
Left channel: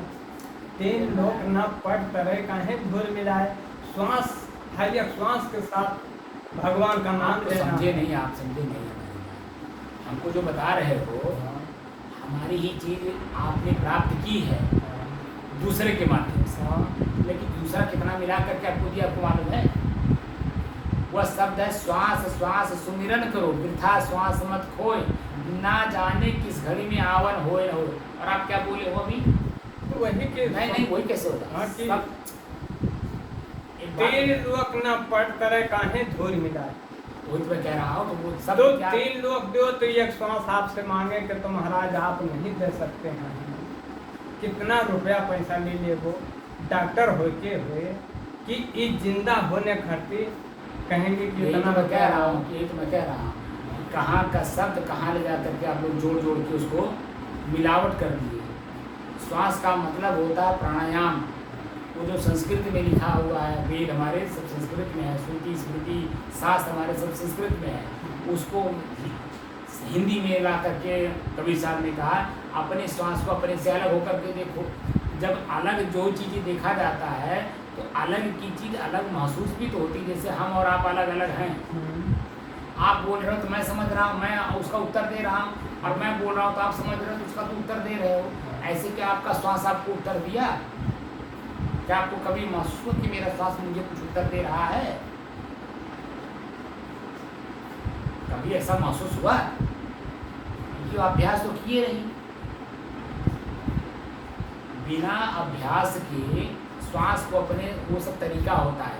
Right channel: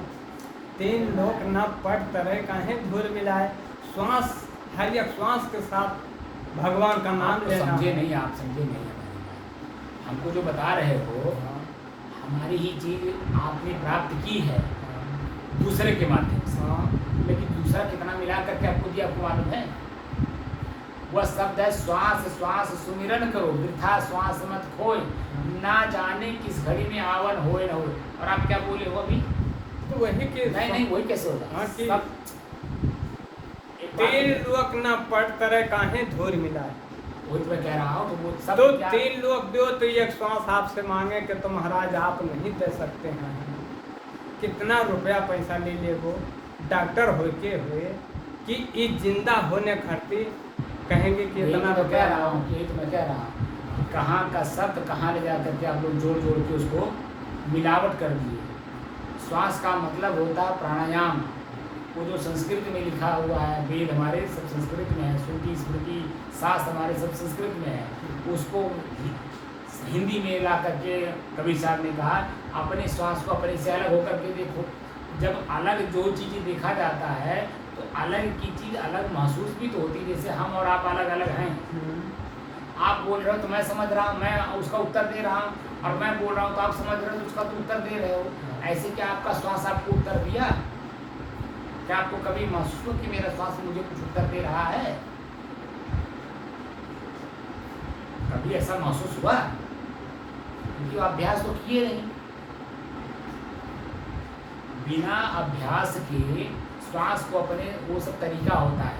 तीन लोक न पट तरह काहे धुर मिलाए। श्वास हर एक श्वास के साथ भगवान का नाम आप तो लेना। समझे नहीं, आप समझे नहीं हमारी बात। हमको जो बता रहे हो, हमारी ही चीज आपने प्राप्त की है दूसरे के माध्यम से, लेकिन दूसरा कितना मिला करके आपको दिया, आपको मालूम है? वह शब्द है श्वास श्वास सुमिरन करो, वृथा श्वास मत खोए, ना जाने किस घड़ी में आवन होए न होए। और आप क्या बोले हो अभी? तो वही के नहीं नहीं, वही कैसे होता हाँ, है? कि- सब एक बात तीन है, लोक न पट तरह काहे धुर मिलाए। वही तो मैं कह रहा हूँ। तो वो सब तो क्या- तीन लोग दो तो एक श्वास आपसे मांगे कि तो महाराज आप नहीं दे सकते हैं। कितना रुपया पैसा ले ले वो डॉक्टर होके हुए कि इस जिंदा होने खातिर कहेंगे कि यही तो इतना मैं कह रुपया रहा हूँ, यही तो मैं कह रहा हूँ। कहाँ का शब्द कहाँ ले जा करके आप लोग जोड़ जोड़ के उसको मिलावट कर दिए। श्वास का मतलब होता है प्राणायाम। वो जो संस्कृत में लिखा हुआ है, वेद हमारे सब संस्कृत में है, श्रुति स्मृति शास्त्र हमारे सब संस्कृत में है, उसको हिंदी में ला करके कबीर साहब ने कहा अपने श्वास को अपने से अलग होकर के देखो। जब अलग जो चीज़ें देखा जाता है तो अलग की चीज़ अलग महसूस भी तो होती है। जैसे हम और आप अलग अलग हैं। आप बोल रहे हो तो मैं समझ रहा हूँ, मैं उसका उत्तर दे रहा हूँ, और मैं बोल रहा हूँ तो आप समझ रहे हो तो उसका तो उत्तर दे रहे हो। ऐसे क्या आपका श्वास आपको उत्तर दिया? क्या आपको कभी महसूस हो कि मेरा श्वास मुझे कुछ उत्तर दे रहा है? कभी ऐसा महसूस हुआ? क्योंकि अभ्यास तो किए नहीं। बिना अभ्यास के श्वास को अपने, वो सब तरीका होता है।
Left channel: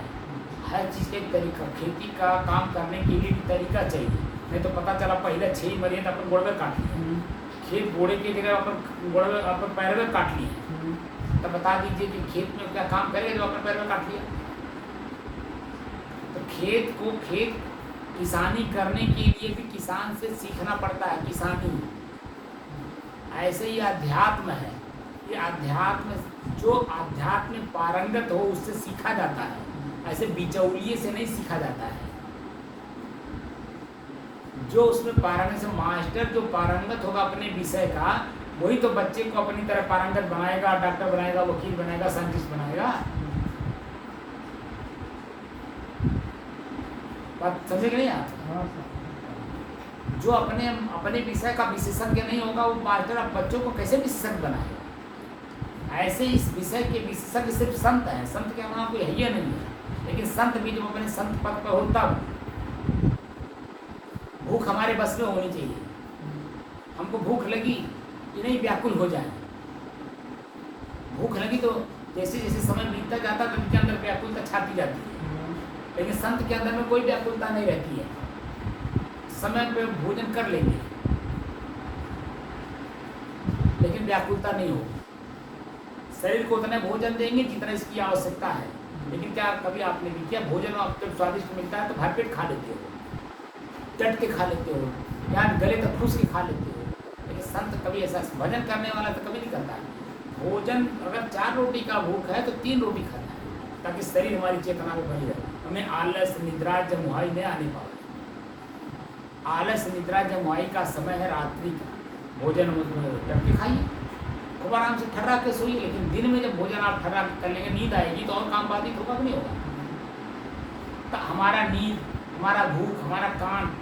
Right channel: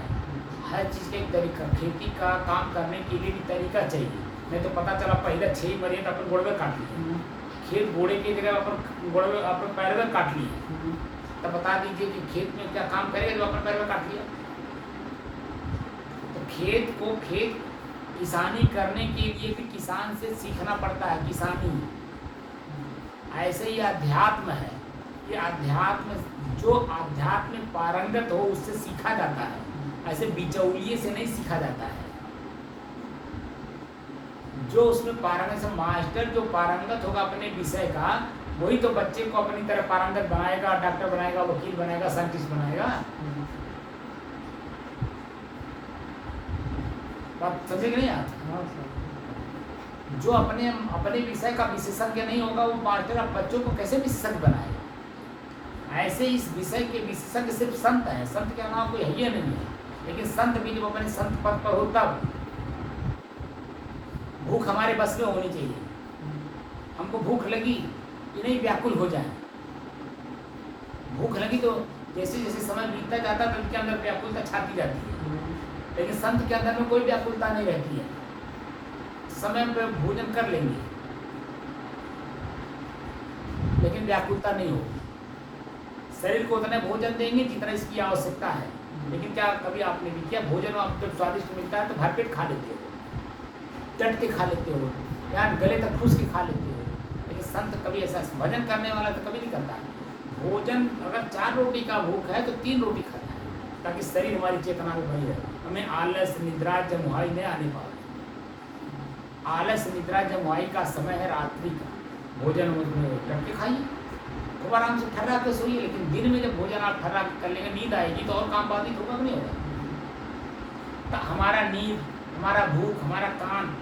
हर चीज़ का एक तरीका, खेती का काम करने के लिए भी तरीका चाहिए। नहीं तो पता चला पहले 6 महीने तो अपन गोड़ में काट लिए, खेत बोड़े की जगह अपन गोड़ में अपन पैर में काट लिए। तब बता दीजिए कि खेत में क्या काम करेगा जो अपन पैर में काट लिया? तो खेत को खेत किसानी करने के लिए भी किसान से सीखना पड़ता है, किसानी। ऐसे ही अध्यात्म है। ये अध्यात्म, जो अध्यात्म में पारंगत हो उससे सीखा जाता है, ऐसे बिचौलिए से नहीं सीखा जाता है। जो उसमें पारंगत से, मास्टर जो पारंगत होगा अपने विषय का, वही तो बच्चे को अपनी तरह पारंगत बनाएगा, डॉक्टर बनाएगा, वकील बनाएगा, साइंटिस्ट बनाएगा। बात समझे कि नहीं आप? जो अपने अपने विषय का विशेषज्ञ नहीं होगा, वो मास्टर अब बच्चों को कैसे विशेषज्ञ बनाएगा? ऐसे इस विषय के विशेषज्ञ सिर्फ संत हैं। संत के अलावा कोई है ही नहीं है। लेकिन संत भी जब अपने संत पद पर हो तब भूख हमारे बस में होनी चाहिए। हमको भूख लगी कि नहीं व्याकुल हो जाए। भूख लगी तो जैसे जैसे समय बीतता जाता है तो उनके अंदर व्याकुलता छाती जाती है। लेकिन संत के अंदर में कोई व्याकुलता नहीं रहती है। समय पे भोजन कर लेंगे लेकिन व्याकुलता नहीं होगी। शरीर को उतने भोजन देंगे जितना इसकी आवश्यकता है। लेकिन क्या कभी आपने भी किया, भोजन आपको स्वादिष्ट मिलता है तो भरपेट खा लेते हो, चट के खा लेते हो, या गले तक खुश के खा लेते हो। लेकिन संत कभी ऐसा, भजन करने वाला तो कभी नहीं करता है। भोजन अगर 4 रोटी का भूख है तो 3 रोटी खाता है, ताकि शरीर हमारी चेतना में बनी रहे, हमें आलस निद्रा जमुहाई नहीं आने पाए। आलस निद्रा जमुआई का समय है रात्रि का, भोजन करके खाइए, खूब आराम से ठर्रा के सोइए। लेकिन दिन में जब भोजन आप ठर्रा के कर लेंगे, नींद आएगी तो और काम बाधित होगा कि नहीं होगा? तो हमारा नींद, हमारा भूख, हमारा कान,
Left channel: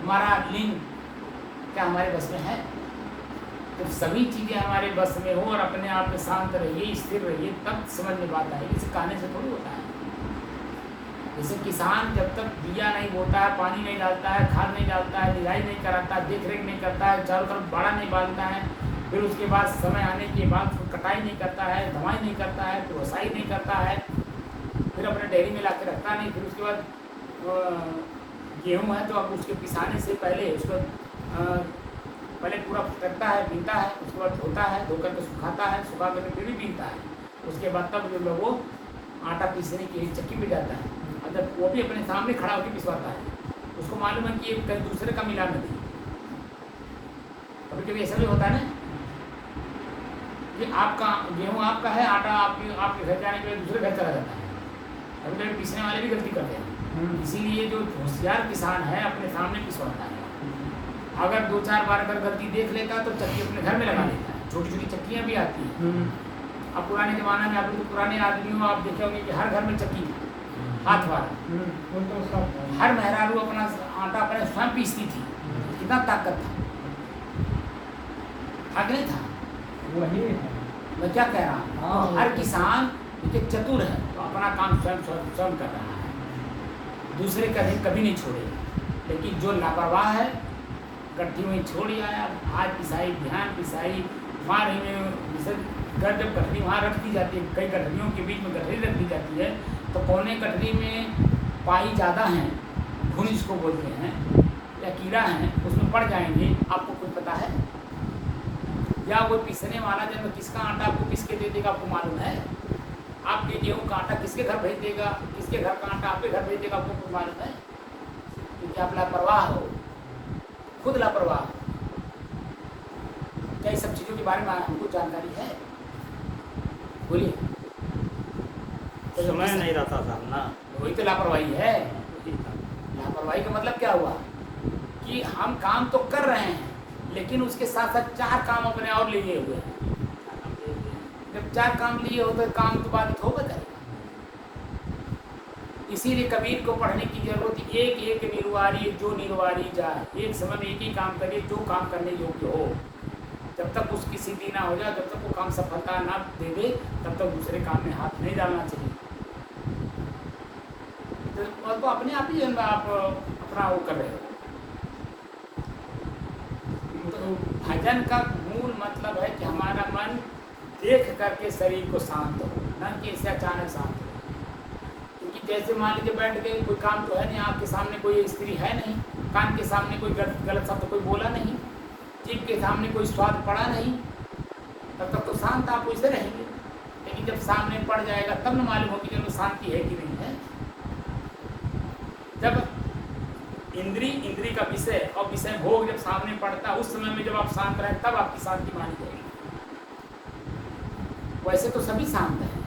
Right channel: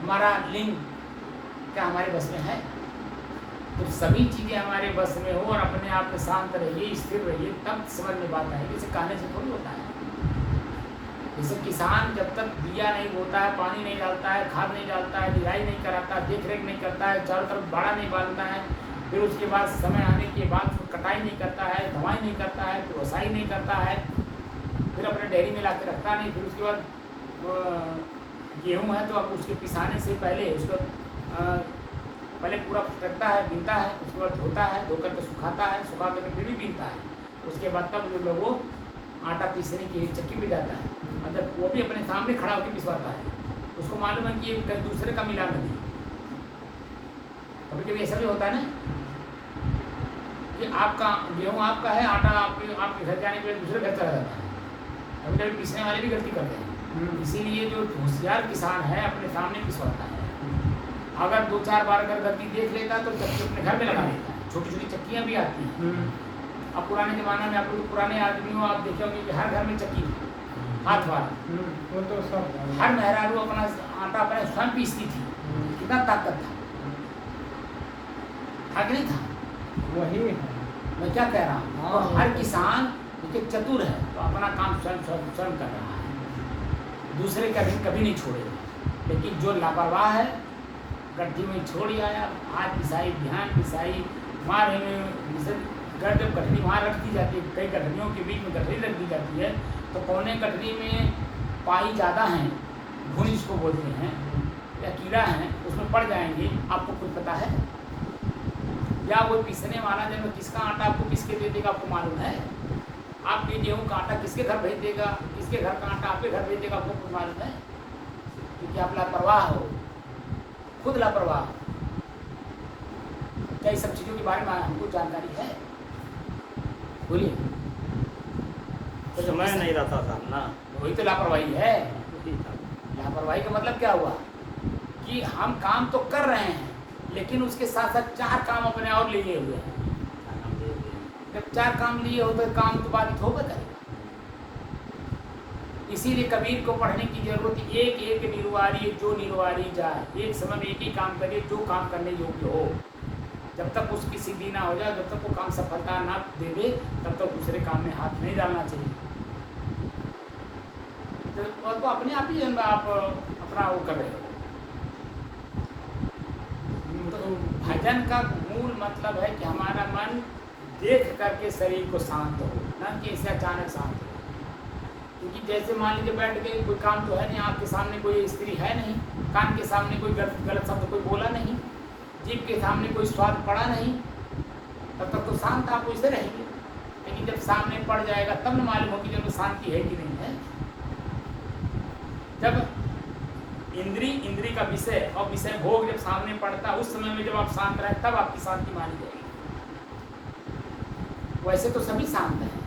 हमारा लिंग क्या हमारे बस में है? तो सभी चीज़ें हमारे बस में हो और अपने आप में शांत रहिए, स्थिर रहिए, तब समझ में बात आएगी। इसे कहने से थोड़ी होता है। जैसे किसान जब तक बिया नहीं बोता है, पानी नहीं डालता है, खाद नहीं डालता है, निराई नहीं कराता, देख रेख नहीं करता है, चारों तरफ बाड़ा नहीं बांधता है, फिर उसके बाद समय आने के बाद कटाई नहीं करता है, दवाई नहीं करता है, तो वसाई नहीं करता है, फिर अपने डेयरी में ला के रखता नहीं, फिर उसके बाद गेहूँ है तो अब उसके पिसाने से पहले उसको पहले पूरा करता है, बीनता है, उसके बाद धोता है, धोकर के सुखाता है, सुखा कर फिर भी बीनता है, उसके बाद तब जो लोग वो आटा पीसने के लिए चक्की में जाता है। और जब वो भी अपने सामने खड़ा होकर पिसवाता है, उसको मालूम है कि ये कहीं दूसरे का मिला नहीं। कभी कभी ऐसा भी होता है ना कि आपका गेहूँ आपका है, आटा आपके घर जाने के लिए दूसरे घर चला जाता है। कभी कभी पीसने वाले भी गलती करते हैं। इसीलिए जो होशियार किसान है अपने सामने पिसवाता है। अगर 2-4 बार अगर गलती देख लेता तो चक्की अपने घर में लगा लेता है। छोटी छोटी चक्कियाँ भी आती हैं। अब पुराने ज़माने में आप लोग पुराने आदमियों आप देखे होंगे कि हर घर में चक्की, हाथ वाला, हर मेहरारू अपना आटा अपने स्वयं पीसती थी। कितना ताकत था, आगे नहीं था? वही है। मैं क्या कह रहा हूँ? तो हर किसान एक चतुर है, तो अपना काम स्वयं स्वयं कर रहा है, दूसरे का कभी नहीं छोड़ेगा। लेकिन जो लापरवाह है, गड्ढी में छोड़ आया, आज पिसाई, ध्यान पिसाई, मार घर जब गठरी वहाँ रख दी जाती है, कई गठरियों के बीच में गठरी रख दी जाती है, तो कौने गठरी में पाई ज़्यादा हैं, घुन जिसको बोलते हैं, या कीड़ा है, उसमें पड़ जाएंगे, आपको कुछ पता है? या वो पिसने वाला जब किसका आटा आपको पीस के दे देगा, आपको मालूम है? आपके गेहूँ का आटा किसके घर भेज देगा, किसके घर का आटा आपके घर भेज देगा, आपको कुछ मालूम है? क्योंकि आप लापरवाह हो, खुद लापरवाह। क्या इस सब चीज़ों के बारे में हमको जानकारी है? बोलिए। समय नहीं रहता था ना, वही तो लापरवाही है। वही था। लापरवाही का मतलब क्या हुआ कि हम काम तो कर रहे हैं, लेकिन उसके साथ साथ 4 काम अपने और लिए हुए हैं। जब 4 काम लिए हो तो काम तो बाधित होगा जाएगा। इसीलिए कबीर को पढ़ने की जरूरत, एक एक निर्वारी जो निर्वारी जाए, एक समय में एक ही काम करे जो काम करने योग्य हो। जब तक उसकी सिद्धि ना हो जाए, जब तक वो काम सफलता ना दे दे, तब तक दूसरे काम में हाथ नहीं डालना चाहिए। तो अपने आप ही आप अपना वो कर रहे हो। तो भजन का मूल मतलब है कि हमारा मन देख करके शरीर को शांत हो, न कि इससे अचानक शांत हो। क्योंकि जैसे मान लीजिए बैठ गए, कोई काम तो है नहीं, आपके सामने कोई स्त्री है नहीं, कान के सामने कोई गलत शब्द कोई बोला नहीं, जीभ के सामने कोई स्वाद पड़ा नहीं, तब तक तो शांत आप वैसे रहेंगे। लेकिन जब सामने पड़ जाएगा तब न मालूम होगी कि शांति है कि नहीं है। जब इंद्री का विषय और विषय भोग जब सामने पड़ता, उस समय में जब आप शांत रहे, तब आपकी शांति मानी जाएगी। वैसे तो सभी शांत हैं,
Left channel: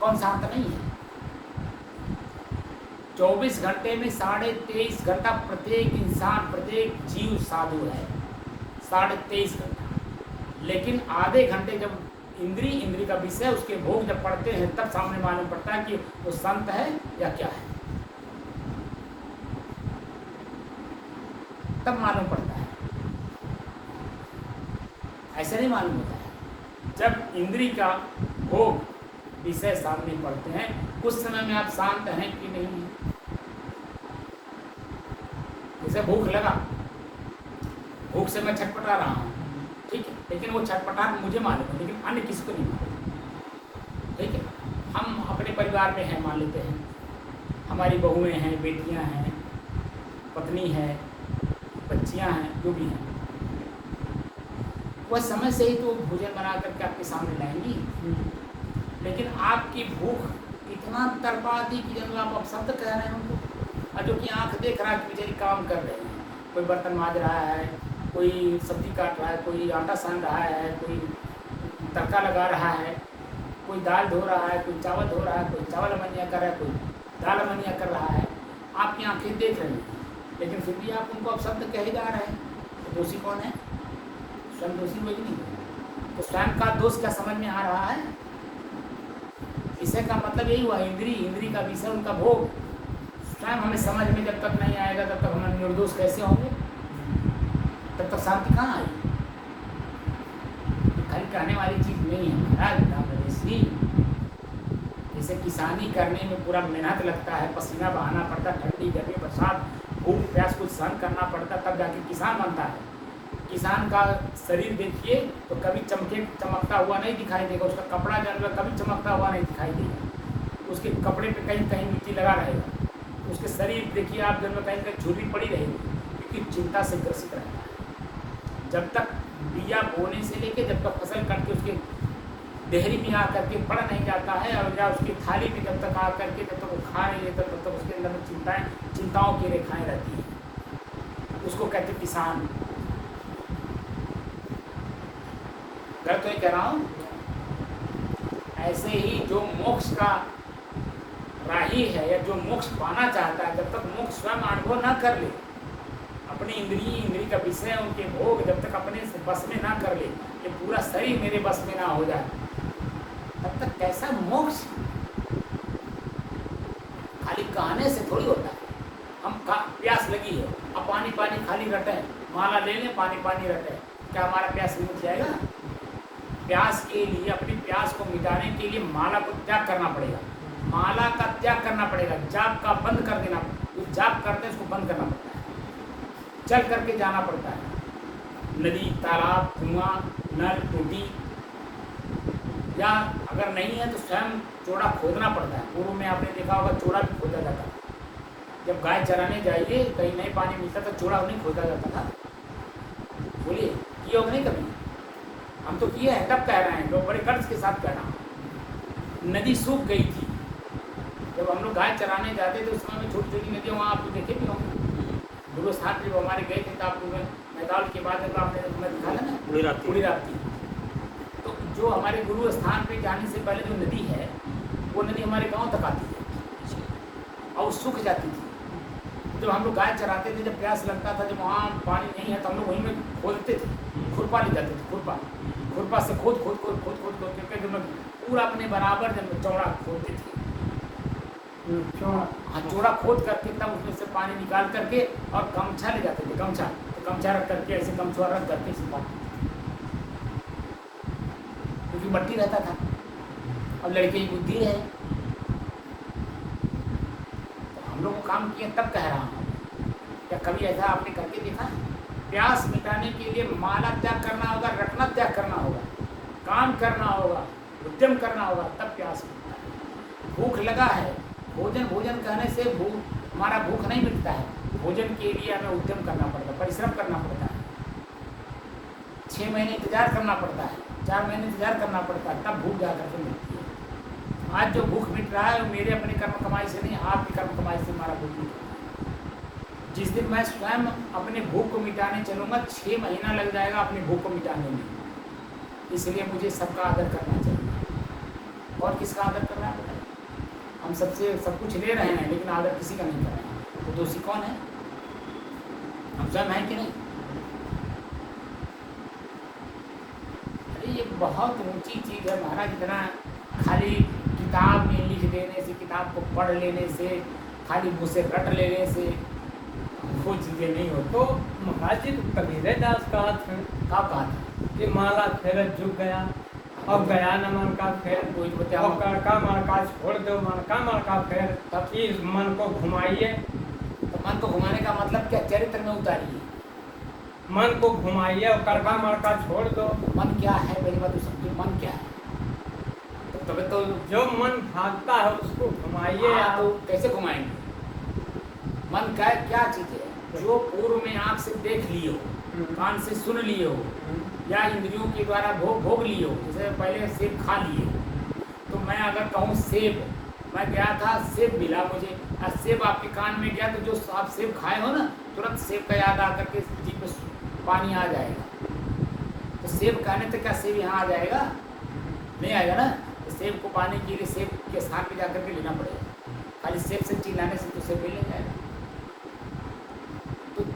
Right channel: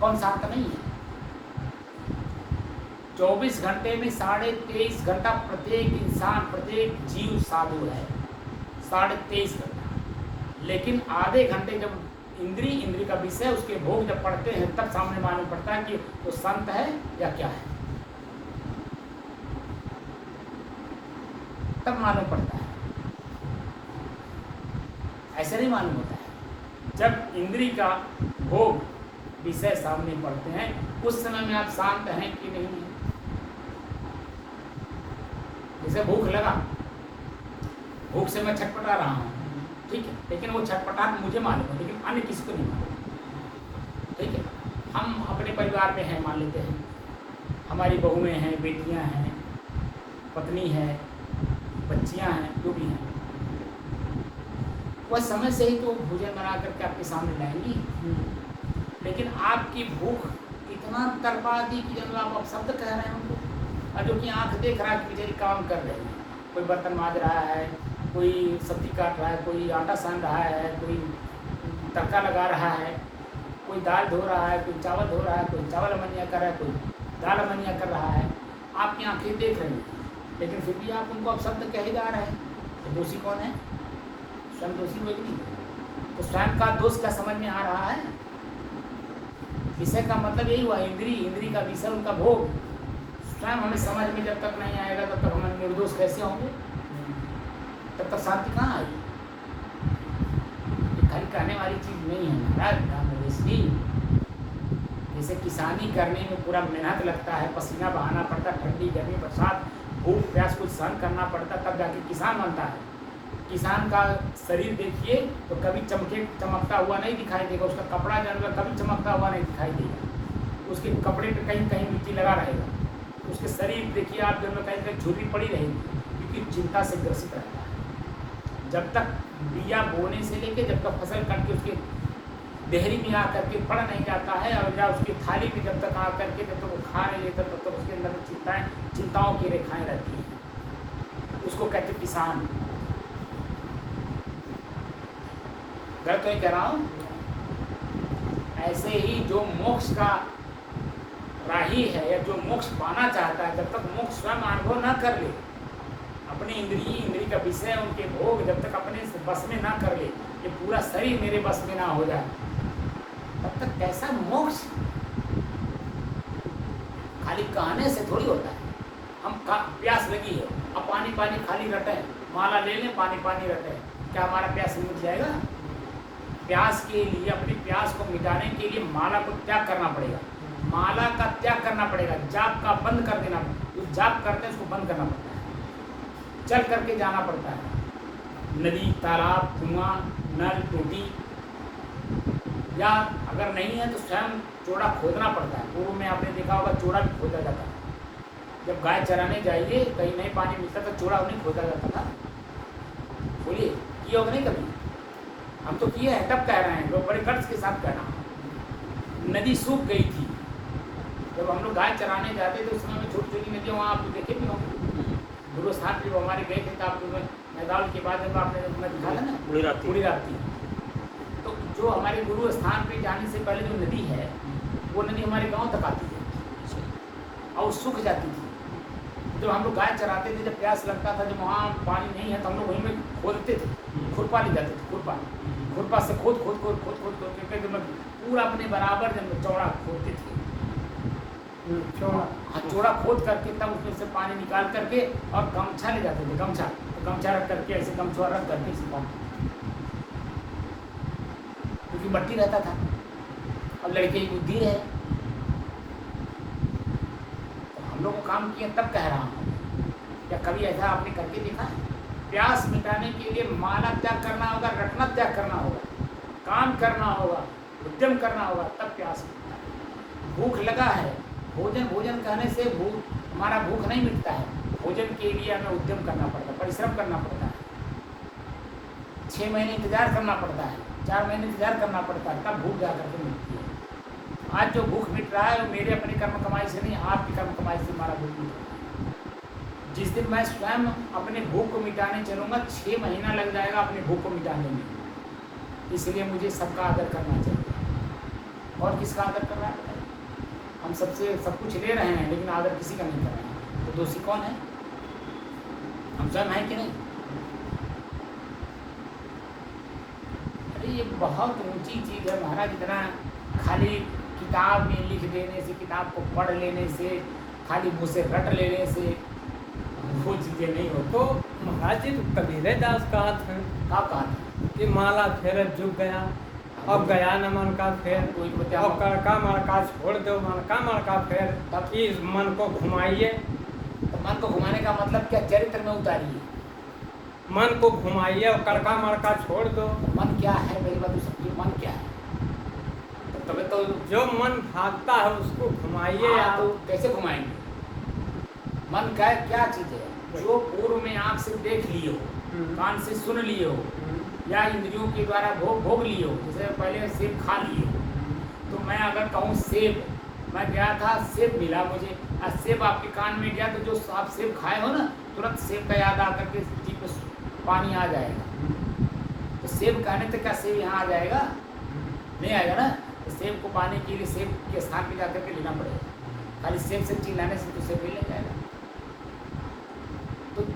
कौन शांत नहीं है? 24 घंटे में 23.5 घंटा प्रत्येक इंसान, प्रत्येक जीव साधु है, 23.5 घंटा। लेकिन आधे घंटे जब इंद्री का विषय उसके भोग जब पड़ते हैं, तब सामने मालूम पड़ता है कि वो संत है या क्या है, तब मालूम पड़ता है। ऐसा नहीं मालूम होता है। जब इंद्री का भोग विषय सामने पड़ते हैं, उस समय में आप शांत हैं कि नहीं। जैसे भूख लगा, भूख से मैं छटपटा रहा हूँ, ठीक है, लेकिन वो छटपटाहट मुझे मालूम है, लेकिन अन्य किसको नहीं मालूम। ठीक है, हम अपने परिवार में हैं, मान लेते हैं, हमारी बहुएं हैं, बेटियां हैं, पत्नी है, बच्चियां हैं, जो भी हैं, वह समय से ही तो भोजन बना करके आपके सामने लाएंगी। लेकिन आपकी भूख इतना तड़पा दी कि जब आप अपशब्द कह रहे हैं उनको, और जो कि आँख देख रहा है कि बेचारी काम कर रहे हैं, कोई बर्तन माज रहा है, कोई सब्जी काट रहा है, कोई आटा सान रहा है, कोई तड़का लगा रहा है, कोई दाल धो रहा है, कोई चावल धो रहा है, कोई चावल अमनिया कर रहा है, कोई दाल अमनिया कर रहा है। आपकी आँखें देख रही हैं, लेकिन फिर भी आप उनको अपशब्द कहे जा रहे हैं, तो दोषी कौन है? स्वयं दोषी हुए कि नहीं? तो स्वयं का दोष क्या समझ में आ रहा है? विषय का मतलब यही हुआ, इंद्री का विषय उनका भोग। स्वयं हमें समझ में जब तक नहीं आएगा तब तक हम निर्दोष कैसे होंगे? तब तक शांति कहाँ आएगी? खाली कहने वाली चीज नहीं है महाराज। जैसे किसानी करने में पूरा मेहनत लगता है, पसीना बहाना पड़ता है, ठंडी गर्मी बरसात भूख प्यास कुछ सहन करना पड़ता, तब जाके किसान बनता है। किसान का शरीर देखिए तो कभी चमकता हुआ नहीं दिखाई देगा, उसका कपड़ा जानवर कभी चमकता हुआ नहीं दिखाई देगा, उसके कपड़े पे कहीं कहीं मिट्टी लगा रहेगा, उसके शरीर देखिए आप जब कहीं कहीं झुर्री पड़ी रहेगी, क्योंकि चिंता से ग्रसित रहता है। जब तक बिया बोने से लेके जब तक फसल करके उसके देहरी में आकर के पड़ नहीं जाता है, और या उसकी थाली में जब तक आकर के जब तक वो खा नहीं लेता तब तक उसके अंदर में चिंताओं की रेखाएं रहती हैं, उसको कहते किसान। मैं तो ये कह रहा हूँ, ऐसे ही जो मोक्ष का राही है या जो मोक्ष पाना चाहता है, जब तक मोक्ष स्वयं अनुभव न कर ले, अपनी इंद्री का विषय उनके भोग जब तक अपने बस में ना कर ले, ये पूरा शरीर मेरे बस में ना हो जाए, तब तक कैसा मोक्ष? खाली कहने से थोड़ी होता है। हम प्यास लगी है, अब पानी खाली रटे, माला ले लें, पानी रटे, क्या हमारा प्यास मिट जाएगा? प्यास के लिए, अपनी प्यास को मिटाने के लिए माला को त्याग करना पड़ेगा, माला का त्याग करना पड़ेगा, जाप का बंद कर देना, जो जाप करते हैं उसको बंद करना पड़ता है, चल करके जाना पड़ता है, नदी तालाब कुआं नल टूटी, या अगर नहीं है तो स्वयं चोड़ा खोदना पड़ता है। पूर्व में आपने देखा होगा चोड़ा भी खोदा जाता है, जब गाय चराने जाएंगे कहीं नहीं पानी मिलता तो चोड़ा नहीं खोदा जाता था। बोलिए किए हो नहीं कभी? हम तो किए हैं, तब कह रहे हैं, लोग बड़े कर्ज के साथ कह रहा हूँ। नदी सूख गई थी, जब हम लोग गाय चराने जाते थे उस समय में छोटी छोटी नदियाँ वहाँ आप देखे भी होंगे, गुरु साहब भी हमारे गए थे तो आपको मैदान के बाद जब आपने दिखा था ना पूरी रात। तो जो हमारे गुरु स्थान पे जाने से पहले जो नदी है वो नदी हमारे गांव तक आती है और सूख जाती थी। जब हम लोग गाय चराते थे, जब प्यास लगता था, जब वहाँ पानी नहीं है तो हम लोग वहीं में खोदते थे, खुरपा ले जाते थे, खुरपा से खोद करके जब पूरा अपने बराबर जब चौड़ा खोदते थे, हाँ चौड़ा खोद करके तब उसमें से पानी निकाल करके और गमछा ले जाते थे, गमछा रख करके ऐसे गमछा रख करके सुखाते, क्योंकि मट्टी रहता था और लड़के की बुद्धि है। तो हम लोग को काम किया, तब कह रहा हूँ, क्या कभी ऐसा आपने करके देखा? प्यास मिटाने के लिए माला त्याग करना होगा, रखना त्याग करना होगा, काम करना होगा, उद्यम करना होगा, तब प्यास मिटता है। भूख लगा है, भोजन कहने से हमारा भूख नहीं मिटता है, भोजन के लिए हमें उद्यम करना पड़ता है, परिश्रम करना पड़ता है, 6 महीने इंतजार करना पड़ता है, 4 महीने इंतजार करना पड़ता है, तब भूख जाकर के मिटती है। आज जो भूख मिट रहा है वो मेरे अपने कर्म कमाई से नहीं, आपकी कर्म कमाई से हमारा भूख मिट रहा है। जिस दिन मैं स्वयं अपने भूख को मिटाने चलूँगा, 6 महीना लग जाएगा अपने भूख को मिटाने में। इसलिए मुझे सबका आदर करना चाहिए। और किसका आदर करना है? हम सबसे सब कुछ ले रहे हैं लेकिन आदर किसी का नहीं कर रहे हैं, तो दोषी कौन है? हम स्वयं हैं कि नहीं? अरे ये बहुत ऊंची चीज़ है महाराज। इतना खाली किताब में लिख देने से, किताब को पढ़ लेने से, खाली मुँह से रट लेने से वो चीज़ें नहीं होती। तो महाराज जी तो कबीरे दास का कहा कि माला फेर झुक गया और गया न मन का फेर, और कड़का मड़का छोड़ दो मन का मड़का फेर, तब इस मन को घुमाइए। तो मन को घुमाने का मतलब क्या? चरित्र में उतारिए, मन को घुमाइए और कड़का मड़का छोड़ दो। मन क्या है मेरी बात समझिए, मन क्या है? तब तो जो मन भागता है उसको घुमाइए। तो कैसे घुमाएंगे? मन का क्या चीज़ है? जो पूर्व में आँख से देख लिए हो, कान से सुन लिए हो, या इंद्रियों के द्वारा भोग लिए हो, जैसे पहले सेब खा लिए हो। तो मैं अगर कहूँ सेब, मैं गया था सेब मिला मुझे, और सेब आपके कान में गया, तो जो आप सेब खाए हो ना, तुरंत सेब का याद आकर के जीभ में पानी आ जाएगा। तो सेब कहने तक क्या सेब यहाँ आ जाएगा? नहीं आएगा ना। तो सेब को पाने के लिए सेब के स्थान पर जाकर के लेना पड़ेगा। खाली सेब से चिल्लाने से तो सेब मिल नहीं जाएगा।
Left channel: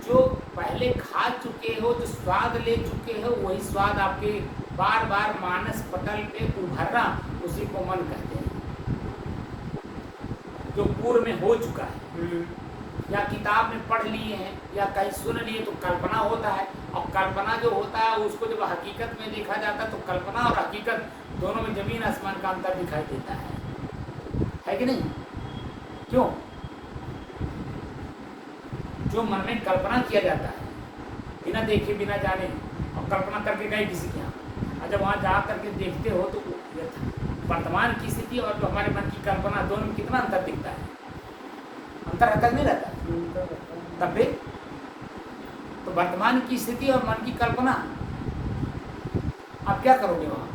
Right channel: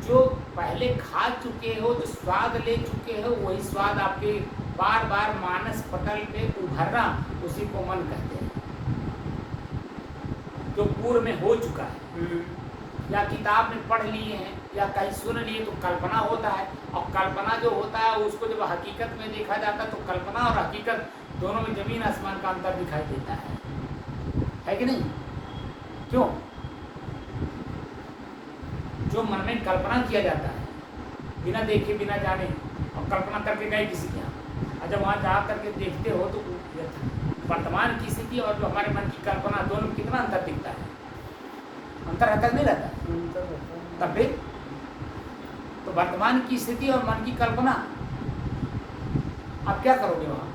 जो पहले खा चुके हो, जो स्वाद ले चुके हो, वही स्वाद आपके बार बार मानस पटल पे उभरना, उसी को मन कहते हैं। जो पूर्व में हो चुका है, या किताब में पढ़ लिए हैं या कहीं सुन लिए तो कल्पना होता है, और कल्पना जो होता है उसको जब हकीकत में देखा जाता है तो कल्पना और हकीकत दोनों में जमीन आसमान का अंतर दिखाई देता है कि नहीं? क्यों? जो मन में कल्पना किया जाता है बिना देखे बिना जाने, और कल्पना करके गए किसी के यहाँ, और जब वहाँ जा करके देखते हो तो वर्तमान की स्थिति और जो हमारे मन की कल्पना, दोनों में कितना अंतर दिखता है? अंतर रहता नहीं रहता? तब फिर तो वर्तमान की स्थिति और मन की कल्पना, आप क्या करोगे वहाँ?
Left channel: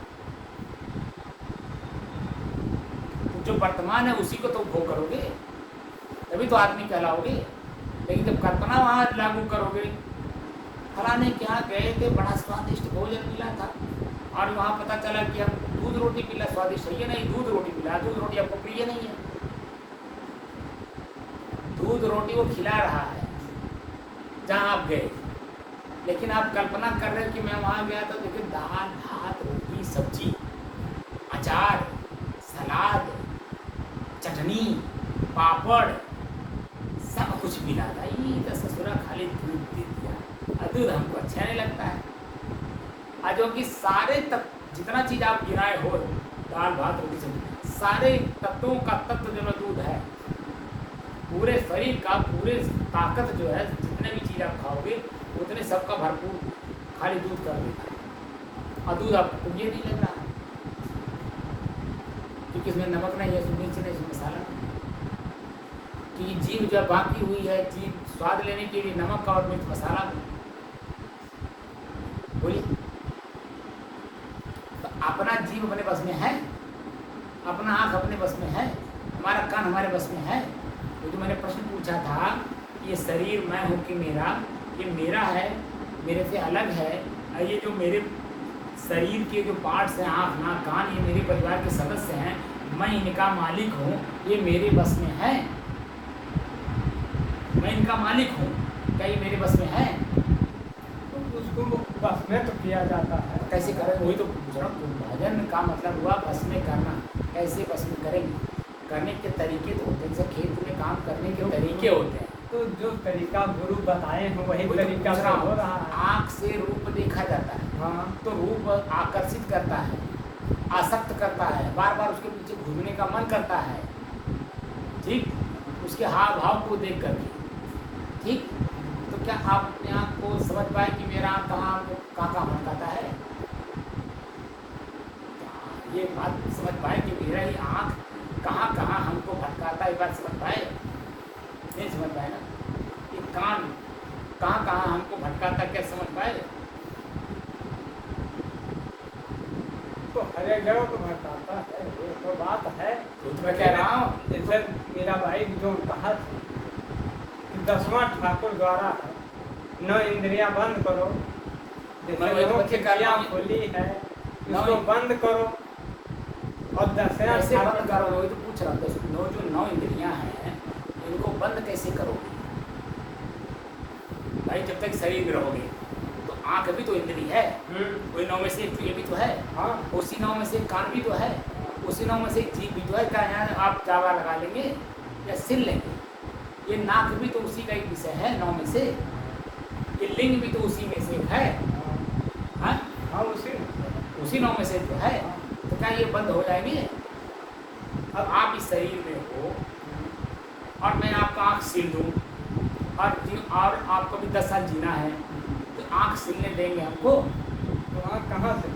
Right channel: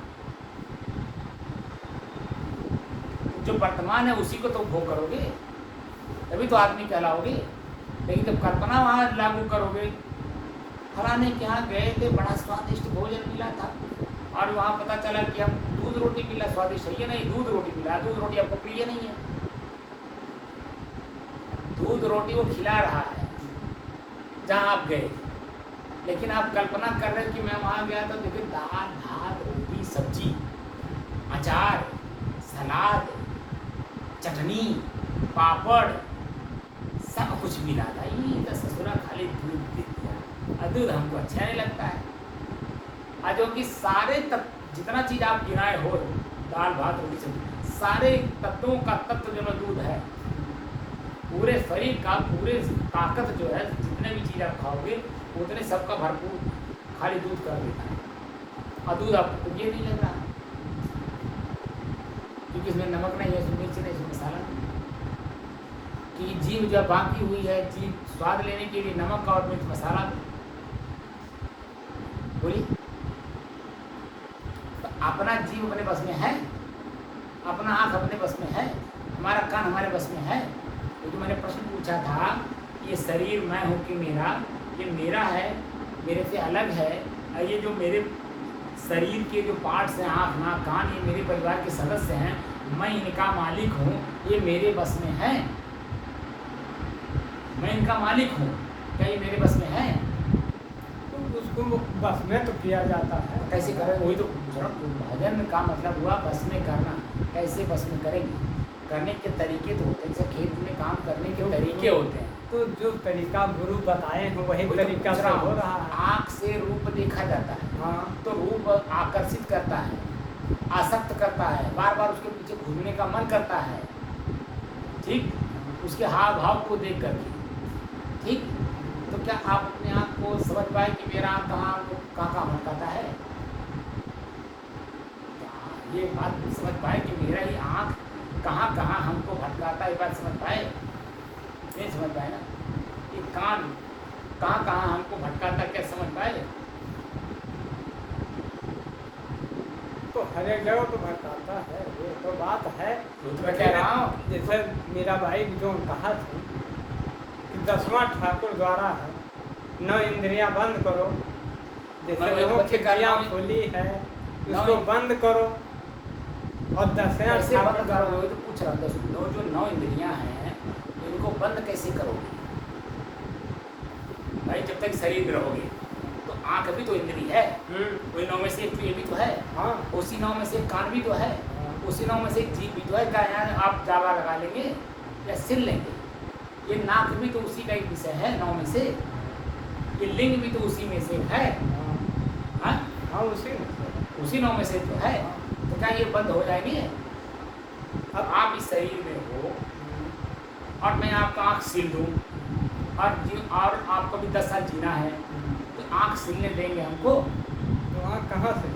जो वर्तमान है उसी को तो उपभोग करोगे, तभी तो आदमी कहलाओगे। लेकिन जब कल्पना वहाँ लागू करोगे, फलाने के यहाँ गए थे, बड़ा स्वादिष्ट भोजन मिला था, और वहाँ पता चला कि हम दूध रोटी मिला, स्वादिष्ट है ये नहीं, दूध रोटी मिला, दूध रोटी आपको प्रिय नहीं है, दूध रोटी वो खिला रहा है जहाँ आप गए, लेकिन आप कल्पना कर रहे हैं कि मैं वहाँ गया था तो फिर दाल भात रोटी सब्जी अचार सलाद चटनी पापड़ सब कुछ मिला था, ये तो ससुरा खाली दूध दे दिया, दूध हमको अच्छा नहीं लगता है। आज कि सारे जितना चीज़ आप गिनाए हो, दाल भात रोटी सब्जी, सारे तत्वों का तत्व जो दूध है, पूरे शरीर का पूरे ताकत जो है, जितने भी चीज़ आप खाओगे उतने सबका भरपूर खाली दूध कर देता है, और दूध आपको ये नहीं लग रहा क्योंकि इसमें नमक नहीं है, मिर्च नहीं, इसमें मसाला नहीं, कि जीभ जब बाकी हुई है, जीभ स्वाद लेने के लिए नमक और मिर्च मसाला बोली। तो अपना जीव अपने बस में है, अपना आँख अपने बस में है, हमारा कान हमारे बस में है। तो जो मैंने प्रश्न पूछा था, ये शरीर मैं हूँ कि मेरा, ये मेरा है, मेरे से अलग है, और ये जो मेरे शरीर के जो पार्ट्स हैं, आँख नाक कान, ये मेरे परिवार के सदस्य हैं, मैं इनका मालिक हूँ, ये मेरे बस में है, मैं इनका मालिक हूँ, क्या ये मेरे बस में है? उसको बस में तो किया जाता है। कैसे करें? वही तो भजन का मतलब हुआ बस में करना। कैसे बस में करेंगे? करने के तरीके तो होते हैं, जैसे खेत में काम करने के तरीके होते हैं, तो जो तरीका गुरु बताए जो वही तरीका से हो रहा है। आँख से रूप देखा जाता है, हाँ, तो रूप आकर्षित करता है, आसक्त करता है, बार बार उसके पीछे घूमने का मन करता है, ठीक, उसके हाव भाव को देख करके, ठीक। तो क्या आप अपने आप को समझ पाए कि मेरा आँख कहाँ भटकाता है? ये बात समझ पाए कि मेरा ही आँख कहाँ हमको भटकाता है, ये बात समझ पाए? नहीं समझ पाए ना। ये कान कहाँ हमको भटकाता, क्या समझ पाए? तो हर एक जगह को भटकाता है, ये तो बात है। तो मैं कह रहा हूँ, जैसे मेरा भाई जो कहा था कि 10वां ठाकुर द्वारा है, 9 इंद्रियां बंद करो, जैसे मुख्य इंद्रियां खुली है इसको बंद करो, और 10 कैसे बंद करोगे? वही तो पूछ रहा हूँ। जो 9 इंद्रियां हैं इनको बंद कैसे करोगे भाई? जब तक शरीर में रहोगे तो आँख भी तो इंद्री है, वही 9 में से एक ये भी तो है, उसी 9 में से कान भी तो है, उसी 9 में से जीभ भी तो है। क्या यहाँ आप दावा लगा लेंगे या सिल लेंगे? ये नाक भी तो उसी का एक विषय है 9 में से, ये लिंग भी तो उसी में से है, हाँ उसी 9 में से तो है। तो क्या ये बंद हो जाएंगे? अब आप इस शरीर में हो और मैं आपका आँख सिल दूँ और आपको भी 10 साल जीना है, तो आँख सिलने देंगे हमको? तो आँख कहाँ से?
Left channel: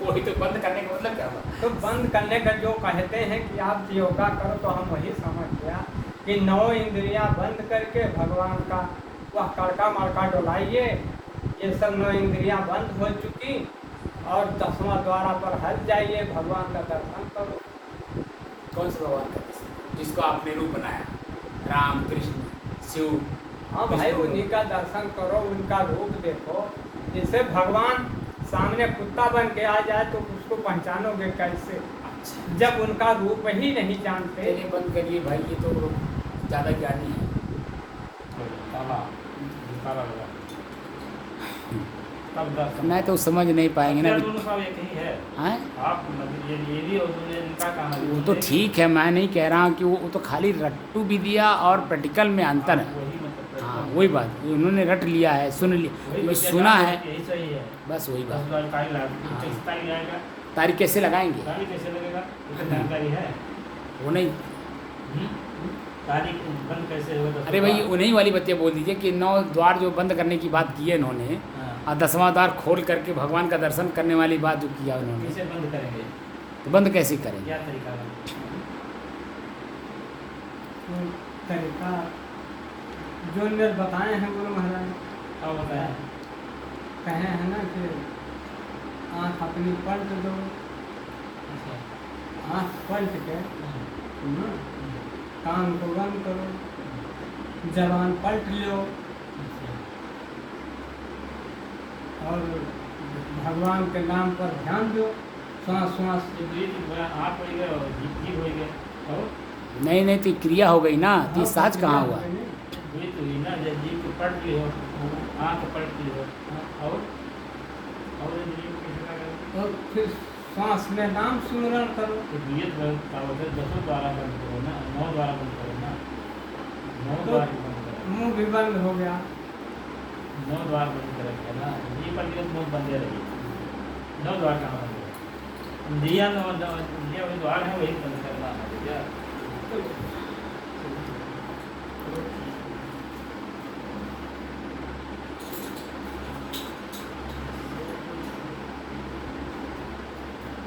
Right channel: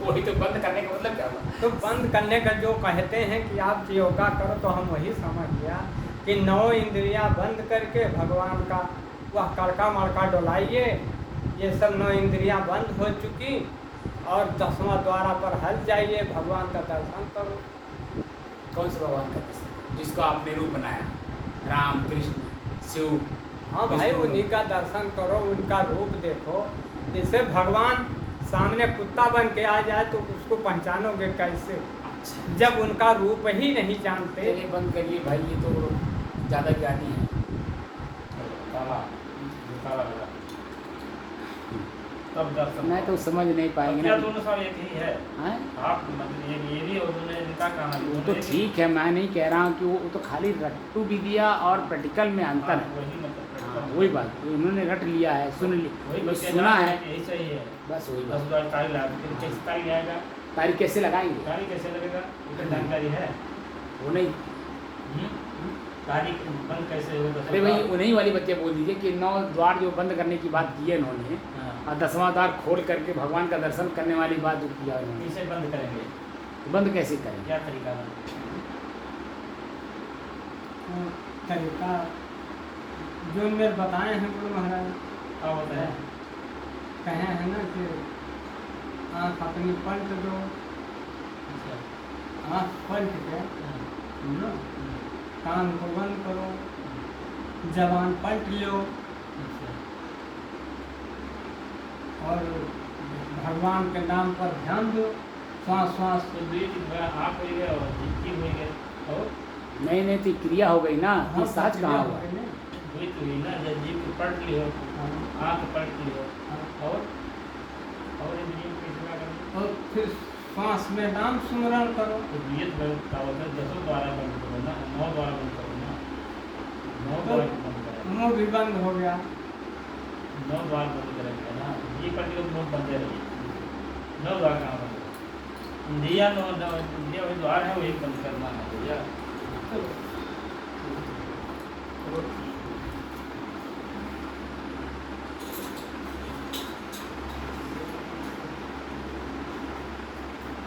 वही तो बंद करने का मतलब क्या हुआ? तो बंद करने का जो कहते हैं कि आप योगा करो, तो हम वही समझ गया कि 9 इंद्रियां बंद करके भगवान का वह कड़का मड़का डोलाइए, ये सब 9 इंद्रियां बंद हो चुकी, और 10वां द्वारा पर हट जाइए, भगवान का दर्शन करो। कौन से भगवान का दर्शन? जिसको आपने रूप बनाया, राम कृष्ण शिव। हाँ भाई, उन्हीं का दर्शन करो, उनका रूप देखो। जैसे भगवान सामने कुत्ता बन के आ जाए तो उसको पहचानोगे कैसे? जब उनका रूप ही नहीं जानते। बंद करिए भाई, ये तो ज़्यादा ज्ञानी है। काला होगा तब दर्शन मैं तो समझ नहीं पाएंगे ना हत्या दोनों सब एक ही है हैं? आप मतलब ये भी और उन्होंने इनका काम है वो तो ठीक है, मैं नहीं कह रहा हूँ कि वो तो खाली रट्टू भी दिया और प्रैक्टिकल में अंतर है। वही मतलब हाँ वही बात, उन्होंने रट लिया है, सुन लिया, वही वो सुना है, यही सही है बस वही 10 बात। बार तारीख लगा दी कैसे तारीख आएगा तारीख कैसे लगाएंगे? तारीख कैसे लगेगा उसकी जानकारी है वो नहीं, तारीख बंद कैसे होगा अरे भाई उन्हीं वाली बत्तियाँ बोल दीजिए कि 9 द्वार जो बंद करने की बात की है इन्होंने, हाँ। और 10वां द्वार खोल करके भगवान का दर्शन करने वाली बात जो किया उन्होंने, किसे बंद करेंगे तो बंद कैसे करेंगे? क्या तरीका है वो तरीका जो मेरे बताए हैं गुरु महाराज, क्या होता है कहे हैं ना कि आँख अपनी पलट दो, आँख पलट के ना, कान को बंद करो, जबान पलट लो और भगवान के नाम पर ध्यान दो, श्वास श्वास आँख हो गया और जीव हो गया और नहीं नहीं, तो क्रिया हो गई ना, तो साज कहाँ हुआ? वही तो हुई ना जब जीव को पलट लियो आँख पलट लियो और इंद्रियों को कैसे लगा और फिर श्वास में नाम सुमरण करो। तो ये तो क्या होता है 10 द्वारा बंद करो ना 9 द्वारा बंद करो ना 9 तो द्वार बंद करो मुंह भी बंद हो गया, 9 द्वार बंद करेगा ना ये पलट के मुँह बंद रही 9 द्वार कहाँ बंद होगा इंद्रिया 9 इंद्रिया वही द्वार है वही बंद करना है भैया